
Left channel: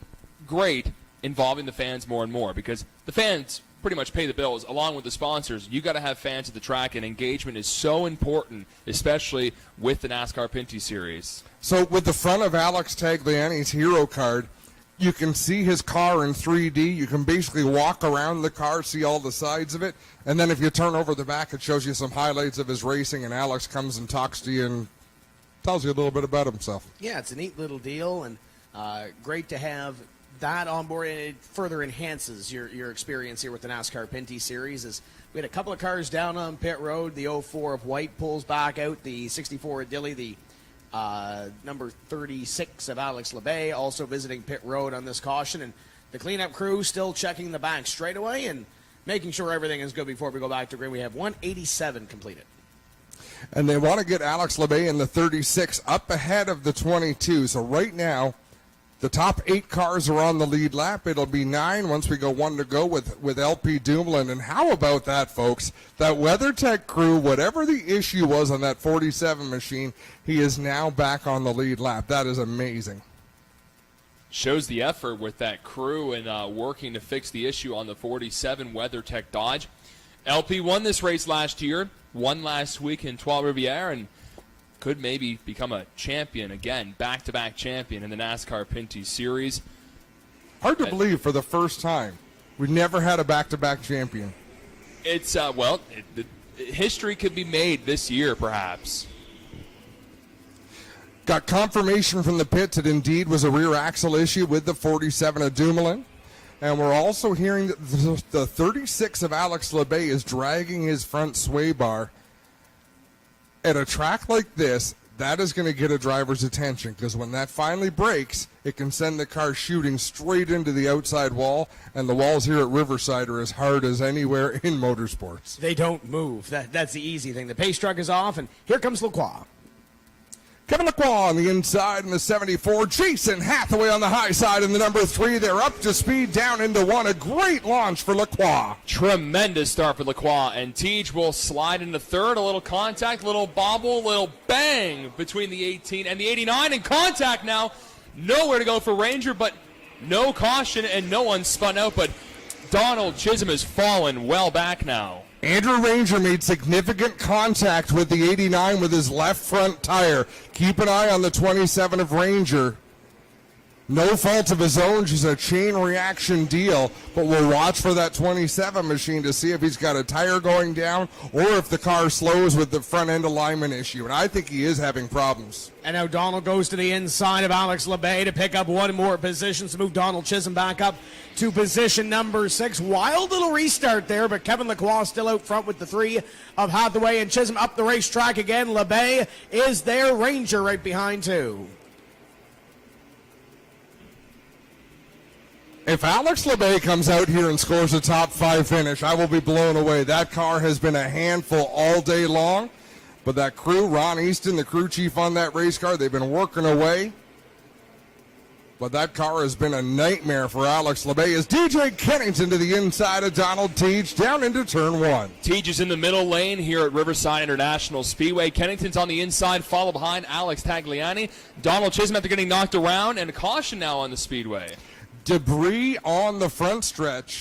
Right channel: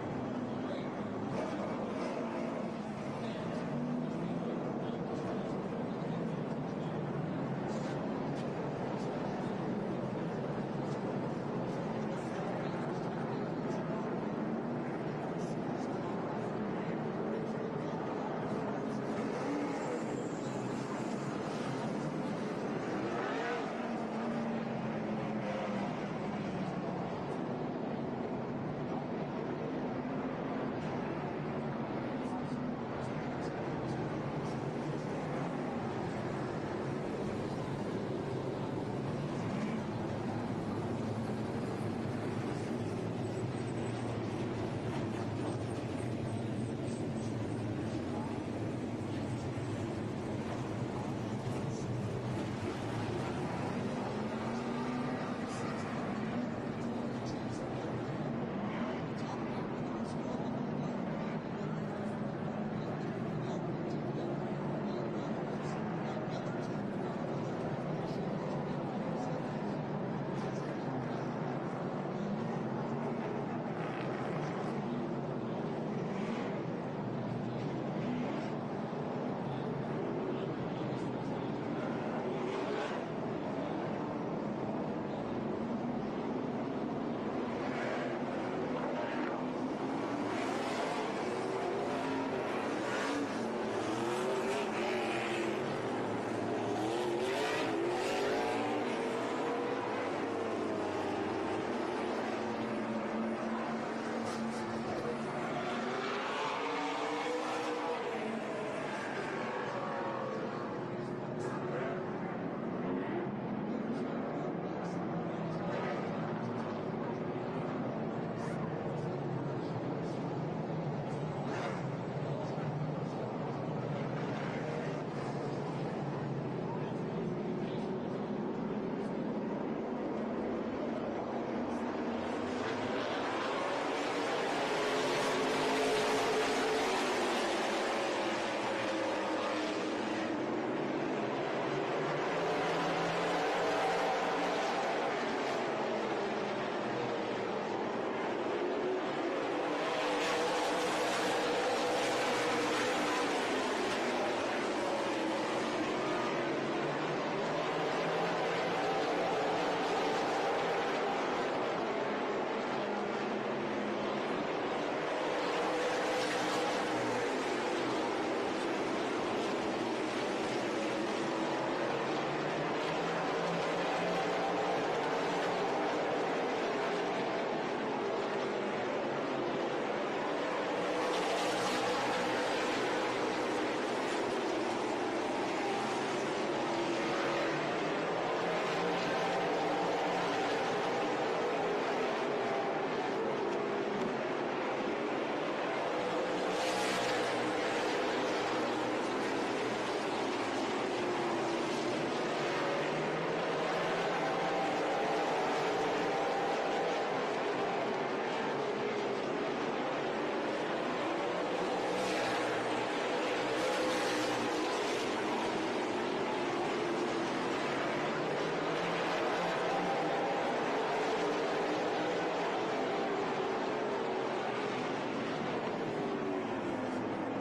great involving the fans more and more, because the fans pretty much pay the bills along with the sponsors. You got to have fans at the track, and engagement is so important, especially with the NASCAR Pinty series. So with the front of Alex Tagliani's hero card, you can see his car in 3D. You can basically walk around the car, see all the sides of it. And then if you turn over the back, it shows you some highlights of his racing, and Alex comes and talks to you and tells you a little bit about himself. Yeah, it's a neat little deal, and great to have that on board, and it further enhances your experience here with the NASCAR Pinty series. As we had a couple of cars down on pit road. The 04 of White pulls back out. The 64 of Dilly, the number 36 of Alex LeBay, also visiting pit road on this caution. And the cleanup crew still checking the back straightaway and making sure everything is good before we go back to green. We have 187 completed. And they want to get Alex LeBay in the 36 up ahead of the 22. So right now, the top 8 cars are on the lead lap. It'll be 9 once we go 1 to go with LP Dumoulin. And how about that, folks? That WeatherTech crew, whatever the issue was on that 47 machine, he is now back on the lead lap. That is amazing. Shows the effort with that crew and working to fix the issue on the 47 WeatherTech Dodge. LP won this race last year, won last week in Trois Rivières, and could maybe become a champion again, back-to-back champion in the NASCAR Pinty series. Hard to believe for the first time. We've never had a back-to-back champion. It's, history could be made this year, perhaps. Got confirmation from the pits that indeed was a rear axle issue with the 47 of Dumoulin. And we're also hearing that the 36 of Alex LeBay is dragging his front sway bar. At a track like this, that is going to get a driver's attention, because when that finally breaks, it can send the car shooting straight into the outside wall, and the walls here at Riverside are as hard as anywhere in motorsports. They don't move. That's the easy thing. The pace truck is off, and here comes Lacroix. Kevin Lacroix on the inside in the 74. Jason Hathaway on the high side in the number 3. They're up to speed down into 1. A great launch for Lacroix. Tremendous start for Lacroix, and Teach will slide into third. A little contact, little bobble, little bang between the 18 and the 89, and contact now. Nowhere to go for Ranger, but no caution, and no one spun out, but Donald Chisholm has fallen well back now. Andrew Ranger made significant contact with the 89 with his left front tire. Keep an eye on the 27 of Ranger. No fault of his own, just a chain reaction deal. But we'll watch for that 27 machine to see if he's got a tire going down or if the car slows with the front end alignment issue. And I think he is having problems. And now Donald goes to the inside of Alex LeBay to pick up one more position to move Donald Chisholm back up to position number 6. Wild little restart there, but Kevin Lacroix still out front with the 3 of Hathaway and Chisholm up the racetrack again. LeBay is there. Ranger right behind 2. If Alex LeBay comes out here and scores a top 5 finish, I will be blown away. That car has been a handful all day long. But that crew, Ron Easton, the crew chief on that race car, they've been working away. But that car has been a nightmare for Alex LeBay as DJ Kennington to the inside of Donald Teach down into turn 1. Teach is in the middle lane here at Riverside International Speedway. Kennington's on the inside, followed behind Alex Tagliani. Donald Chisholm after getting knocked around, and caution now on the Speedway. Debris on the front stretch.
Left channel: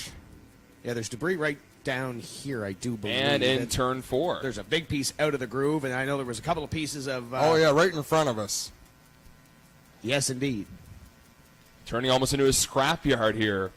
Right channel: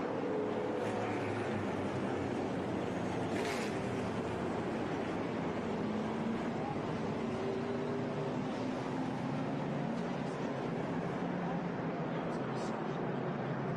Yeah, there's debris right down here, I do believe. And in turn 4. There's a big piece out of the groove, and I know there was a couple of pieces of... oh, yeah, right in front of us. Yes, indeed. Turning almost into a scrapyard here.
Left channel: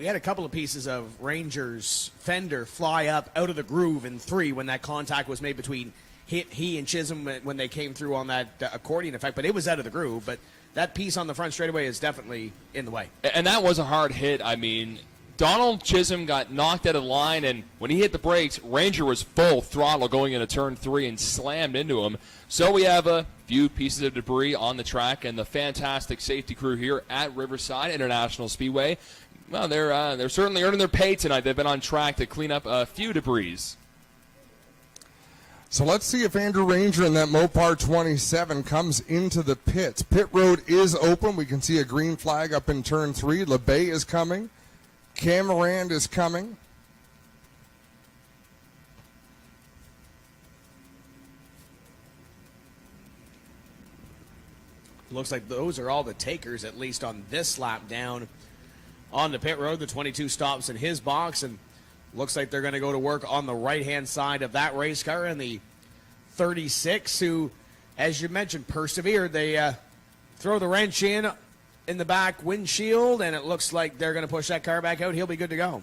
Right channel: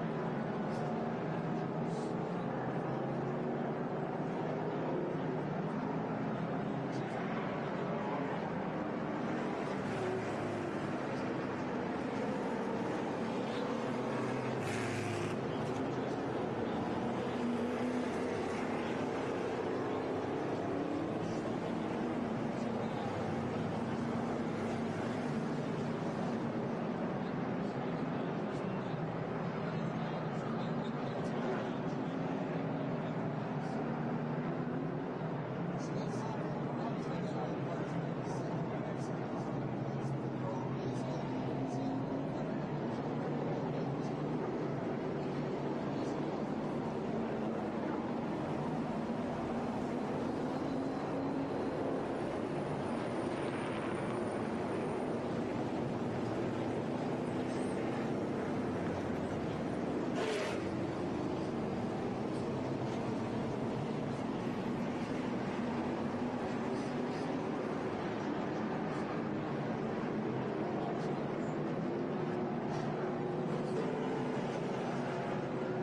We had a couple of pieces of Ranger's fender fly up out of the groove in 3 when that contact was made between he and Chisholm when they came through on that accordion effect, but it was out of the groove. But that piece on the front straightaway is definitely in the way. And that was a hard hit. I mean, Donald Chisholm got knocked out of line, and when he hit the brakes, Ranger was full throttle going into turn 3 and slammed into him. So we have a few pieces of debris on the track, and the fantastic safety crew here at Riverside International Speedway, well, they're certainly earning their pay tonight. They've been on track to clean up a few debris. So let's see if Andrew Ranger in that Mopar 27 comes into the pits. Pit road is open. We can see a green flag up in turn 3. LeBay is coming. Camarand is coming. Looks like those are all the takers, at least on this lap down on the pit road. The 22 stops in his box, and looks like they're going to go to work on the right-hand side of that race car. And the 36, who, as you mentioned, persevered. They throw the wrench in the back windshield, and it looks like they're going to push that car back out. He'll be good to go.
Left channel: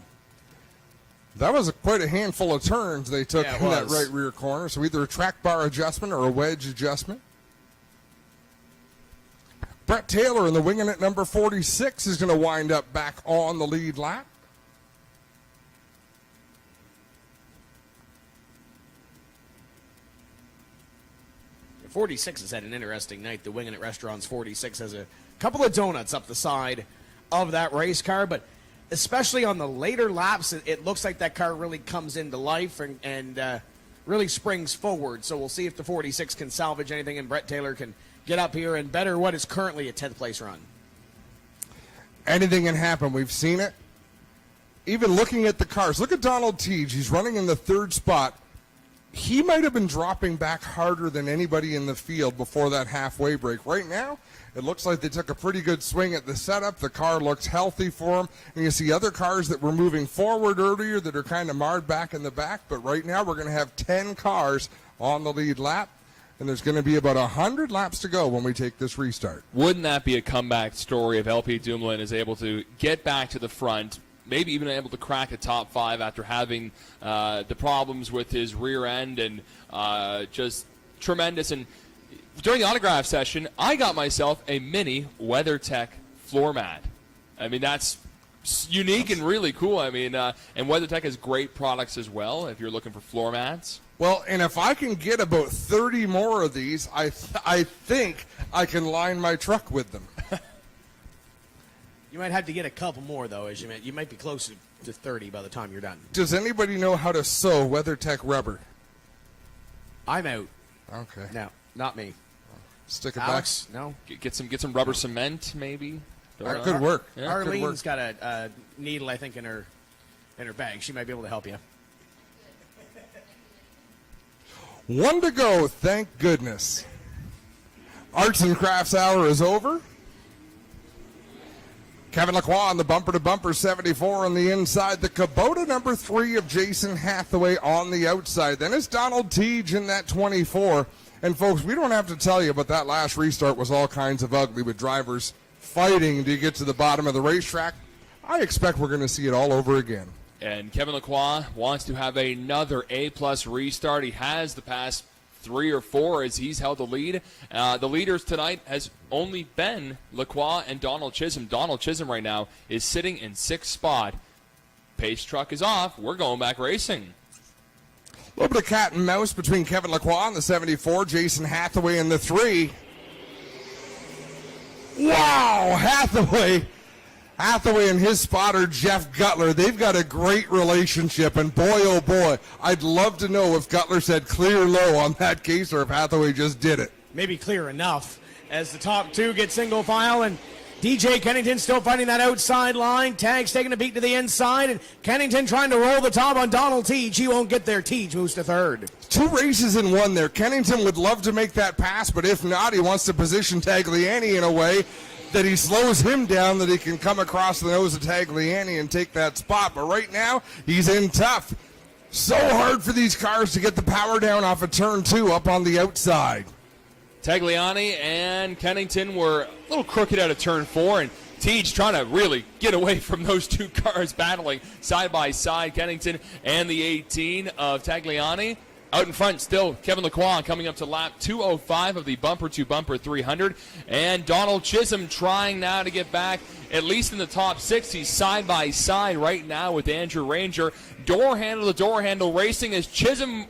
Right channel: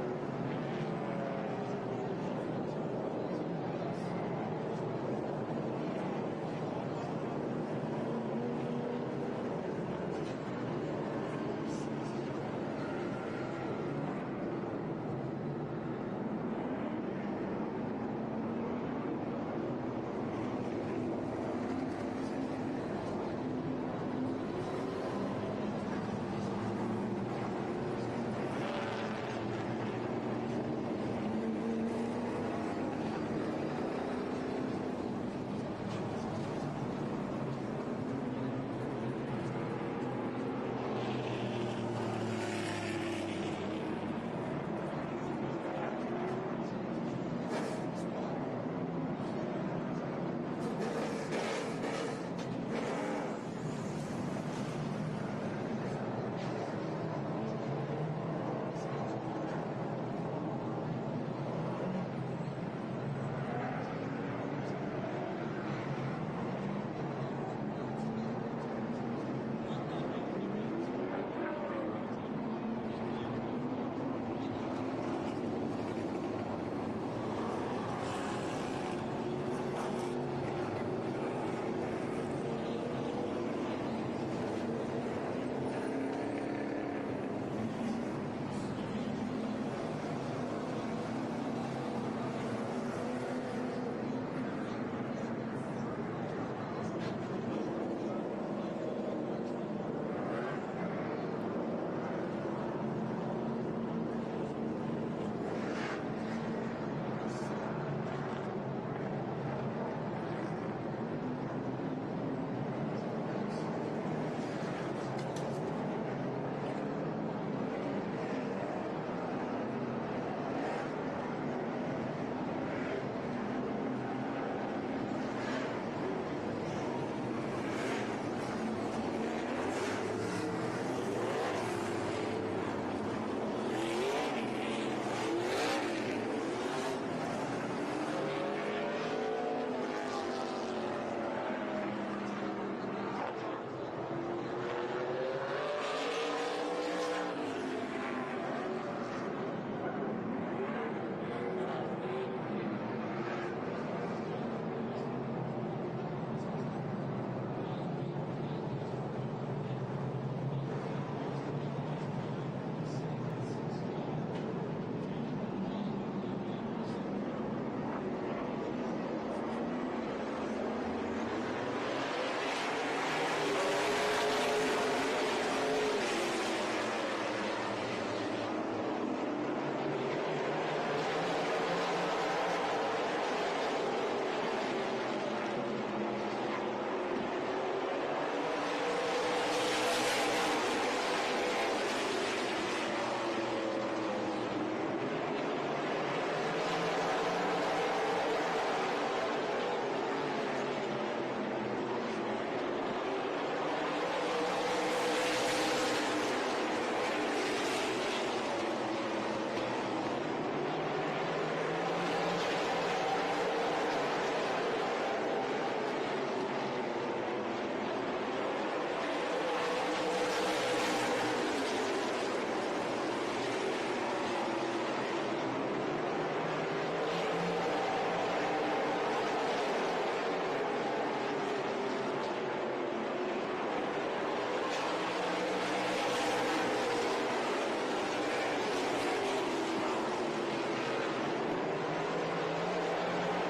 That was quite a handful of turns they took in that was. right rear corner. So either a track bar adjustment or a wedge adjustment. Brett Taylor in the winging at number 46 is going to wind up back on the lead lap. '46 has had an interesting night. The Winging It Restaurants 46 has a couple of donuts up the side of that race car, but especially on the later laps, it looks like that car really comes into life and really springs forward. So we'll see if the 46 can salvage anything, and Brett Taylor can get up here and better what is currently a 10th place run. Anything can happen. We've seen it. Even looking at the cars, look at Donald Teague. He's running in the 3rd spot. He might have been dropping back harder than anybody in the field before that halfway break. Right now, it looks like they took a pretty good swing at the setup. The car looks healthy for him. And you see other cars that were moving forward earlier that are kind of marred back in the back. But right now, we're going to have 10 cars on the lead lap. And there's going to be about 100 laps to go when we take this restart. Wouldn't that be a comeback story if LP Dumoulin is able to get back to the front, maybe even able to crack a top 5 after having the problems with his rear end and just tremendous. And during the autograph session, I got myself a mini WeatherTech floor mat. I mean, that's unique and really cool. I mean, and WeatherTech has great products as well if you're looking for floor mats. Well, and if I can get about 30 more of these, I think I can line my truck with them. You might have to get a couple more, though, as you meant. You might be close to 30 by the time you're done. Does anybody know how to sew WeatherTech rubber? I'm out. Okay. No, not me. Stick it Alex, no. Get some rubber cement, maybe. back. Good work. Yeah, good work. Arlene's got a needle, I think, in her bag. She might be able to help you. 1 to go, thank goodness. Arts and Crafts Hour is over. Kevin Lacroix on the bumper-to-bumper 74 on the inside. The Kubota number 3 of Jason Hathaway on the outside. Then it's Donald Teague in that 24. And folks, we don't have to tell you, but that last restart was all kinds of ugly with drivers fighting to get to the bottom of the racetrack. I expect we're going to see it all over again. And Kevin Lacroix wants to have another A-plus restart. He has the past 3 or 4 as he's held the lead. The leaders tonight has only been Lacroix and Donald Chisholm. Donald Chisholm right now is sitting in 6th spot. Pace truck is off. We're going back racing. A little bit of cat and mouse between Kevin Lacroix and the 74, Jason Hathaway in the 3. Wow, Hathaway Hathaway and his spotter, Jeff Gutler, they've got a great relationship, and boy, oh boy, I'd love to know if Gutler said clear low on that case or if Hathaway just did it. Maybe clear enough as the top two get single file, and DJ Kennington still fighting that outside line. Tags taking a beat to the inside, and Kennington trying to roll the top on Donald Teach. He won't get there. Teach moves to third. 2 races in 1 there. Kennington would love to make that pass, but if not, he wants to position Tagliani in a way that he slows him down, that he can come across the nose of Tagliani and take that spot. But right now, he's in tough. So hard for these cars to get the power down off of turn 2 up on the outside. Tagliani and Kennington were a little crooked out of turn 4, and Teach trying to really get away from those 2 cars battling side by side. Kennington and the 18 of Tagliani. Out in front still, Kevin Lacroix coming up to lap 205 of the bumper-to-bumper 300. And Donald Chisholm trying now to get back at least in the top 6. He's side by side right now with Andrew Ranger. Door handle to door handle racing as Chisholm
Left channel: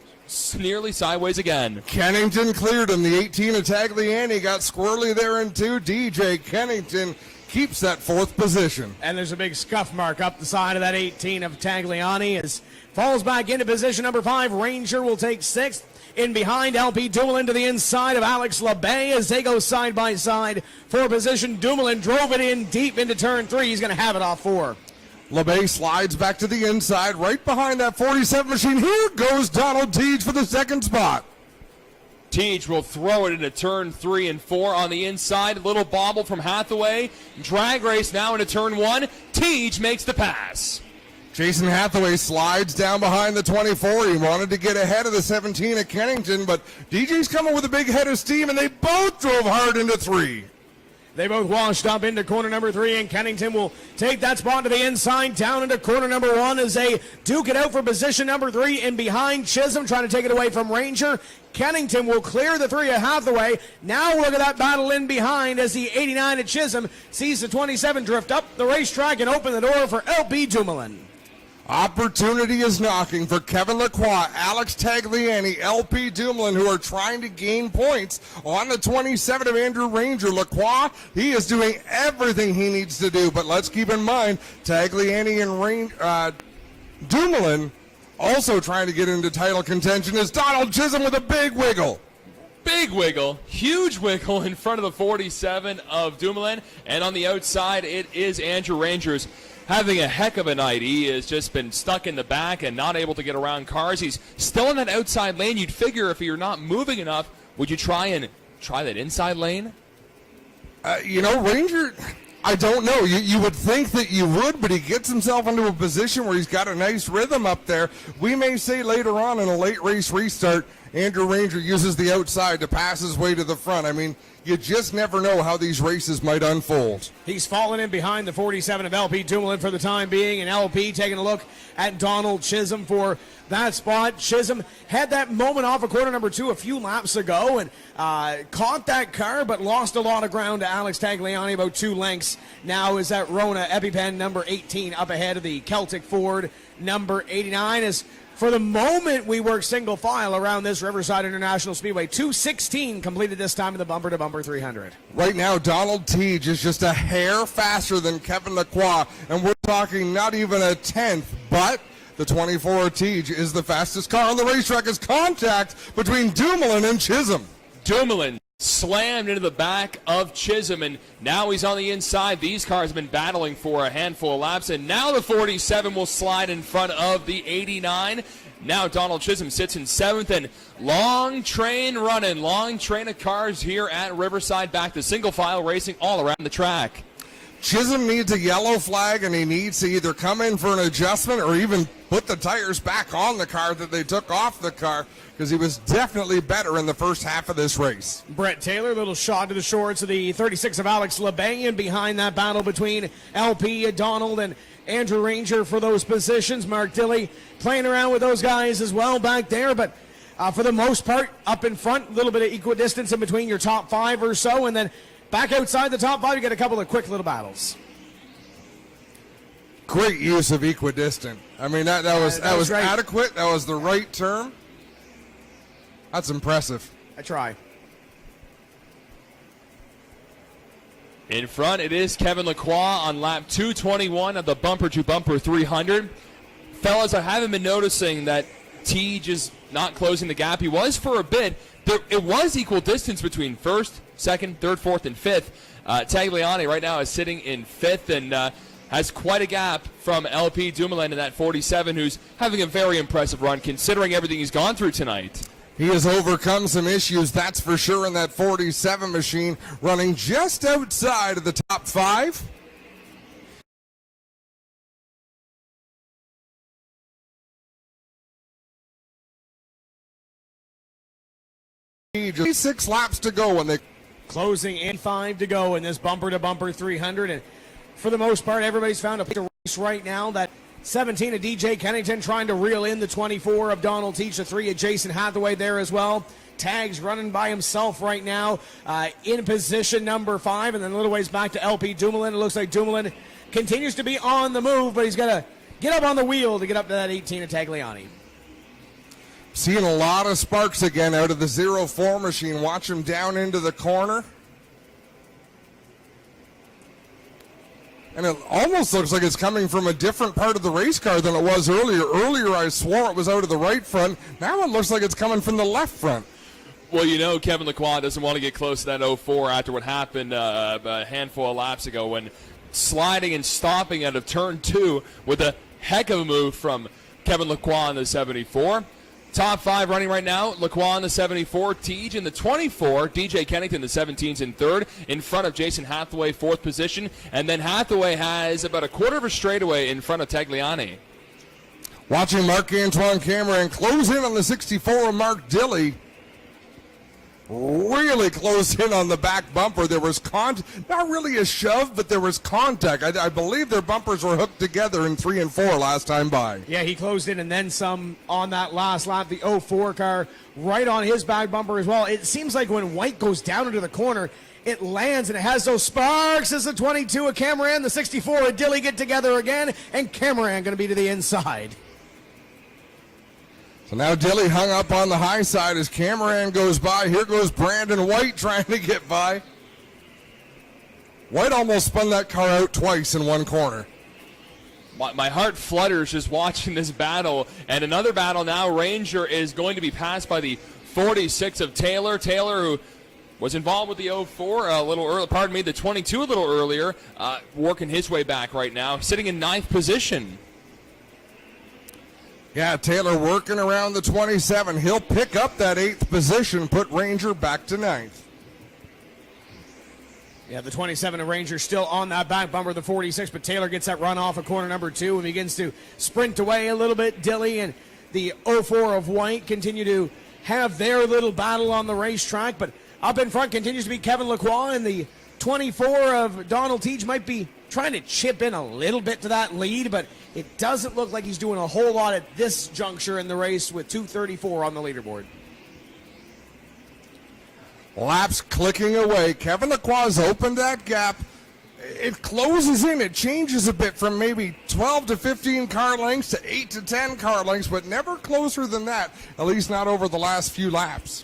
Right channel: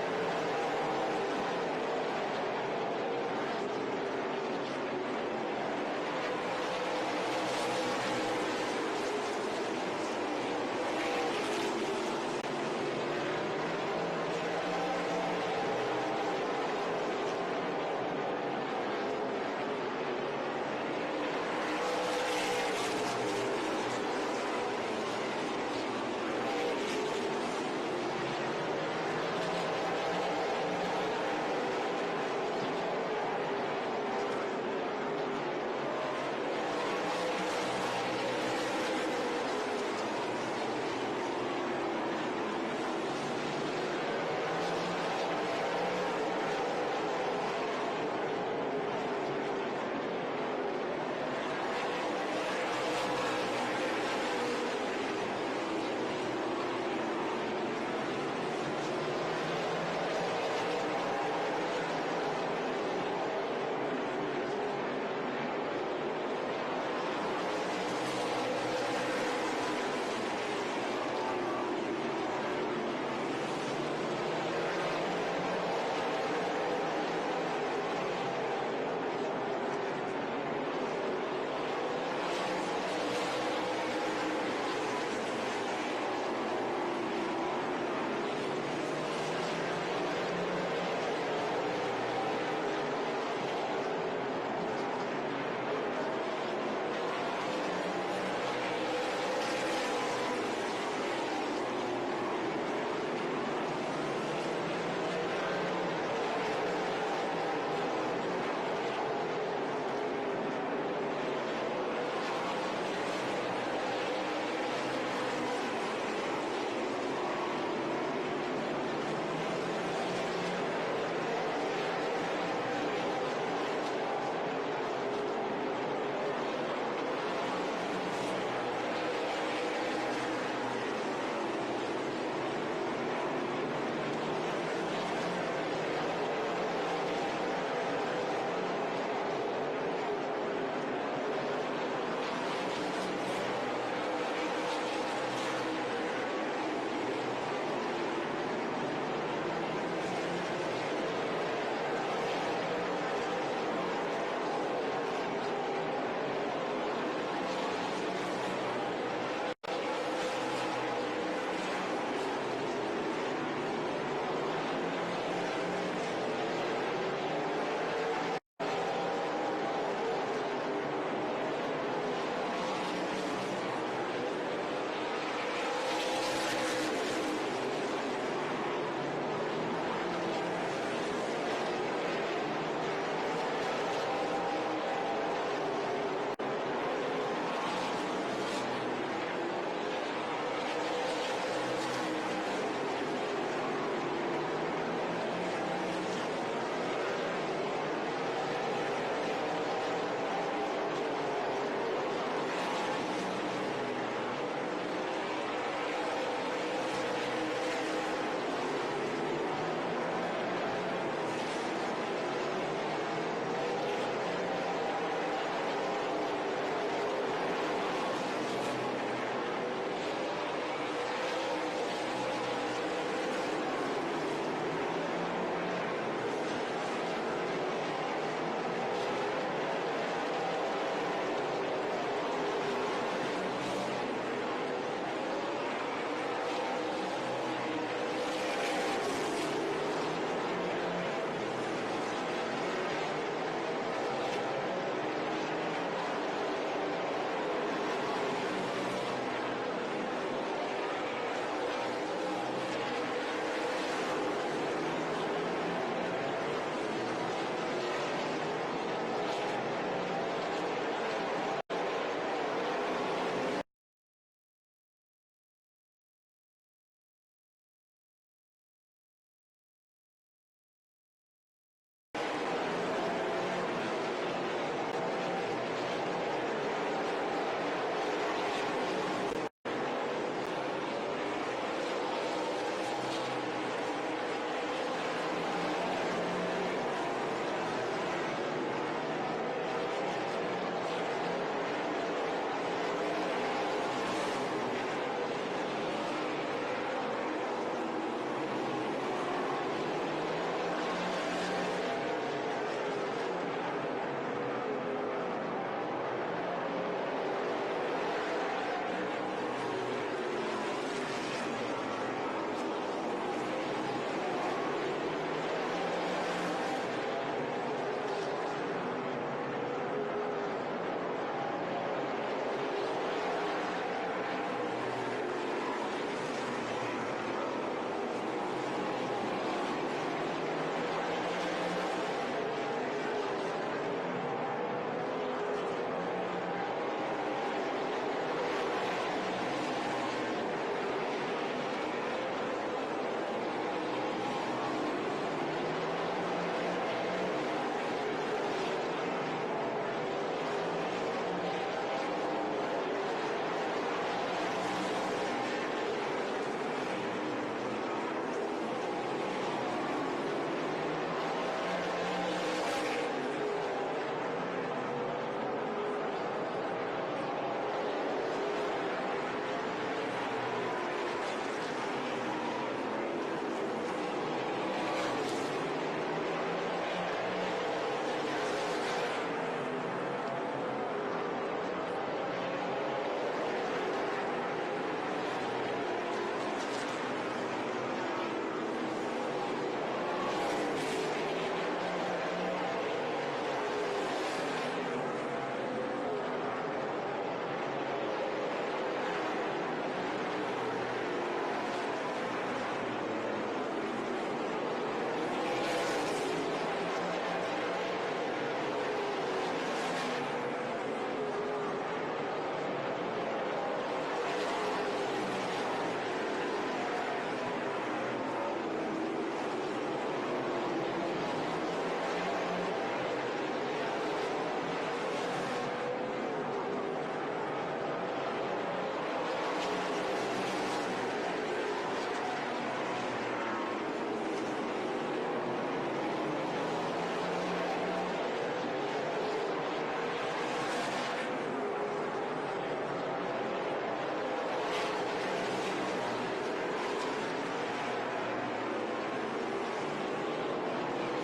nearly sideways again. Kennington cleared him. The 18 of Tagliani got squirrely there in 2. DJ Kennington keeps that 4th position. And there's a big scuff mark up the side of that 18 of Tagliani as falls back into position number 5. Ranger will take 6th. In behind, LP Dumoulin to the inside of Alex LeBay as they go side by side for position. Dumoulin drove it in deep into turn 3. He's going to have it off 4. LeBay slides back to the inside, right behind that 47 machine. Here goes Donald Teach for the 2nd spot. Teach will throw it into turn 3 and 4 on the inside. Little bobble from Hathaway. Drag race now into turn 1. Teach makes the pass. Jason Hathaway slides down behind the 24. He wanted to get ahead of the 17 at Kennington, but DJ's coming with a big head of steam, and they both drove hard into 3. They both washed up into corner number 3, and Kennington will take that spot to the inside, down into corner number 1 as they duke it out for position number 3. And behind, Chisholm trying to take it away from Ranger. Kennington will clear the 3 of Hathaway. Now look at that battle in behind as the 89 at Chisholm sees the 27 drift up the racetrack and open the door for LP Dumoulin. Opportunity is knocking for Kevin Lacroix, Alex Tagliani, LP Dumoulin, who are trying to gain points on the 27 of Andrew Ranger. Lacroix, he is doing everything he needs to do, but let's keep in mind, Tagliani and Dumoulin also trying to get into title contention is Donald Chisholm with a big wiggle. Big wiggle, huge wiggle in front of the 47 of Dumoulin, and on the outside it is Andrew Rangers having a heck of a night. He has just been stuck in the back and not able to get around cars. He's still in that outside lane. You'd figure if you're not moving enough, would you try that inside lane? Ranger, I don't know. You would think that you would, but he gets himself into a position where he's got a nice rhythm up there. We may say later on in a late race restart, Andrew Ranger uses the outside to pass his way to the front. I mean, you just never know how these races might unfold. He's fallen in behind the 47 of LP Dumoulin for the time being, and LP taking a look at Donald Chisholm for that spot. Chisholm had that moment off of corner number 2 a few laps ago and caught that car, but lost a lot of ground to Alex Tagliani, about 2 lengths. Now is that Rona EpiPen number 18 up ahead of the Celtic Ford number 89. As for the moment, we work single file around this Riverside International Speedway. 2:16 completed this time in the bumper-to-bumper 300. Right now, Donald Teach is just a hair faster than Kevin Lacroix, and we're talking not even a tenth, but the 24 Teach is the fastest car on the racetrack. Is contact between Dumoulin and Chisholm. Dumoulin slammed into the back of Chisholm, and now he's on the inside. These cars have been battling for a handful of laps, and now the 47 will slide in front of the 89. Now Donald Chisholm sits in 7th, and long train running, long train of cars here at Riverside, back to single file racing all around the track. Chisholm needs a yellow flag, and he needs to either come in for an adjustment or even put the tires back on the car that they took off the car, because he was definitely better in the first half of this race. Brett Taylor, little shot to the shorts of the 36 of Alex LeBay, and behind that battle between LP, Donald, and Andrew Ranger for those positions. Mark Dilley playing around with those guys as well back there, but for the most part, up in front, a little bit of equidistance in between your top 5 or so, and then back outside the top 5, you get a couple of quick little battles. Great use of equidistant. I mean, that was adequate. That was the right term. That's impressive. I tried. In front, it is Kevin Lacroix on lap 221 of the bumper-to-bumper 300. Fellas, I haven't been noticing that Teej is not closing the gap. He was for a bit. It was equal distance between first, second, third, fourth, and fifth. Tagliani right now is sitting in fifth and has quite a gap from LP Dumoulin in that 47, who's having a very impressive run considering everything he's gone through tonight. He has overcome some issues, that's for sure, in that 47 machine, running just outside of the top 5. Just 6 laps to go when they Closing in 5 to go in this bumper-to-bumper 300. And for the most part, everybody's found a race right now. That 17 of DJ Kennington trying to reel in the 24 of Donald Teach, the 3 of Jason Hathaway there as well. Tags running by himself right now in position number 5, and then a little ways back to LP Dumoulin. It looks like Dumoulin continues to be on the move, but he's got to get up on the wheel to get up to that 18 of Tagliani. Seeing a lot of sparks again out of the 0-4 machine. Watch him down into the corner. And it almost looks like it's coming from a different part of the race car than it was earlier. Earlier I swore it was out of the right front. Now it looks like it's coming from the left front. Well, you know Kevin Lacroix doesn't want to get close to that 04 after what happened a handful of laps ago when sliding and stopping out of turn 2 with a heck of a move from Kevin Lacroix in the 74. Top 5 running right now, Lacroix in the 74, Teej in the 24, DJ Kennington the 17's in third, in front of Jason Hathaway, 4th position, and then Hathaway has about a quarter of a straightaway in front of Tagliani. Watching Marc-Antoine Cameron close in on the 64 of Mark Dilley. Really close in on the back bumper. There was not really a shove, but there was contact. I believe their bumpers were hooked together in 3 and 4 last time by. Yeah, he closed in and then some on that last lap. The 04 car right on his back bumper as well. It seems like when White goes down into the corner, it lands and it has those sparks as the 22 of Cameron, the 64 of Dilley get together again, and Cameron going to be to the inside. So now Dilley hung up on the high side as Cameron goes by. Here goes Brandon White trying to get by. White almost spun that car out twice in one corner. My heart flutters just watching this battle. And another battle now. Ranger is going to be passed by the 46 of Taylor. Taylor, who was involved with the 04 a little early, pardon me, the 22 a little earlier, working his way back right now, sitting in 9th position. Yeah, Taylor working around the 27. He'll pick up that 8th position, put Ranger back to 9th. Yeah, the 27 of Ranger still on that back bumper, the 46, but Taylor gets that run off of corner number 2 and begins to sprint away a little bit. Dilley and the 04 of White continue to have their little battle on the racetrack, but up in front continues to be Kevin Lacroix, and the 24 of Donald Teach might be trying to chip in a little bit to that lead, but it doesn't look like he's doing a whole lot at this juncture in the race with 2:34 on the leaderboard. Laps clicking away. Kevin Lacroix's opened that gap. It closes in. It changes a bit from maybe 12 to 15 car lengths to 8 to 10 car lengths, but never closer than that, at least not over the last few laps.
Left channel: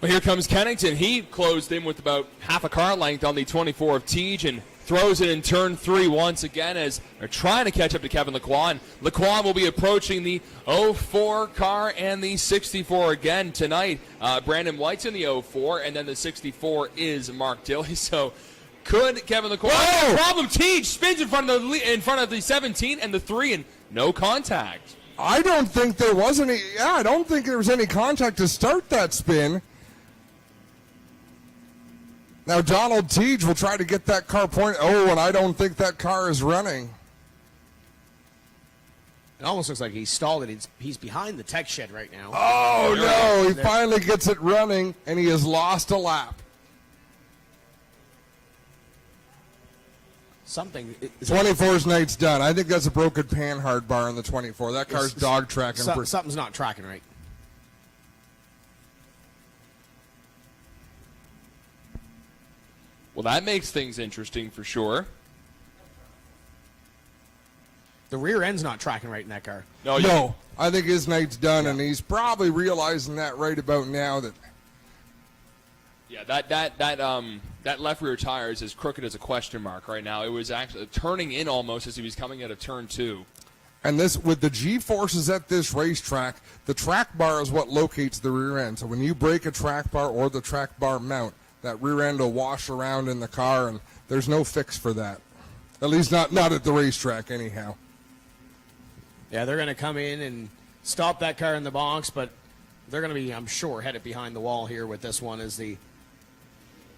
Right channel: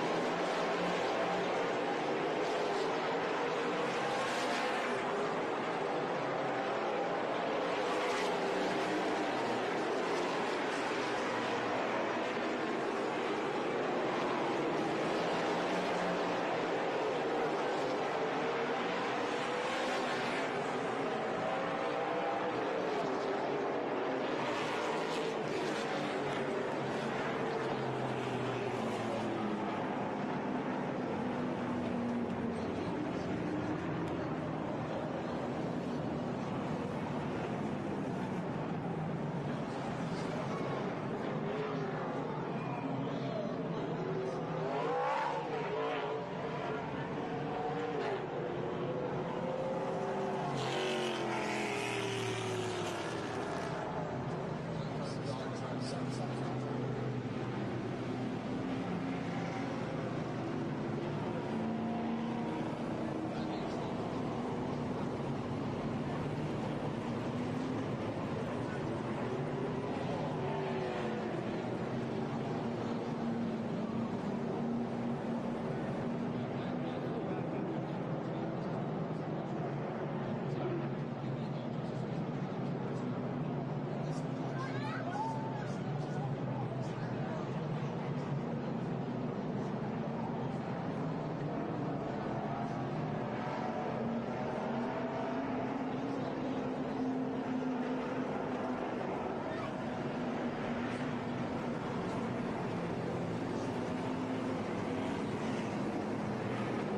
Well, here comes Kennington. He closed in with about half a car length on the 24 of Teej and throws it in turn 3 once again as they're trying to catch up to Kevin Lacroix. And Lacroix will be approaching the 04 car and the 64 again tonight. Brandon White's in the 04, and then the 64 is Mark Dilley. So could Kevin Lacroix have a problem? Teej spins in front of the 17 and the 3, and no contact. I don't think there was any. Yeah, I don't think there was any contact to start that spin. Now Donald Teej will try to get that car point. Oh, and I don't think that car is running. It almost looks like he's stalled it. He's behind the tech shed right now. Oh, no. He finally gets it running, and he has lost a lap. Something. 24's night's done. I think that's a broken panhard bar on the 24. That car's dog tracking. Something's not tracking right. Well, that makes things interesting for sure. The rear end's not tracking right in that car. Oh, yeah. No, I think his night's done, and he's probably realizing that right about now. That left rear tire is as crooked as a question mark right now. It was actually turning in almost as he was coming out of turn 2. And this, with the G-forces at this racetrack, the track bar is what locates the rear end. So when you break a track bar or the track bar mount, that rear end will wash around in the car, and there's no fix for that. At least not at the racetrack anyhow. Yeah, they're going to come in and stop that car in the box, but they're going to be, I'm sure, headed behind the wall here with this one, as the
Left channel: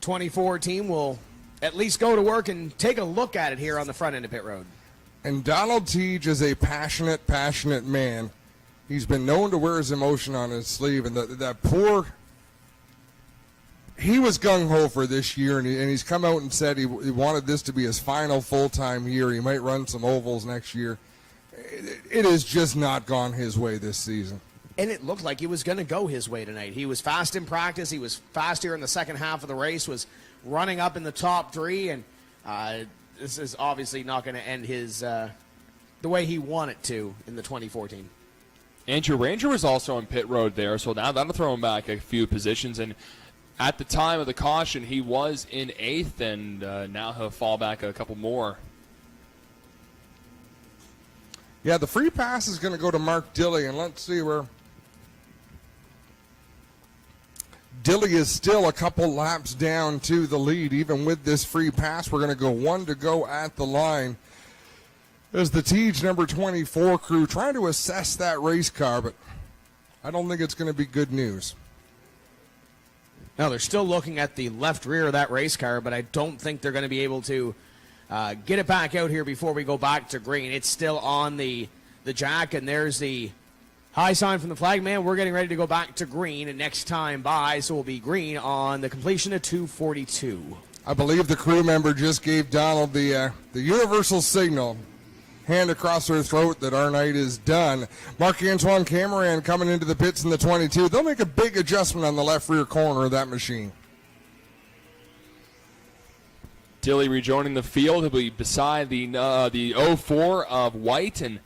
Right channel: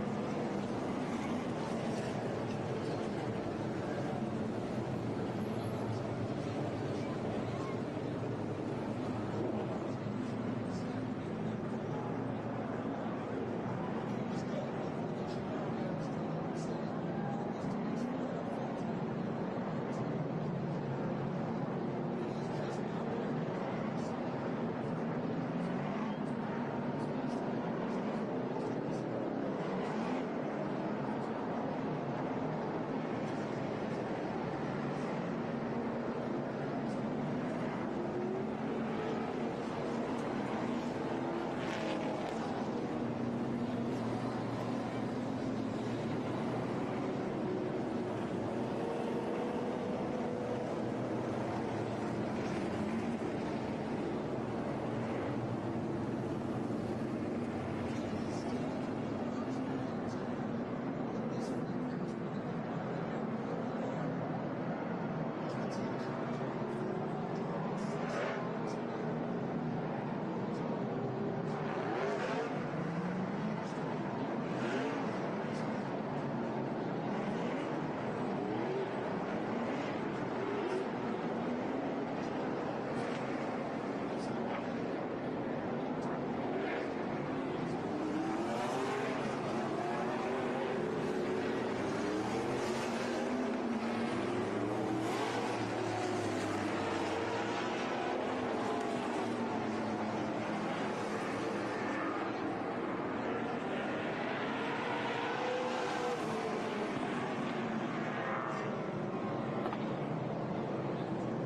24 team will at least go to work and take a look at it here on the front end of pit road. And Donald Teague is a passionate man. He's been known to wear his emotion on his sleeve, and that poor, he was gung-ho for this year, and he's come out and said he wanted this to be his final full-time year. He might run some ovals next year. It has just not gone his way this season. And it looked like he was going to go his way tonight. He was fast in practice. He was fast here in the second half of the race, was running up in the top 3, and this is obviously not going to end his the way he wanted to in the 2014. Andrew Ranger was also on pit road there, so now that'll throw him back a few positions. And at the time of the caution, he was in 8th, and now he'll fall back a couple more. Yeah, the free pass is going to go to Mark Dilley, and let's see where Dilley is still a couple laps down to the lead. Even with this free pass, we're going to go 1 to go at the line. There's the Teague number 24 crew trying to assess that race car, but I don't think it's going to be good news. No, they're still looking at the left rear of that race car, but I don't think they're going to be able to get it back out here before we go back to green. It's still on the jack, and there's the high sign from the flag man. We're getting ready to go back to green next time by, so we'll be green on the completion of 2:42. I believe the crew member just gave Donald the universal signal, hand across her throat, that our night is done. Marc-Antoine Cameron coming into the pits in the 22. They'll make a big adjustment on the left rear corner of that machine. Dilley rejoining the field. He'll be beside the 04 of White, and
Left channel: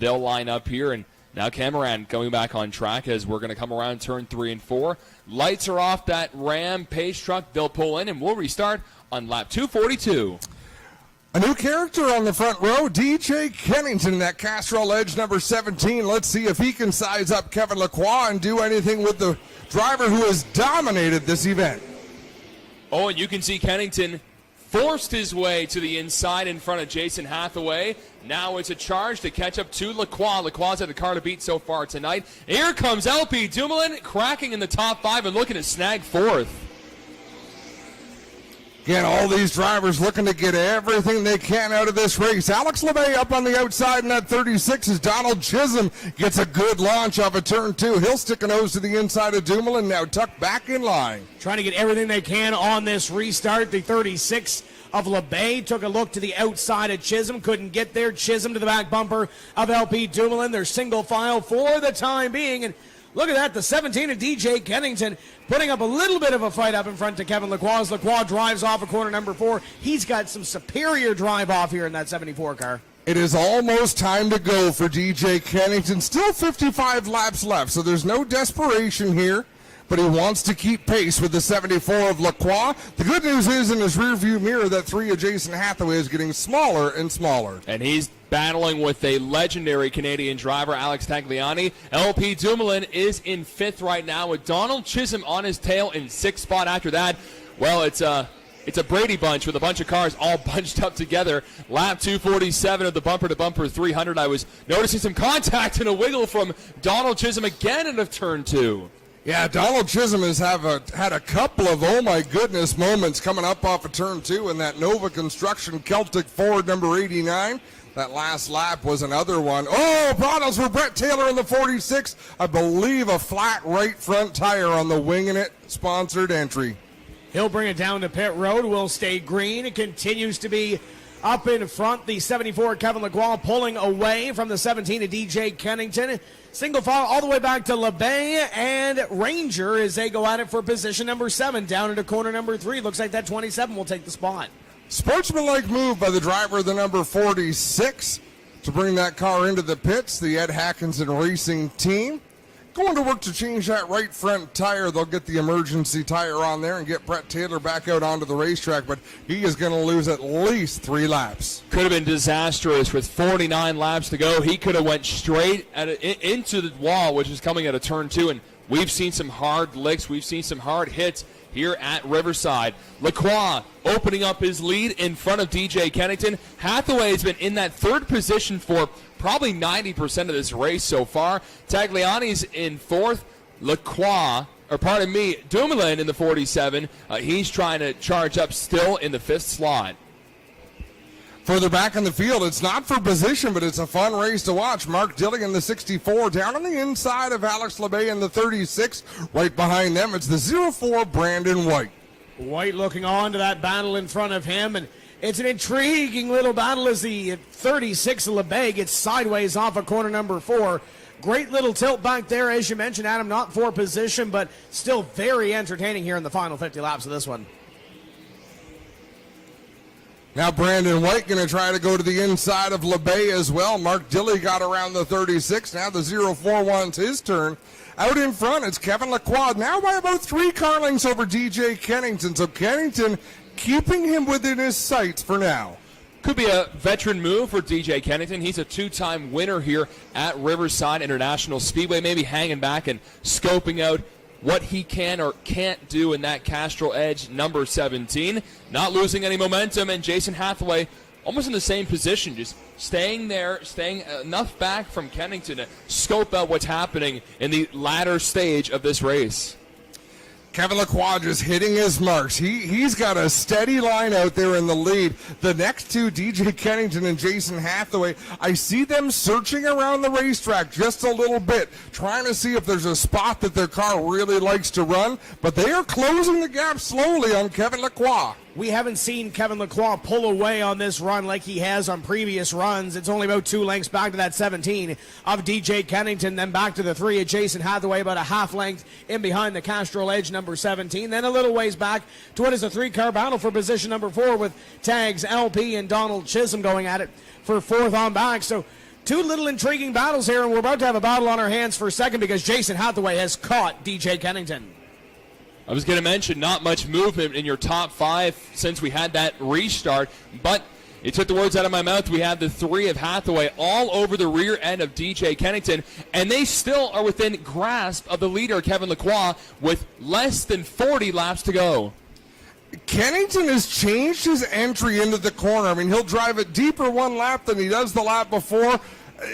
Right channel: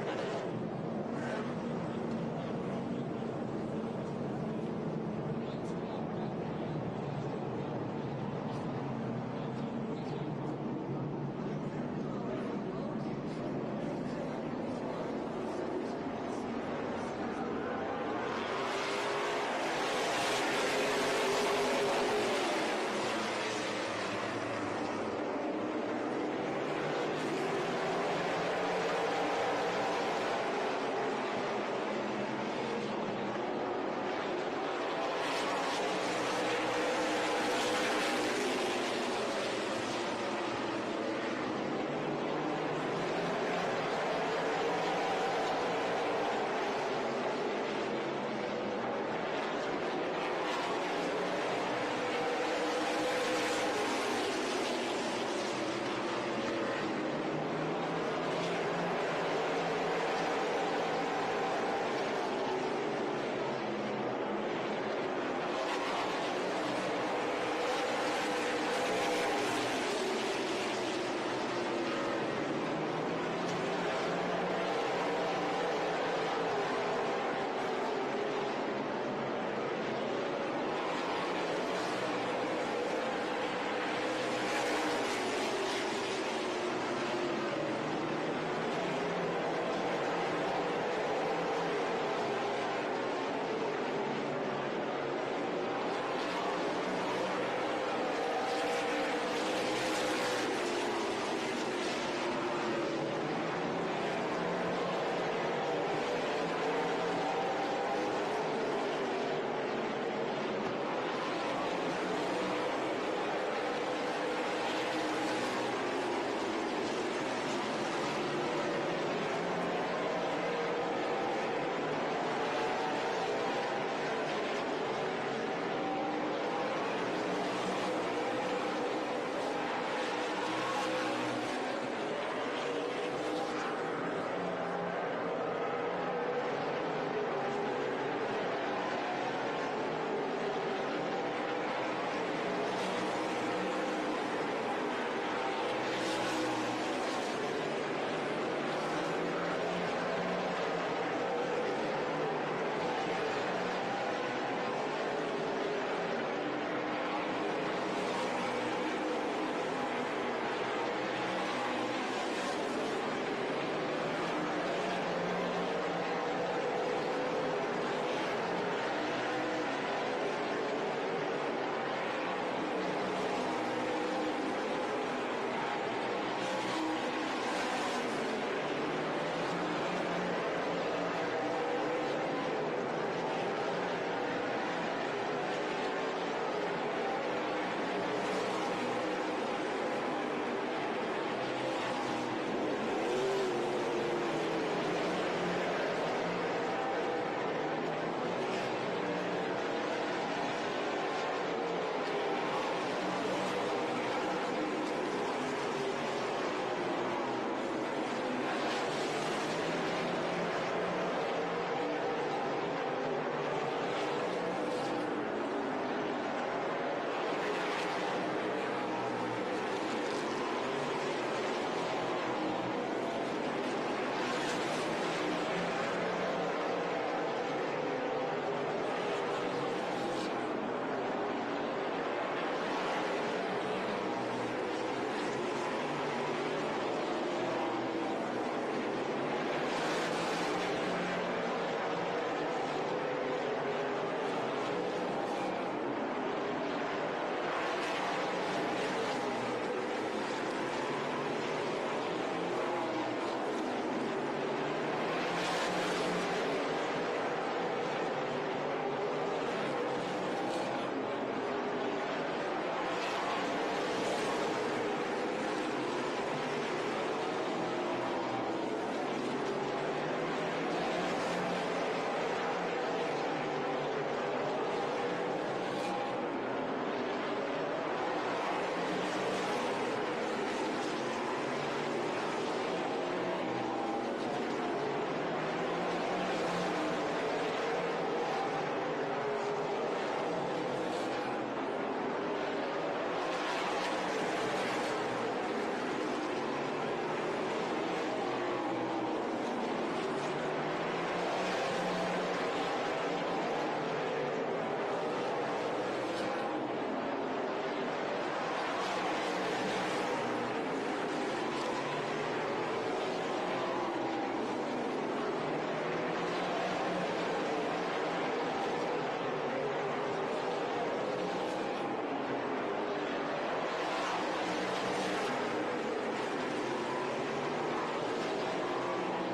they'll line up here. And now Cameron going back on track as we're going to come around turn 3 and 4. Lights are off that Ram Pace truck. They'll pull in, and we'll restart on lap 242. A new character on the front row, DJ Kennington, that Castrol Edge number 17. Let's see if he can size up Kevin Lacroix and do anything with the driver who has dominated this event. Oh, and you can see Kennington forced his way to the inside in front of Jason Hathaway. Now it's a charge to catch up to Lacroix. Lacroix's had the car to beat so far tonight. Here comes LP Dumoulin, cracking in the top 5 and looking to snag 4th. Again, all these drivers looking to get everything they can out of this race. Alex LeMay up on the outside in that 36 as Donald Chisholm gets a good launch off of turn 2. He'll stick a nose to the inside of Dumoulin, now tucked back in line. Trying to get everything they can on this restart. The 36 of LeBay took a look to the outside of Chisholm, couldn't get there. Chisholm to the back bumper of LP Dumoulin. They're single file for the time being, and look at that, the 17 of DJ Kennington putting up a little bit of a fight up in front to Kevin Lacroix. As Lacroix drives off of corner number 4. He's got some superior drive off here in that 74 car. It is almost time to go for DJ Kennington. Still 55 laps left, so there's no desperation here, but he wants to keep pace with the 74 of Lacroix. The good news is in his rearview mirror, that 3 of Jason Hathaway is getting smaller and smaller. And he's battling with a legendary Canadian driver, Alex Tagliani. LP Dumoulin is in 5th right now with Donald Chisholm on his tail in 6th spot after that. Well, it's a Brady bunch with a bunch of cars all bunched up together. Lap 247 of the bumper-to-bumper 300. I was noticing some contact and a wiggle from Donald Chisholm again out of turn 2. Yeah, Donald Chisholm has had a couple of, oh my goodness, moments coming up off of turn 2 in that Nova Construction Celtic Ford number 89. That last lap was another one. Oh, bottles for Brett Taylor in the 46. I believe a flat right front tire on the Winging It sponsored entry. He'll bring it down to pit road. Will stay green. It continues to be up in front. The 74 Kevin Lacroix pulling away from the 17 of DJ Kennington. Single file all the way back to LeBay and Ranger as they go at it for position number 7 down into corner number 3. Looks like that 27 will take the spot. Sportsmanlike move by the driver of the number 46 to bring that car into the pits, the Ed Hackinson Racing team. going to work to change that right front tire. They'll get the emergency tire on there and get Brett Taylor back out onto the racetrack, but he is going to lose at least 3 laps. Could have been disastrous with 49 laps to go. He could have went straight into the wall, which is coming at a turn 2, and we've seen some hard licks. We've seen some hard hits here at Riverside. Lacroix opening up his lead in front of DJ Kennington. Hathaway has been in that 3rd position for probably 90% of this race so far. Tagliani's in 4th. Dumoulin in the 47. He's trying to charge up still in the 5th slot. Further back in the field, it's not for position, but it's a fun race to watch. Mark Dilling in the 64, down on the inside of Alex LeBay in the 36. Right behind them, it's the 04 Brandon White. White looking on to that battle in front of him, and it's an intriguing little battle as the 36 LeBay gets sideways off of corner number 4. Great little tilt back there, as you mentioned, Adam, not for position, but still very entertaining here in the final 50 laps of this one. Now Brandon White going to try to go to the inside of LeBay as well. Mark Dilly got around the 36. Now the 04 wants his turn. Out in front, it's Kevin Lacroix, now by about 3 car lengths over DJ Kennington. So Kennington keeping him within his sights for now. Could be a veteran move for DJ Kennington. He's a 2-time winner here at Riverside International Speedway, maybe hanging back and scoping out what he can or can't do in that Castrol Edge number 17. Not losing any momentum, and Jason Hathaway almost in the same position, just staying there, staying enough back from Kennington to scope out what's happening in the latter stage of this race. Kevin Lacroix just hitting his marks. He's got a steady line out there in the lead. The next 2, DJ Kennington and Jason Hathaway, I see them searching around the racetrack just a little bit, trying to see if there's a spot that their car really likes to run, but they are closing the gap slowly on Kevin Lacroix. We haven't seen Kevin Lacroix pull away on this run like he has on previous runs. It's only about 2 lengths back to that 17 of DJ Kennington, then back to the 3 of Jason Hathaway, about a half length in behind the Castrol Edge number 17. Then a little ways back to what is a 3-car battle for position number 4 with Tags, LP, and Donald Chisholm going at it for 4th on back. So 2 little intriguing battles here, and we're about to have a battle on our hands for 2nd because Jason Hathaway has caught DJ Kennington. I was going to mention not much movement in your top 5 since we had that restart, but you took the words out of my mouth. We have the 3 of Hathaway all over the rear end of DJ Kennington, and they still are within grasp of the leader, Kevin Lacroix, with less than 40 laps to go. Kennington has changed his entry into the corner. I mean, he'll drive it deeper one lap than he does the lap before.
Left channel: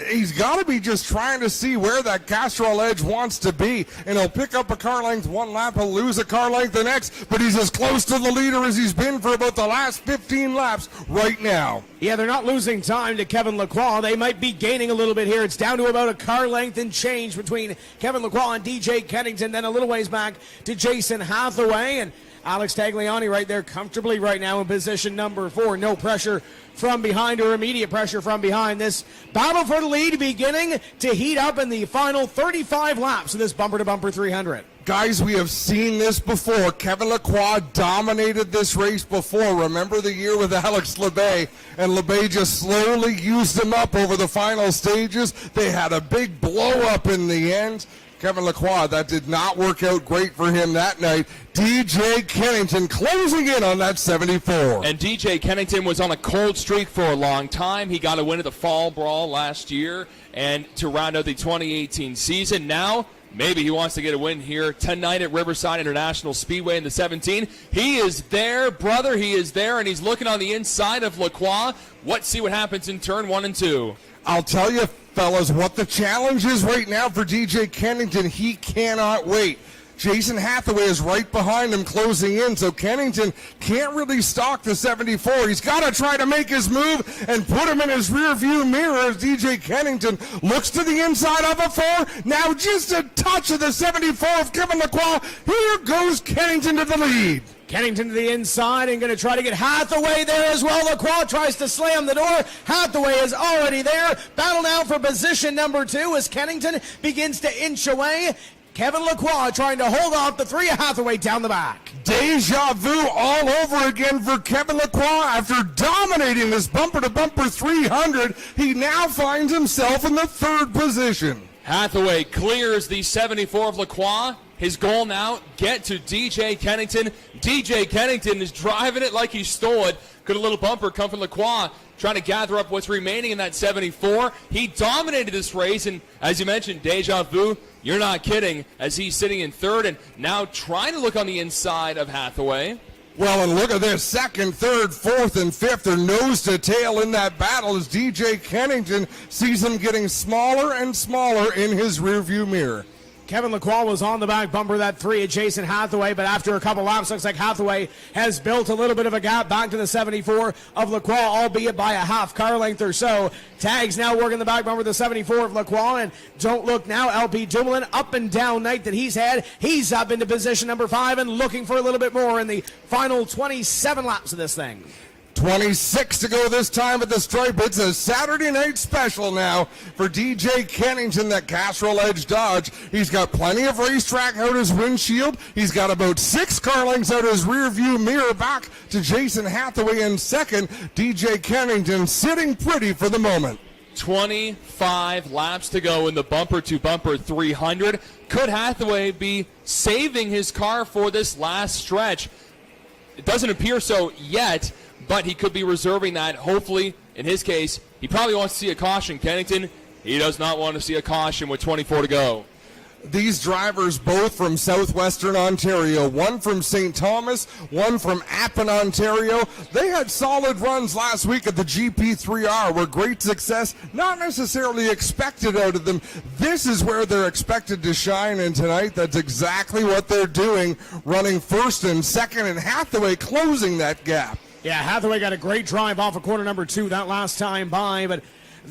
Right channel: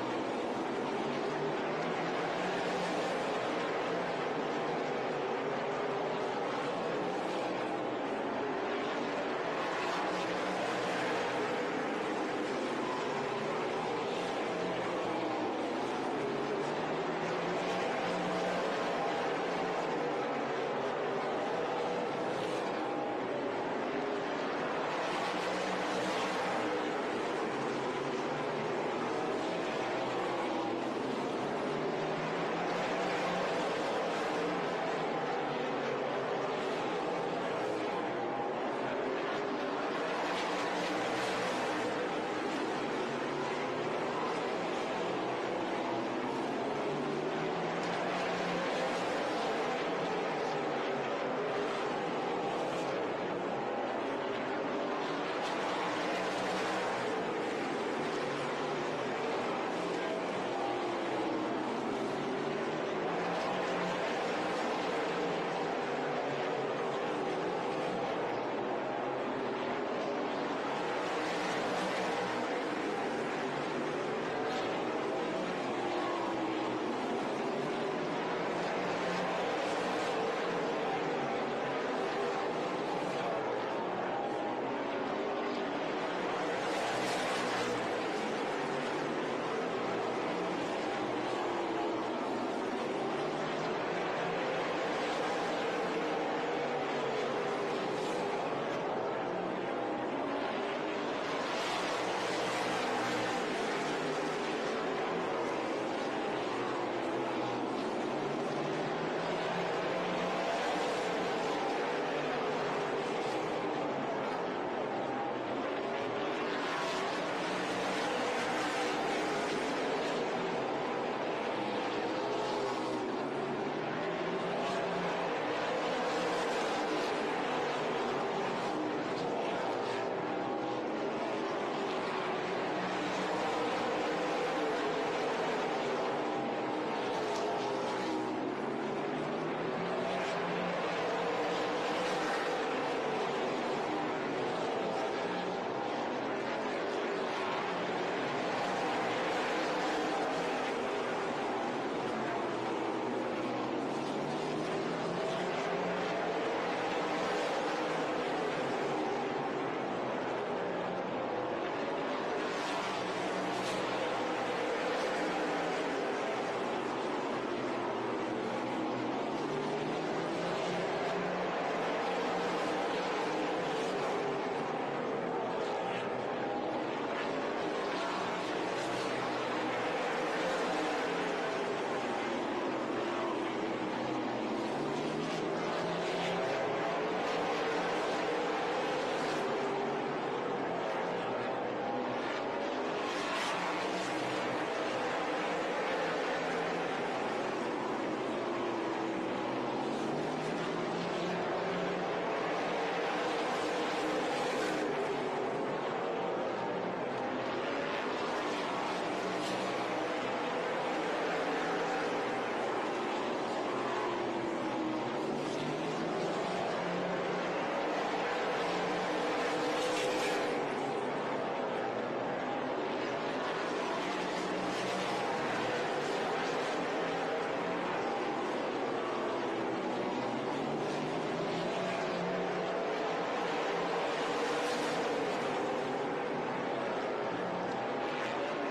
He's got to be just trying to see where that Castrol Edge wants to be, and he'll pick up a car length one lap, he'll lose a car length the next, but he's as close to the leader as he's been for about the last 15 laps right now. Yeah, they're not losing time to Kevin Lacroix. They might be gaining a little bit here. It's down to about a car length and change between Kevin Lacroix and DJ Kennington, then a little ways back to Jason Hathaway, and Alex Tagliani right there comfortably right now in position number 4. No pressure from behind or immediate pressure from behind. This battle for the lead beginning to heat up in the final 35 laps of this bumper-to-bumper 300. Guys, we have seen this before. Kevin Lacroix dominated this race before. Remember the year with Alex LeBay, and LeBay just slowly used him up over the final stages. They had a big blow-up in the end. Kevin Lacroix, that did not work out great for him that night. DJ Kennington closing in on that 74. And DJ Kennington was on a cold streak for a long time. He got a win at the Fall Brawl last year and to round out the 2018 season. Now, maybe he wants to get a win here tonight at Riverside International Speedway in the 17. He is there, brother. He is there, and he's looking on the inside of Lacroix. Let's see what happens in turn 1 and 2. I'll tell you, fellas, what the challenge is right now for DJ Kennington. He cannot wait. Jason Hathaway is right behind him closing in, so Kennington can't really stalk the 74. He's got to try to make his move and put him in his rear view mirror as DJ Kennington looks to the inside of a 4. Now just a touch of the 74 of Kevin Lacroix. Here goes Kennington to the lead. Kennington to the inside and going to try to get Hathaway there as well. Lacroix tries to slam the door. Hathaway is already there. Battle now for position number 2 as Kennington begins to inch away. Kevin Lacroix trying to hold off the 3 of Hathaway down the back. Deja vu all over again for Kevin Lacroix. After dominating this bumper-to-bumper 300, he now finds himself in the 3rd position. Hathaway clears the 74 of Lacroix. His goal now, get to DJ Kennington. DJ Kennington is driving it like he stole it. Good little bumper come from Lacroix, trying to gather up what's remaining in that 74. He dominated this race, and as you mentioned, deja vu, you're not kidding, as he's sitting in third and now trying to look on the inside of Hathaway. Well, and look at this, second, third, fourth, and fifth are nose to tail in that battle as DJ Kennington sees him getting smaller and smaller in his rearview mirror. Kevin Lacroix was on the back bumper, that 3 of Jason Hathaway, but after a couple laps, looks like Hathaway has built a little bit of a gap back to the 74 of Lacroix, albeit by a half car length or so. Tags now working the back bumper, the 74 of Lacroix, and don't look now, LP Dumoulin, up and down night that he's had. He's up into position number 5 and looking for a little bit more in the final 27 laps of this thing. 26 to go this time at the stripe. It's a Saturday night special now for DJ Kennington, that Castrol Edge Dodge. He's got plenty of racetrack out his windshield. He's got about 6 car lengths out his rear view mirror back to Jason Hathaway in second. DJ Kennington sitting pretty for the moment. 25 laps to go in the bumper-to-bumper 300. Could Hathaway be saving his car for this last stretch? It doesn't appear so yet, but he could be reserving that. Hopefully, in his case, he probably wants to see a caution. Kennington, he does not want to see a caution with 24 to go. These drivers both from southwestern Ontario, one from St. Thomas, one from Appin, Ontario. They had solid runs last week at the GP3R, where great success not necessarily expected out of them. This is where they're expected to shine, and tonight that's exactly what they're doing, running first and second, and Hathaway closing that gap. Yeah, Hathaway got a great drive off of corner number 2 that last time by, but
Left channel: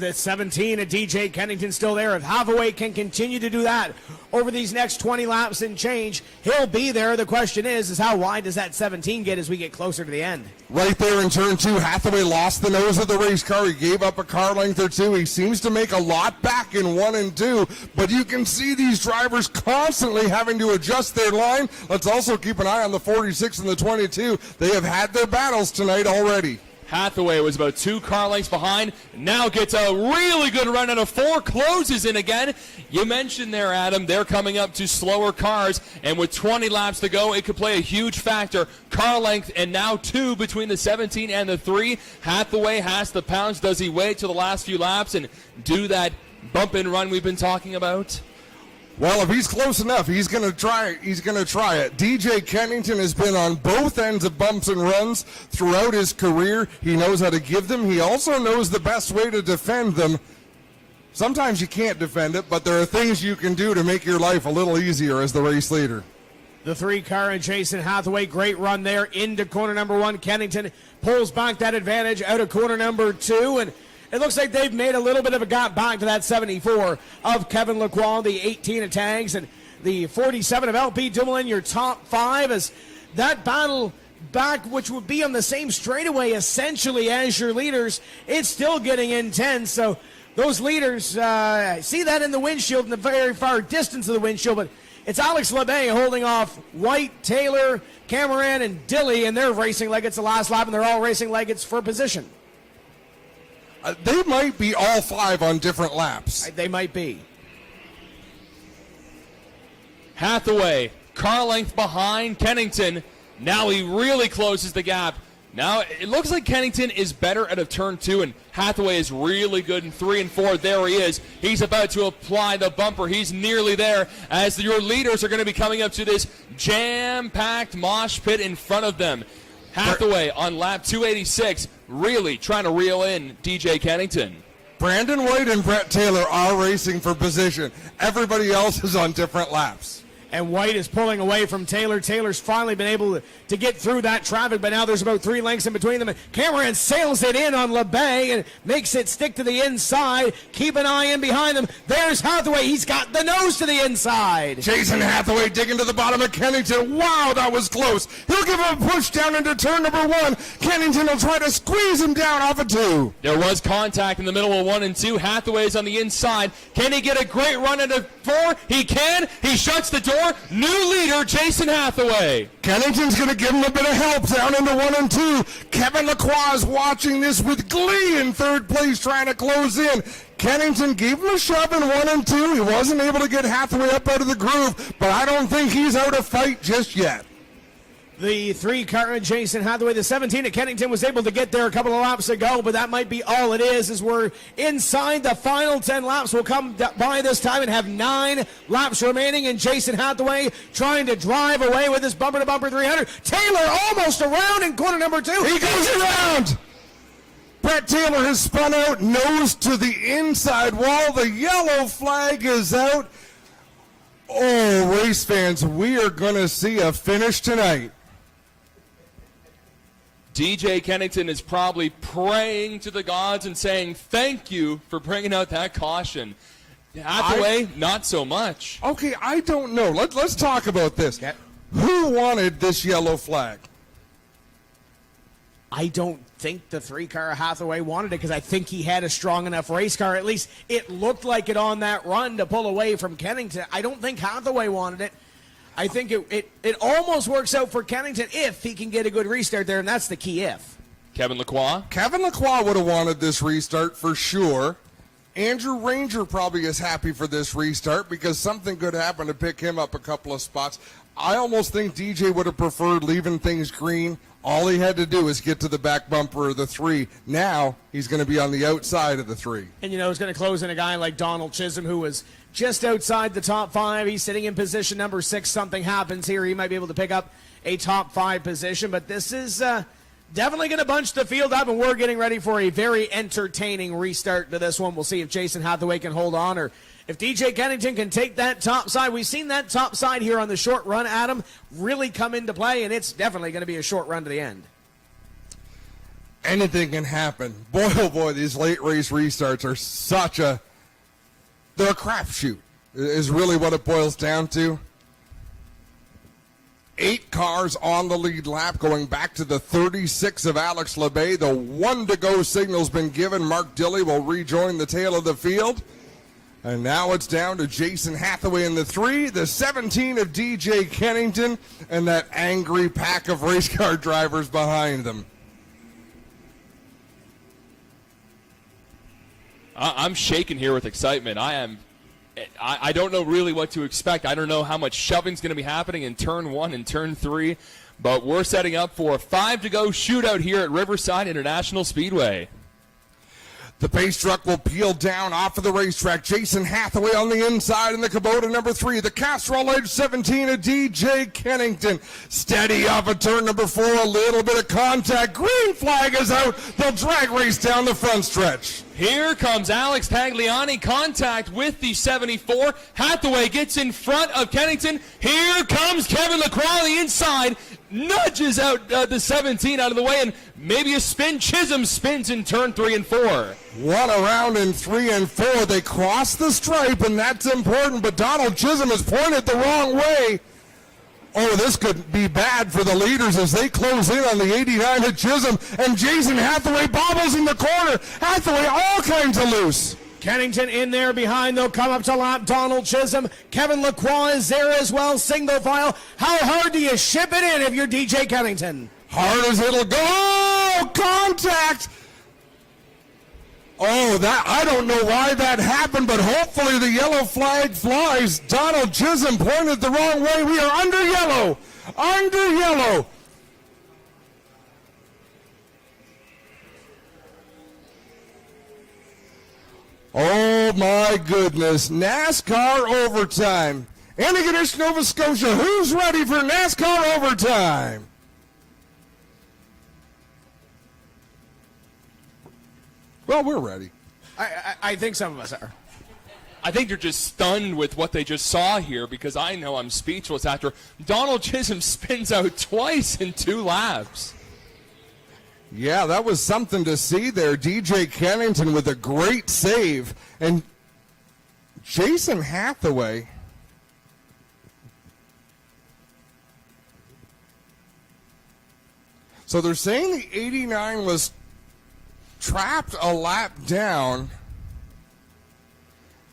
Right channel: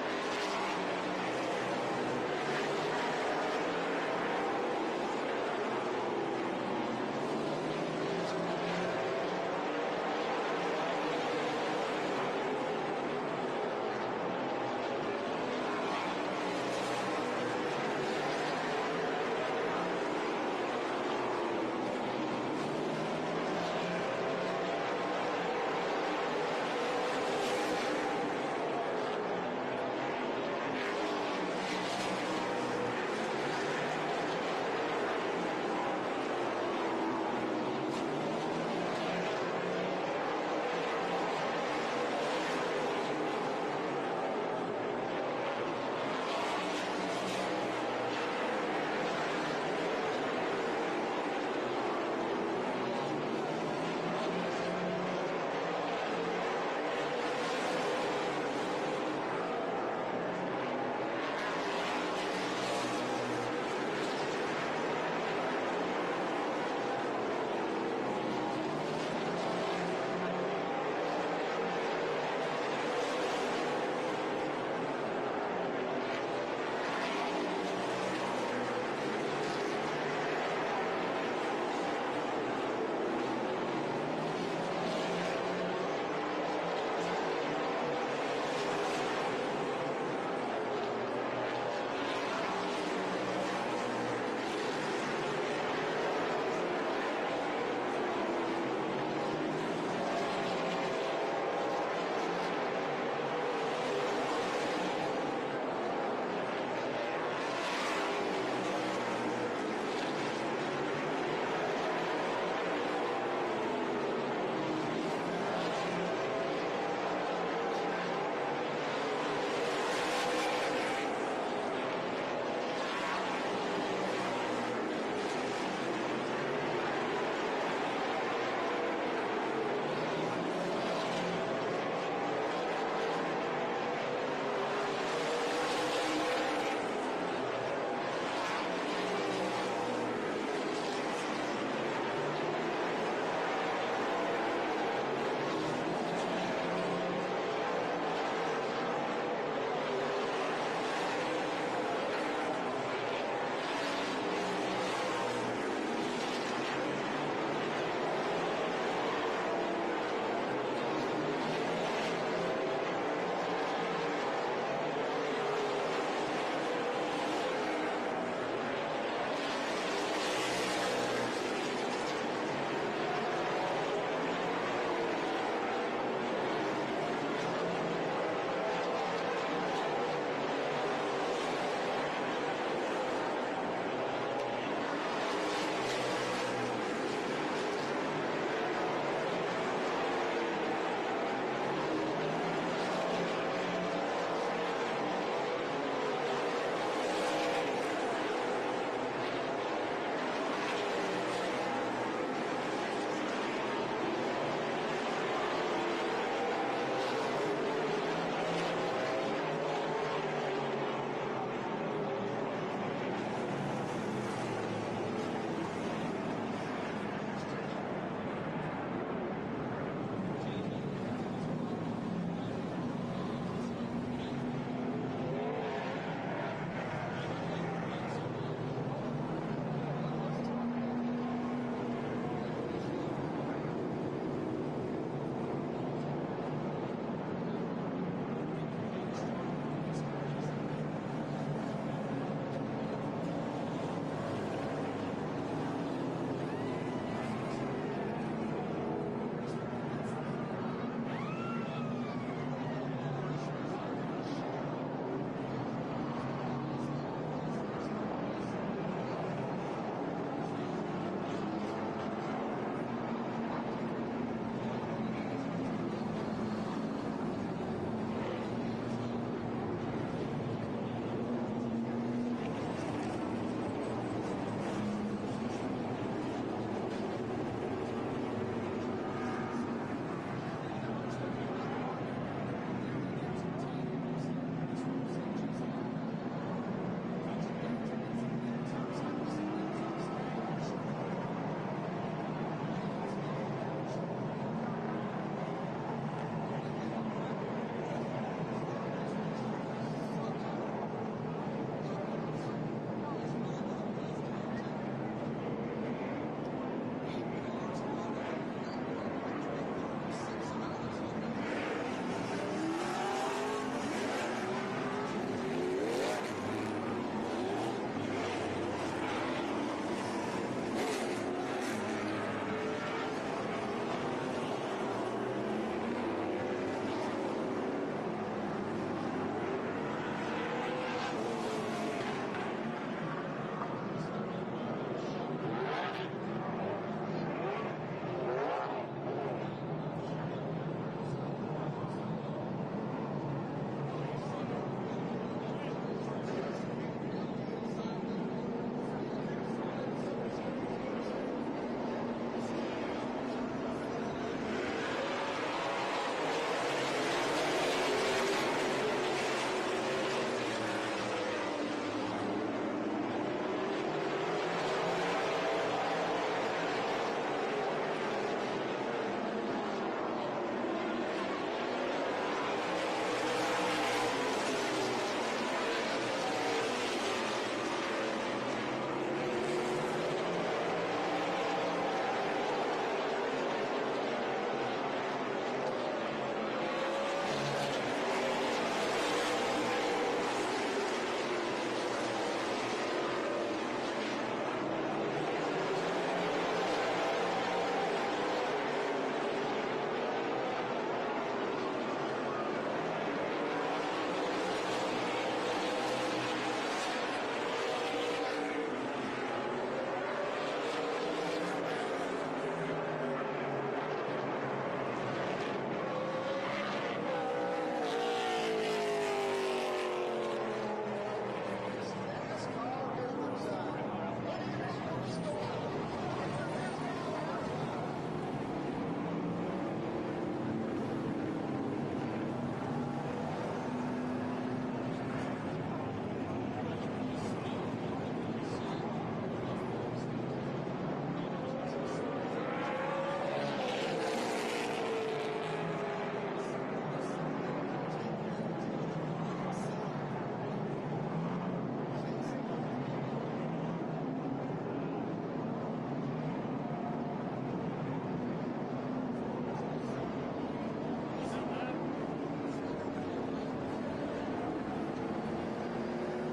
the 17 and DJ Kennington still there. If Hathaway can continue to do that over these next 20 laps and change, he'll be there. The question is how wide does that 17 get as we get closer to the end? Right there in turn 2, Hathaway lost the nose of the race car. He gave up a car length or 2. He seems to make a lot back in 1 and 2, but you can see these drivers constantly having to adjust their line. Let's also keep an eye on the 46 and the 22. They have had their battles tonight already. Hathaway was about 2 car lengths behind, now gets a really good run out of 4, closes in again. You mentioned there, Adam, they're coming up to slower cars, and with 20 laps to go, it could play a huge factor. Car length, and now 2 between the 17 and the 3. Hathaway has the pounds. Does he wait till the last few laps and do that bump and run we've been talking about? Well, if he's close enough, he's going to try it. He's going to try it. DJ Kennington has been on both ends of bumps and runs throughout his career. He knows how to give them. He also knows the best way to defend them. Sometimes you can't defend it, but there are things you can do to make your life a little easier as the race leader. The 3 car and Jason Hathaway, great run there into corner number 1. Kennington pulls back that advantage out of corner number 2, and it looks like they've made a little bit of a gap back to that 74 of Kevin Lacroix, the 18 of Tags, and the 47 of LP Dumoulin, your top 5, as that battle back, which will be on the same straightaway essentially as your leaders, it's still getting intense. So those leaders, see that in the windshield, in the very far distance of the windshield, but it's Alex Labbe holding off White, Taylor, Cameron, and Dilly, and they're racing like it's the last lap, and they're all racing like it's for position. They might be all 5 on different laps. They might be. Hathaway, car length behind Kennington. Now he really closes the gap. Now it looks like Kennington is better out of turn 2, and Hathaway is really good in 3 and 4. There he is. He's about to apply the bumper. He's nearly there as your leaders are going to be coming up to this jam-packed mosh pit in front of them. Hathaway on lap 286, really trying to reel in DJ Kennington. Brandon White and Brett Taylor are racing for position. Everybody else is on different laps. And White is pulling away from Taylor. Taylor's finally been able to get through that traffic, but now there's about 3 lengths in between them. Cameron sails it in on Labbe and makes it stick to the inside. Keep an eye in behind them. There's Hathaway. He's got the nose to the inside. Jason Hathaway digging to the bottom of Kennington. Wow, that was close. He'll give him a push down into turn number 1. Kennington will try to squeeze him down off of 2. There was contact in the middle of 1 and 2. Hathaway's on the inside. Can he get a great run into 4? He can. He shuts the door. 74, new leader, Jason Hathaway. Kennington's going to give him a bit of help down into 1 and 2. Kevin Lacroix is watching this with glee in third place, trying to close in. Kennington gave him a shove in 1 and 2. He wasn't able to get Hathaway up out of the groove, but I don't think he's out of fight just yet. The 3-car, Jason Hathaway, the 17 at Kennington, was able to get there a couple of laps ago, but that might be all it is, as we're inside the final 10 laps. We'll come by this time and have 9 laps remaining, and Jason Hathaway trying to drive away with his bumper-to-bumper 300. Taylor almost around in corner number 2. He goes around. Brett Taylor has spun out, nose to the inside wall. The yellow flag is out. Oh, race fans, we are going to see a finish tonight. DJ Kennington is probably praying to the gods and saying thank you for bringing out that caution. Hathaway, not so much. Okay, I don't know. Let's talk about this. Yeah. Who wanted this yellow flag? I don't think the 3-car Hathaway wanted it, because I think he had a strong enough race car. At least it looked like it on that run to pull away from Kennington. I don't think Hathaway wanted it. I think it almost works out for Kennington if he can get a good restart there, and that's the key if. Kevin Lacroix. Kevin Lacroix would have wanted this restart for sure. Andrew Ranger probably is happy for this restart because something could happen to pick him up a couple of spots. I almost think DJ would have preferred leaving things green. All he had to do is get to the back bumper of the 3. Now he's going to be on the outside of the 3. And, it's going to close in a guy like Donald Chisholm, who was just outside the top 5. He's sitting in position number 6. Something happens here. He might be able to pick up a top 5 position. But this is definitely going to bunch the field up, and we're getting ready for a very entertaining restart to this one. We'll see if Jason Hathaway can hold on, or if DJ Kennington can take that top side. We've seen that top side here on the short run, Adam, really come into play, and it's definitely going to be a short run to the end. Anything can happen. Boy, oh boy, these late race restarts are they're a crapshoot, is really what it boils down to. 8 cars on the lead lap, going back to the 36 of Alex LeBay. The 1 to go signal's been given. Mark Dilley will rejoin the tail of the field. And now it's down to Jason Hathaway in the 3, the 17 of DJ Kennington, and that angry pack of race car drivers behind them. I'm shaking here with excitement. I don't know really what to expect. I don't know how much shoving's going to be happening in turn 1 and turn 3, but we're setting up for a 5 to go shootout here at Riverside International Speedway. The pace truck will peel down off of the racetrack. Jason Hathaway on the inside in the Kubota number 3. The Castrol Edge 17 of DJ Kennington. Steady off of turn number 4. A little bit of contact. Green flag is out. They'll drag race down the front stretch. Here comes Alex Tagliani, contact with the 74. Hathaway gets in front of Kennington. Here comes Kevin Lacroix on the inside. Nudges out the 17 out of the way, and maybe a spin. Chisholm spins in turn 3 and 4. One around in 3 and 4. They cross the stripe, and that's important, but Donald Chisholm has pointed the wrong way. Oh, this could be bad for the leaders as they close in on the 89 of Chisholm, and Jason Hathaway bobbles in the corner. Hathaway all kinds of loose. Kennington in there behind. They'll come up to lap Donald Chisholm. Kevin Lacroix is there as well, single file. How hard do you ship it in if you're DJ Kennington? Hard as it'll go. Oh, contact. Oh, that I don't know why that happened, but hopefully the yellow flag flies. Donald Chisholm pointed the wrong way. We are under yellow. Under yellow. Oh my goodness. NASCAR overtime. Antigonish, Nova Scotia, who's ready for NASCAR overtime? Well, we're ready. I think some of us are. I think they're just stunned with what they just saw here, because I know I'm speechless after Donald Chisholm spins out twice in 2 laps. Yeah, that was something to see there. DJ Kennington with a great save. And Jason Hathaway. So they're saying the 89 was trapped a lap down.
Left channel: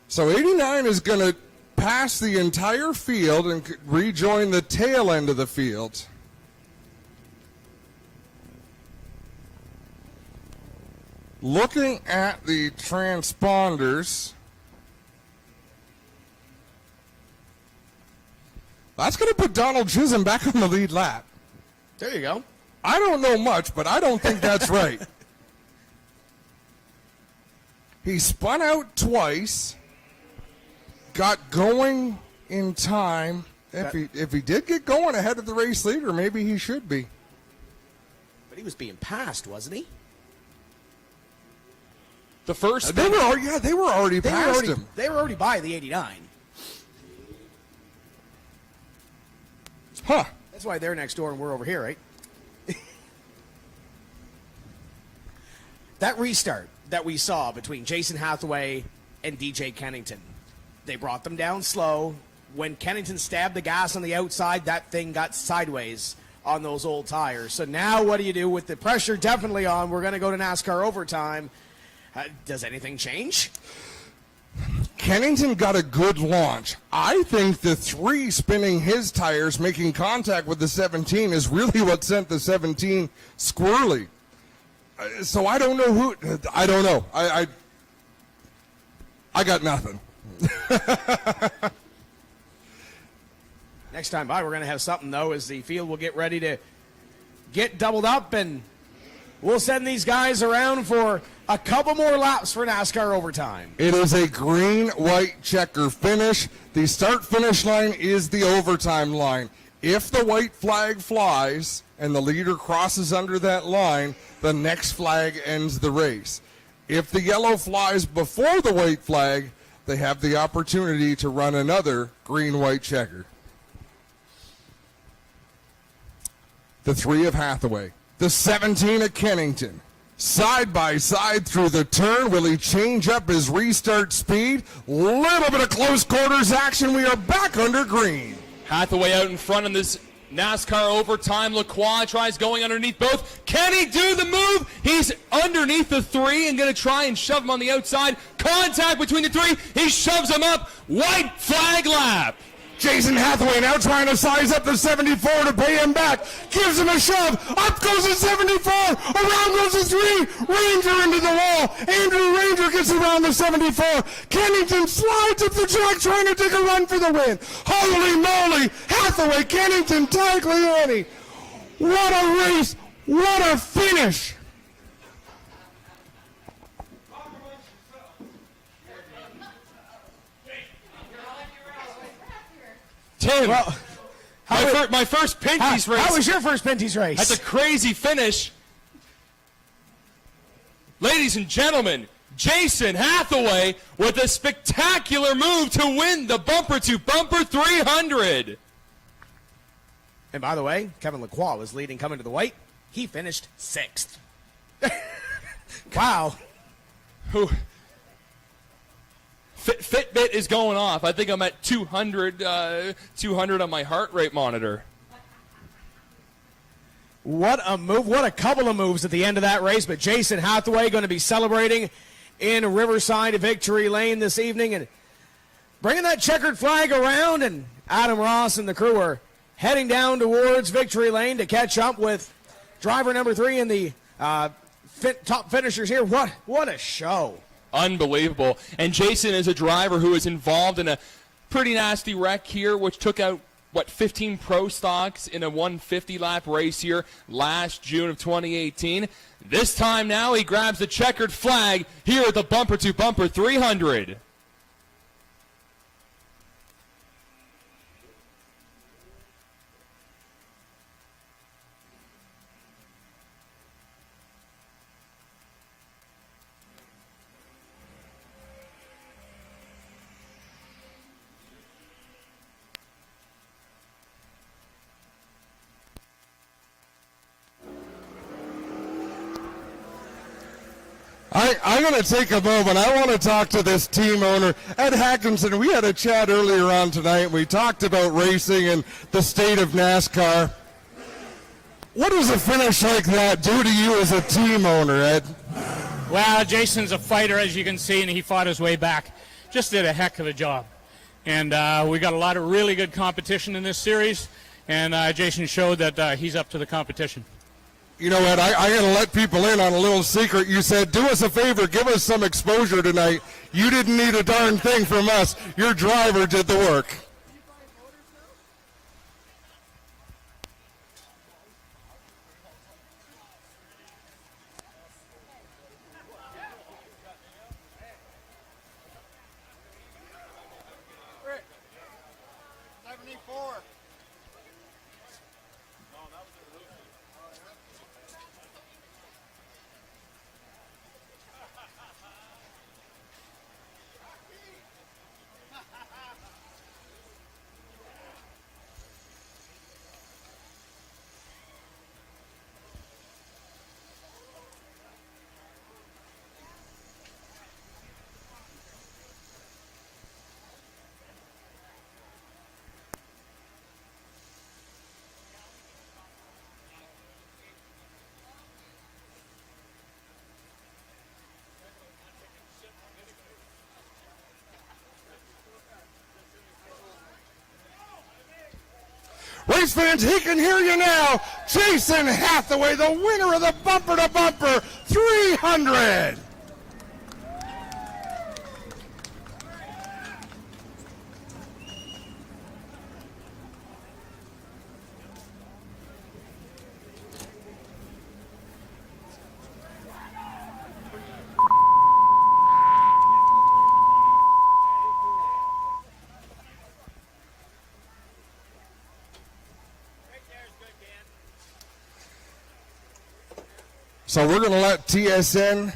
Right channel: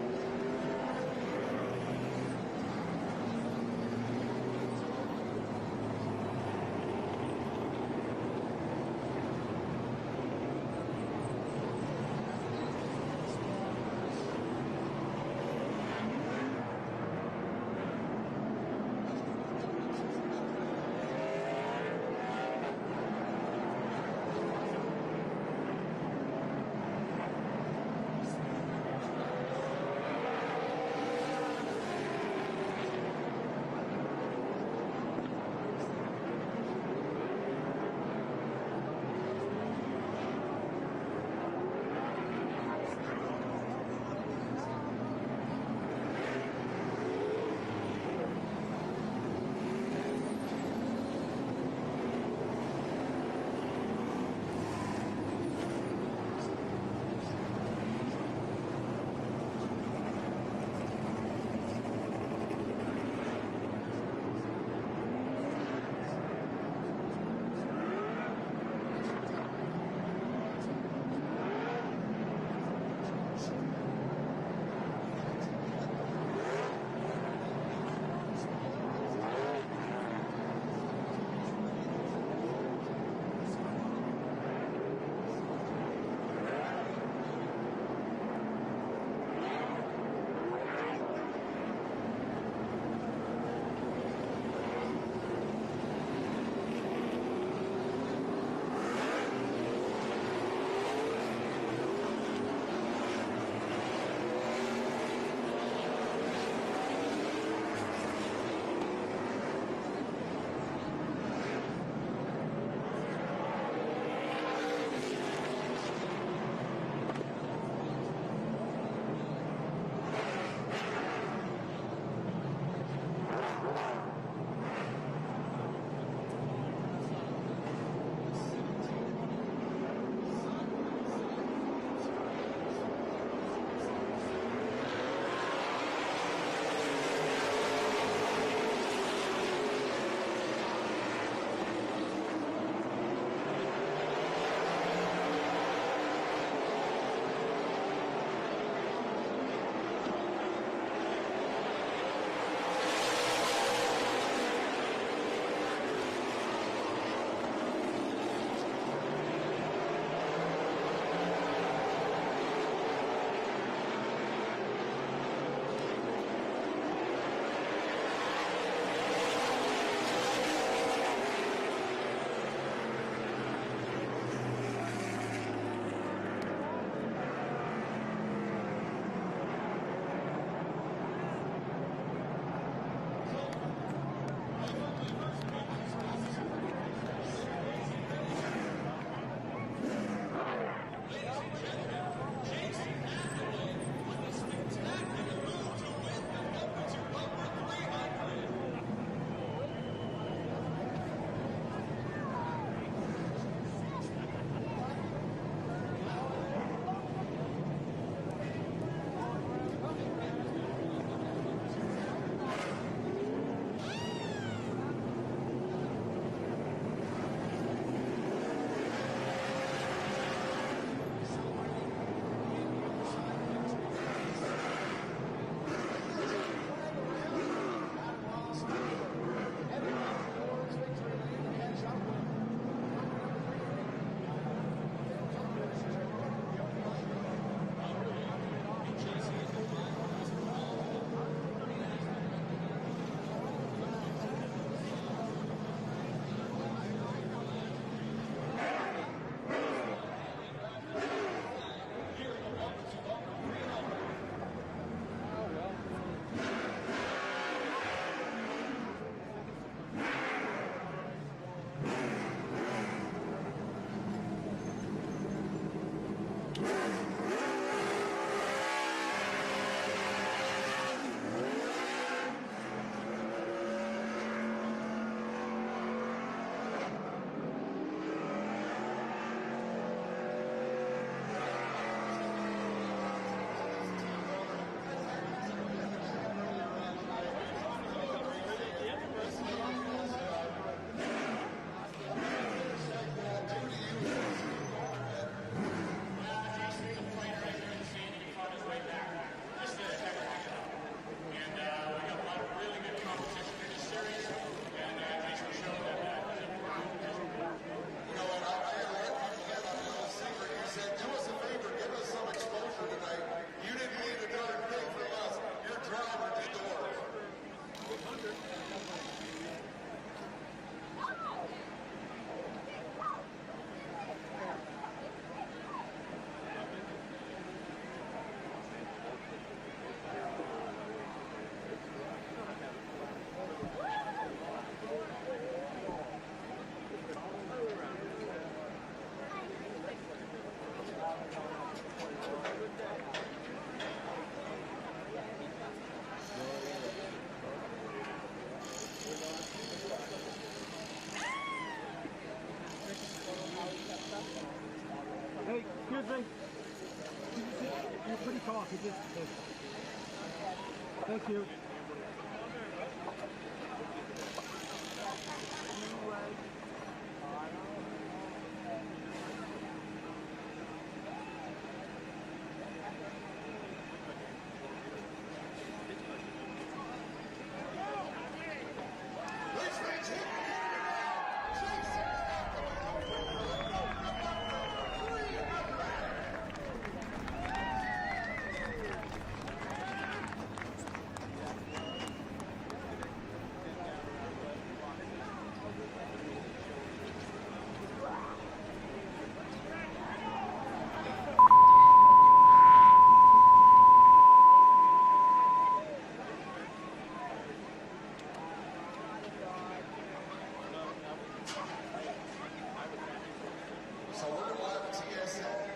So 89 is going to pass the entire field and rejoin the tail end of the field. Looking at the transponders, that's going to put Donald Chisholm back on the lead lap. There you go. I don't know much, but I don't think that's right. He spun out twice, got going in time. If he did get going ahead of the race leader, maybe he should be. He was being passed, wasn't he? The first They were already past him. They were already by the 89. Huh. That's why they're next door and we're over here, right? That restart that we saw between Jason Hathaway and DJ Kennington, they brought them down slow. When Kennington stabbed the gas on the outside, that thing got sideways on those old tires. So now what do you do with the pressure definitely on? We're going to go to NASCAR overtime. Does anything change? Kennington got a good launch. I think the 3 spinning his tires, making contact with the 17, is really what sent the 17 squirrely. So I don't know who. I don't know. I got nothing. Next time by, we're going to have something, though, as the field will get ready to get doubled up, and we'll send these guys around for a couple more laps for NASCAR overtime. It is a green-white checker finish. The start-finish line is the overtime line. If the white flag flies and the leader crosses under that line, the next flag ends the race. If the yellow flies before the white flag, they have the opportunity to run another green-white checker. The 3 of Hathaway, the 17 of Kennington, side by side through the turn. Will he change up his restart speed? Little bit of close quarters action. We are back under green. Hathaway out in front in this NASCAR overtime. Lacroix tries going underneath both. Can he do the move? He's underneath the 3 and going to try and shove him on the outside. Contact between the 3. He shoves him up. White flag lap. Jason Hathaway now trying to size up the 74 to pay him back. Gives him a shove. Up goes the 74. Around goes the 3. Ranger into the wall. Andrew Ranger gets around the 74. Kennington slides up the track trying to take a run for the win. Holy moly. Hathaway, Kennington, Tagliani. What a race. What a finish. Tim, Well, my first Pinty's race. How was your first Pinty's race? That's a crazy finish. Ladies and gentlemen, Jason Hathaway with a spectacular move to win the bumper-to-bumper 300. And by the way, Kevin Lacroix was leading coming to the white. He finished 6th. Wow. Fitbit is going off. I think I'm at 200 on my heart rate monitor. What a move. What a couple of moves at the end of that race. But Jason Hathaway going to be celebrating in Riverside Victory Lane this evening and bringing that checkered flag around. And Adam Ross and the crew are heading down towards Victory Lane to catch up with driver number 3 and the top finishers here. What a show. Unbelievable. And Jason is a driver who is involved in a pretty nasty wreck here, which took out, 15 pro stocks in a 150-lap race here last June of 2018. This time now he grabs the checkered flag here at the bumper-to-bumper 300. I'm going to take a moment. I want to talk to this team owner, Ed Hackinson. We had a chat earlier on tonight. We talked about racing and the state of NASCAR. What does a finish like that do to you as a team owner, Ed? Well, Jason's a fighter, as you can see, and he fought his way back. Just did a heck of a job. And we got a lot of really good competition in this series, and Jason showed that he's up to the competition. You know what, I got to let people in on a little secret. You said, do us a favor, give us some exposure tonight. You didn't need a darn thing from us. Your driver did the work. Thank you. Race fans, he can hear you now. Jason Hathaway, the winner of the Bumper to Bumper 300. So we're going to let TSN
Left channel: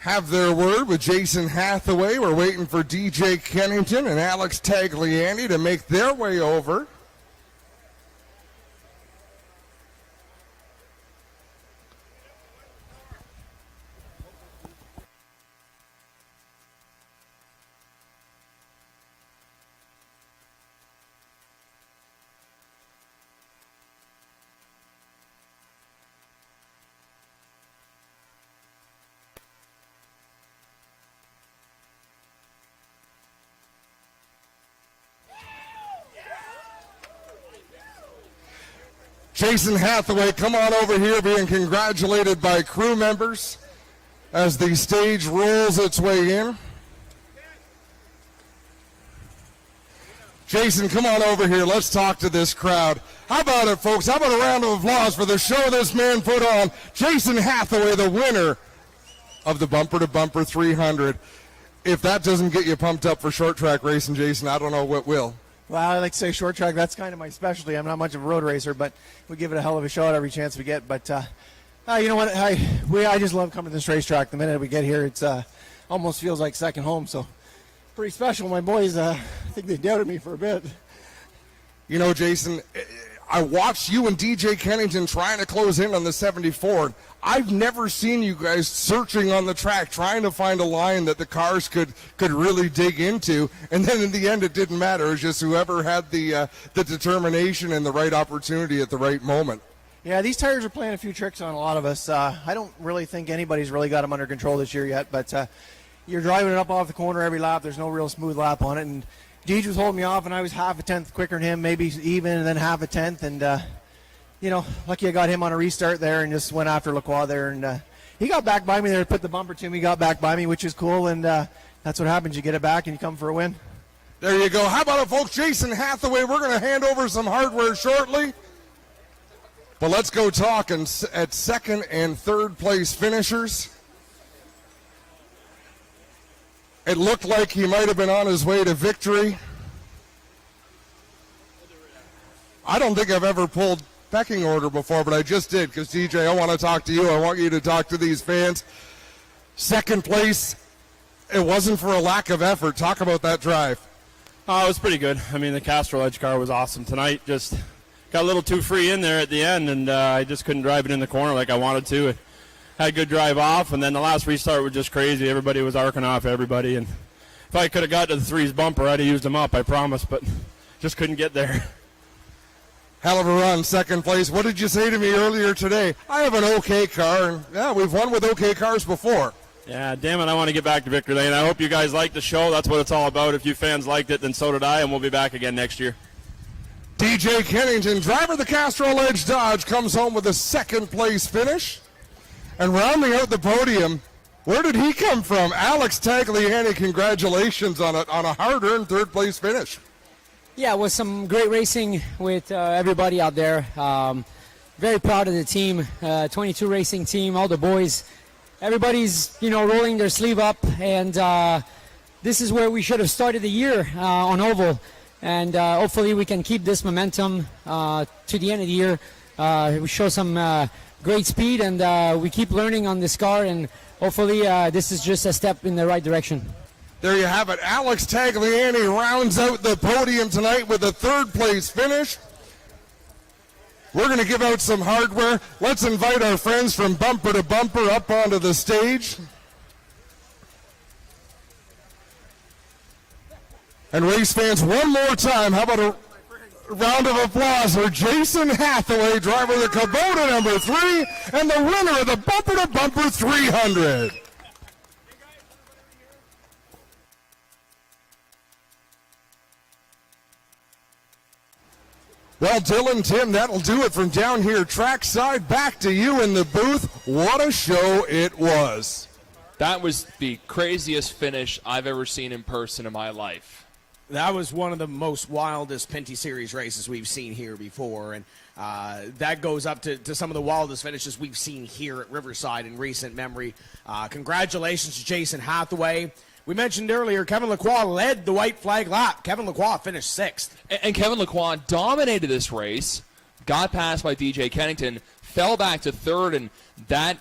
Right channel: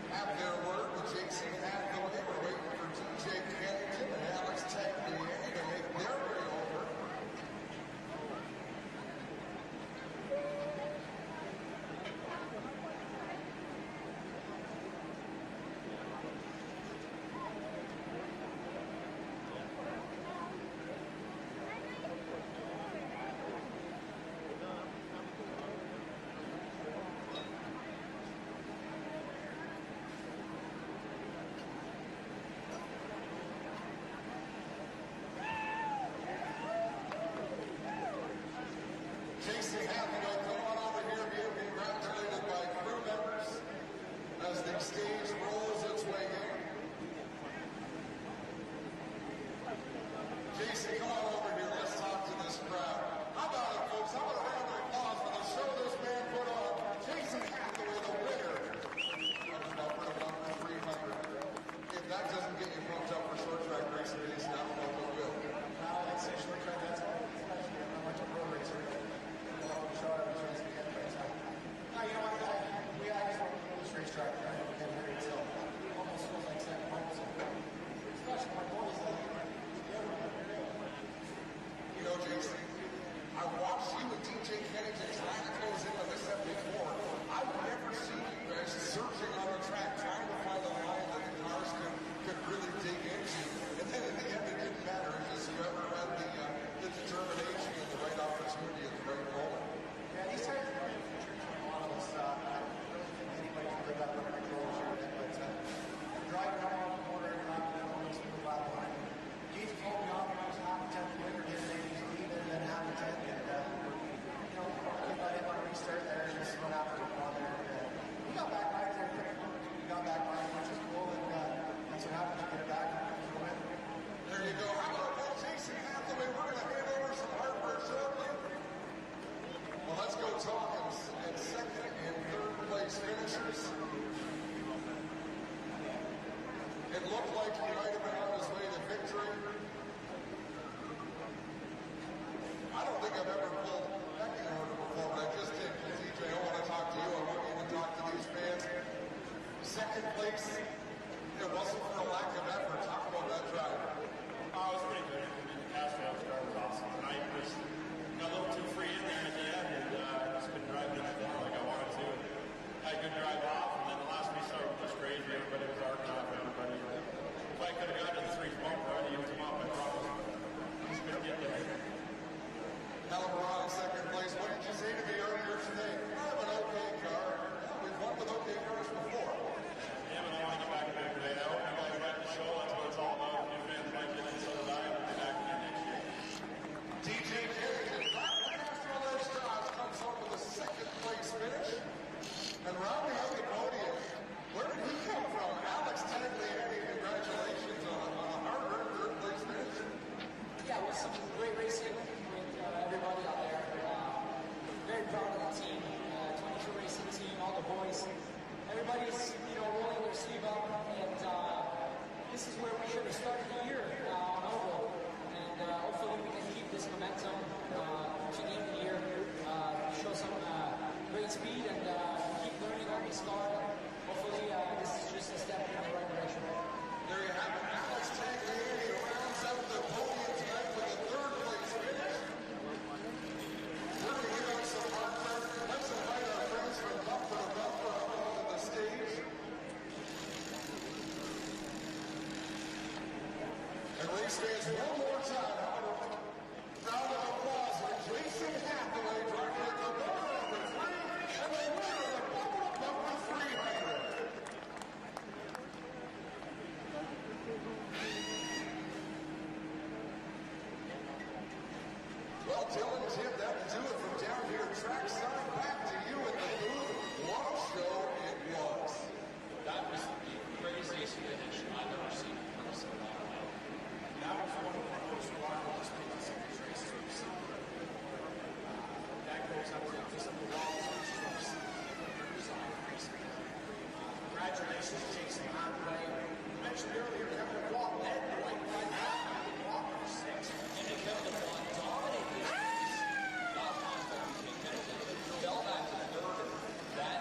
have their word with Jason Hathaway. We're waiting for DJ Kennington and Alex Tagliani to make their way over. Jason Hathaway, come on over here, being congratulated by crew members as the stage rolls its way in. Jason, come on over here. Let's talk to this crowd. How about it, folks? How about a round of applause for the show this man put on? Jason Hathaway, the winner of the Bumper to Bumper 300. If that doesn't get you pumped up for short track racing, Jason, I don't know what will. Well, I like to say short track. That's kind of my specialty. I'm not much of a road racer, but we give it a hell of a shot every chance we get. But you know what? I just love coming to this racetrack. The minute we get here, it's almost feels like second home. So pretty special. My boys, I think they doubted me for a bit. You know, Jason, I watched you and DJ Kennington trying to close in on the 74. I've never seen you guys searching on the track, trying to find a line that the cars could really dig into. And then in the end, it didn't matter. It was just whoever had the determination and the right opportunity at the right moment. Yeah, these tires are playing a few tricks on a lot of us. I don't really think anybody's really got them under control this year yet, but you're driving it up off the corner every lap. There's no real smooth lap on it. And Deej was holding me off, and I was half a tenth quicker than him, maybe even, and then half a tenth. And, you know, lucky I got him on a restart there and just went after Lacroix there. And he got back by me there, put the bumper to me, got back by me, which is cool. And that's what happens. You get it back and you come for a win. There you go. How about it, folks? Jason Hathaway, we're going to hand over some hardware shortly. But let's go talk at second and third place finishers. It looked like he might have been on his way to victory. I don't think I've ever pulled pecking order before, but I just did because, DJ, I want to talk to you. I want you to talk to these fans. Second place, it wasn't for a lack of effort. Talk about that drive. It was pretty good. I mean, the Castrol Edge car was awesome tonight. Just got a little too free in there at the end, and I just couldn't drive it in the corner like I wanted to. Had a good drive off, and then the last restart was just crazy. Everybody was arcing off everybody, and if I could have got to the threes bumper, I'd have used them up, I promise, but just couldn't get there. Hell of a run, second place. What did you say to me earlier today? I have an okay car, and yeah, we've won with okay cars before. Yeah, damn it, I want to get back to Victory Lane. I hope you guys liked the show. That's what it's all about. If you fans liked it, then so did I, and we'll be back again next year. DJ Kennington, driver of the Castrol Edge Dodge, comes home with a second-place finish. And rounding out the podium, where did he come from? Alex Tagliani, congratulations on a hard-earned third-place finish. Yeah, it was some great racing with everybody out there. Very proud of the team, 22 racing team, all the boys. Everybody's, rolling their sleeve up, and this is where we should have started the year on oval. And hopefully we can keep this momentum to the end of the year. We show some great speed, and we keep learning on this car, and hopefully this is just a step in the right direction. There you have it. Alex Tagliani rounds out the podium tonight with a third-place finish. We're going to give out some hardware. Let's invite our friends from Bumper to Bumper up onto the stage. And race fans, one more time, how about a round of applause for Jason Hathaway, driver of the Kubota number 3, and the winner of the Bumper to Bumper 300. Well, Dylan, Tim, that'll do it from down here trackside. Back to you in the booth. What a show it was. That was the craziest finish I've ever seen in person in my life. That was one of the most wildest Pinty Series races we've seen here before, and that goes up to some of the wildest finishes we've seen here at Riverside in recent memory. Congratulations to Jason Hathaway. We mentioned earlier, Kevin Lacroix led the white flag lap. Kevin Lacroix finished 6th. And Kevin Lacroix dominated this race, got passed by DJ Kennington, fell back to 3rd, and that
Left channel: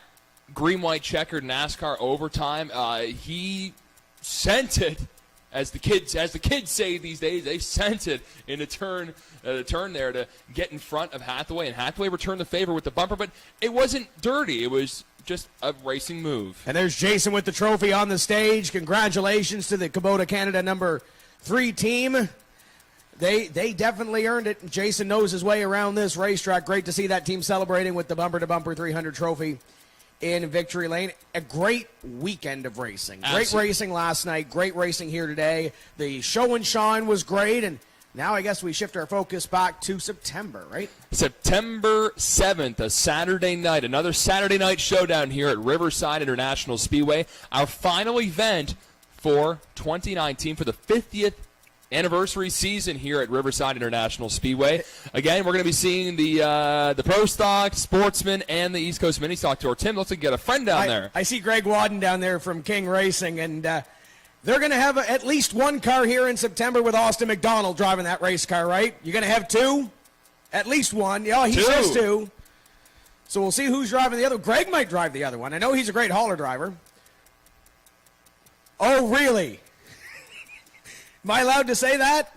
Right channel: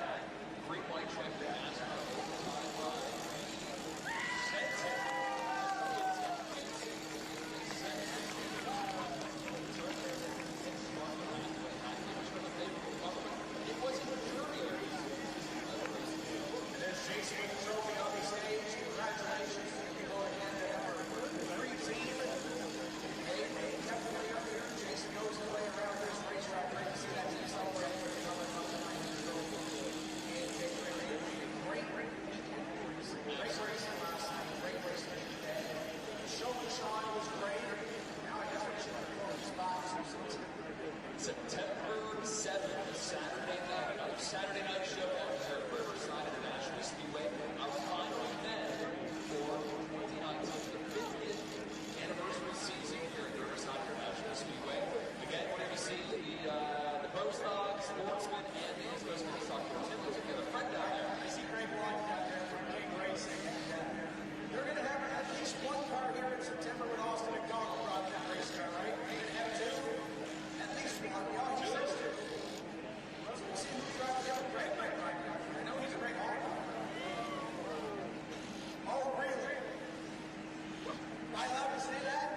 green-white checkered NASCAR overtime, he sent it, as the kids say these days, they sent it in a turn there to get in front of Hathaway, and Hathaway returned the favor with the bumper, but it wasn't dirty. It was just a racing move. And there's Jason with the trophy on the stage. Congratulations to the Kubota Canada number 3 team. They definitely earned it. Jason knows his way around this racetrack. Great to see that team celebrating with the Bumper to Bumper 300 trophy in Victory Lane. A great weekend of racing. Absolutely. Great racing last night. Great racing here today. The show and shine was great, and now I guess we shift our focus back to September, right? September 7th, a Saturday night, another Saturday night showdown here at Riverside International Speedway. Our final event for 2019 for the 50th anniversary season here at Riverside International Speedway. Again, we're going to be seeing the Pro Stock, Sportsman, and the East Coast Mini Stock Tour. Tim, looks like you got a friend down there. I see Greg Wadden down there from King Racing, and they're going to have at least one car here in September with Austin McDonald driving that race car, right? You're going to have 2? At least one. Yeah, he says 2. So we'll see who's driving the other. Greg might drive the other one. I know he's a great hauler driver. Oh, really? Am I allowed to say that?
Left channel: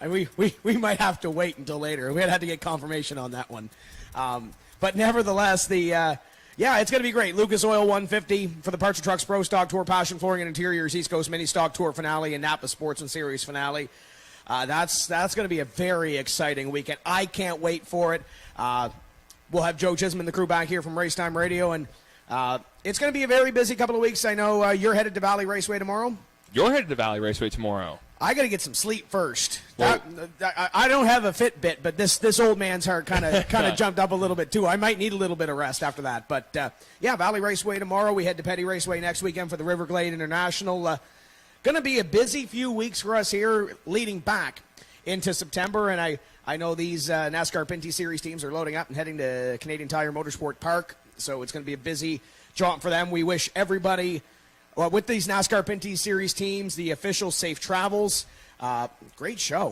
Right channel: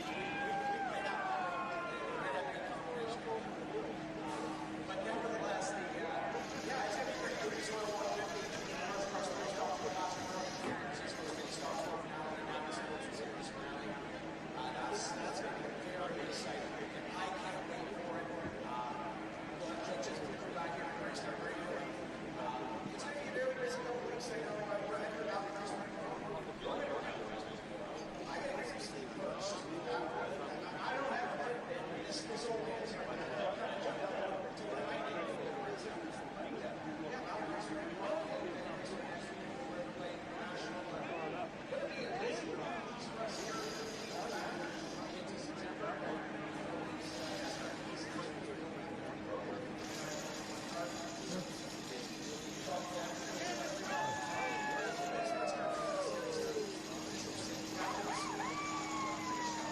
And we might have to wait until later. We'd have to get confirmation on that one. But nevertheless, yeah, it's going to be great. Lucas Oil 150 for the Parts and Trucks Pro Stock Tour, Passion Flooring and Interiors East Coast Mini Stock Tour finale, and Napa Sports and Series finale. That's going to be a very exciting weekend. I can't wait for it. We'll have Joe Chisholm and the crew back here from Racetime Radio, and it's going to be a very busy couple of weeks. I know you're headed to Valley Raceway tomorrow. You're headed to Valley Raceway tomorrow. I got to get some sleep first. Well, I don't have a Fitbit, but this old man's heart kind of jumped up a little bit too. I might need a little bit of rest after that. But yeah, Valley Raceway tomorrow. We head to Petty Raceway next weekend for the Riverglade International. Going to be a busy few weeks for us here leading back into September. And I know these NASCAR Pinty Series teams are loading up and heading to Canadian Tire Motorsport Park. So it's going to be a busy jaunt for them. We wish everybody, well, with these NASCAR Pinty Series teams, the officials, safe travels. Great show.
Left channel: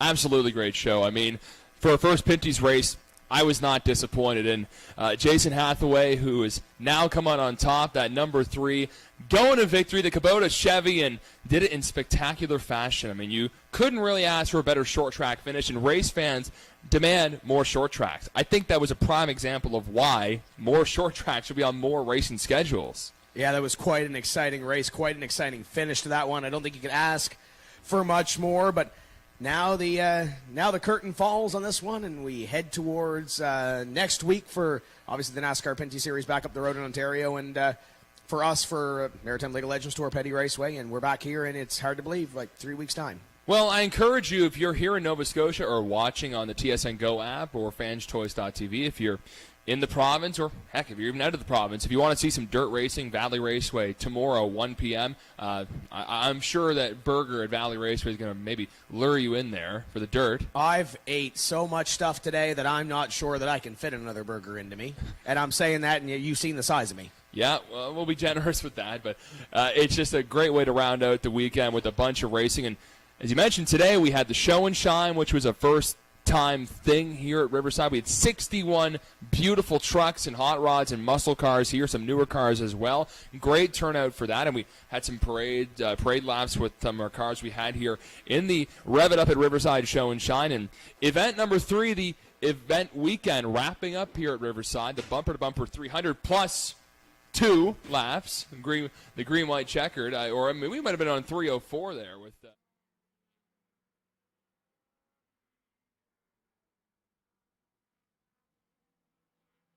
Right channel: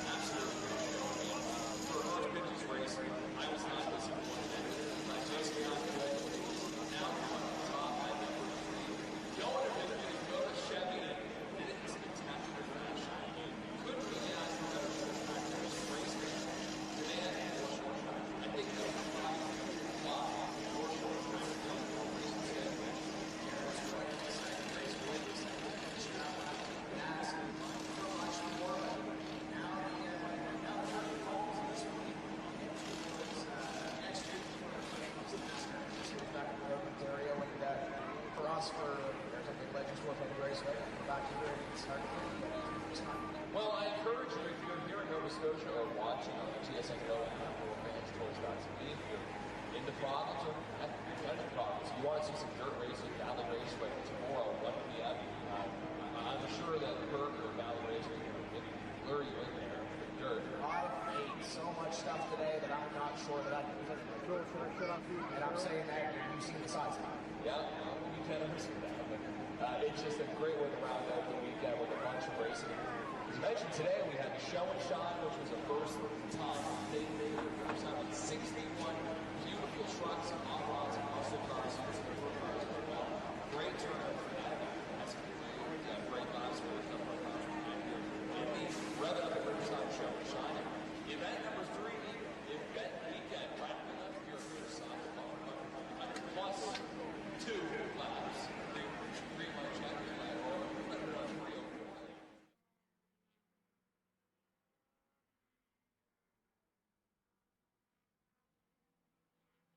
Absolutely great show. I mean, for a first Pinty's race, I was not disappointed. And Jason Hathaway, who has now come on top, that number 3, going to victory, the Kubota Chevy, and did it in spectacular fashion. I mean, you couldn't really ask for a better short track finish, and race fans demand more short tracks. I think that was a prime example of why more short tracks should be on more racing schedules. Yeah, that was quite an exciting race, quite an exciting finish to that one. I don't think you could ask for much more, but now the curtain falls on this one, and we head towards next week for obviously the NASCAR Pinty Series back up the road in Ontario, and for us for Maritime League of Legends Tour Petty Raceway, and we're back here, and it's hard to believe, like 3 weeks time. Well, I encourage you, if you're here in Nova Scotia or watching on the TSN Go app or fanstoys.tv, if you're in the province, or heck, if you're even out of the province, if you want to see some dirt racing, Valley Raceway tomorrow, 1 p.m., I'm sure that burger at Valley Raceway is going to maybe lure you in there for the dirt. I've ate so much stuff today that I'm not sure that I can fit another burger into me. And I'm saying that, and you've seen the size of me. Yeah, we'll be generous with that, but it's just a great way to round out the weekend with a bunch of racing. And as you mentioned, today we had the Show and Shine, which was a first-time thing here at Riverside. We had 61 beautiful trucks and hot rods and muscle cars here, some newer cars as well. Great turnout for that, and we had some parade laps with some of our cars we had here in the Rev It Up at Riverside Show and Shine. And event number 3, the event weekend, wrapping up here at Riverside, the bumper-to-bumper 300 plus 2 laps, the green-white checkered, we might have been on 304 there.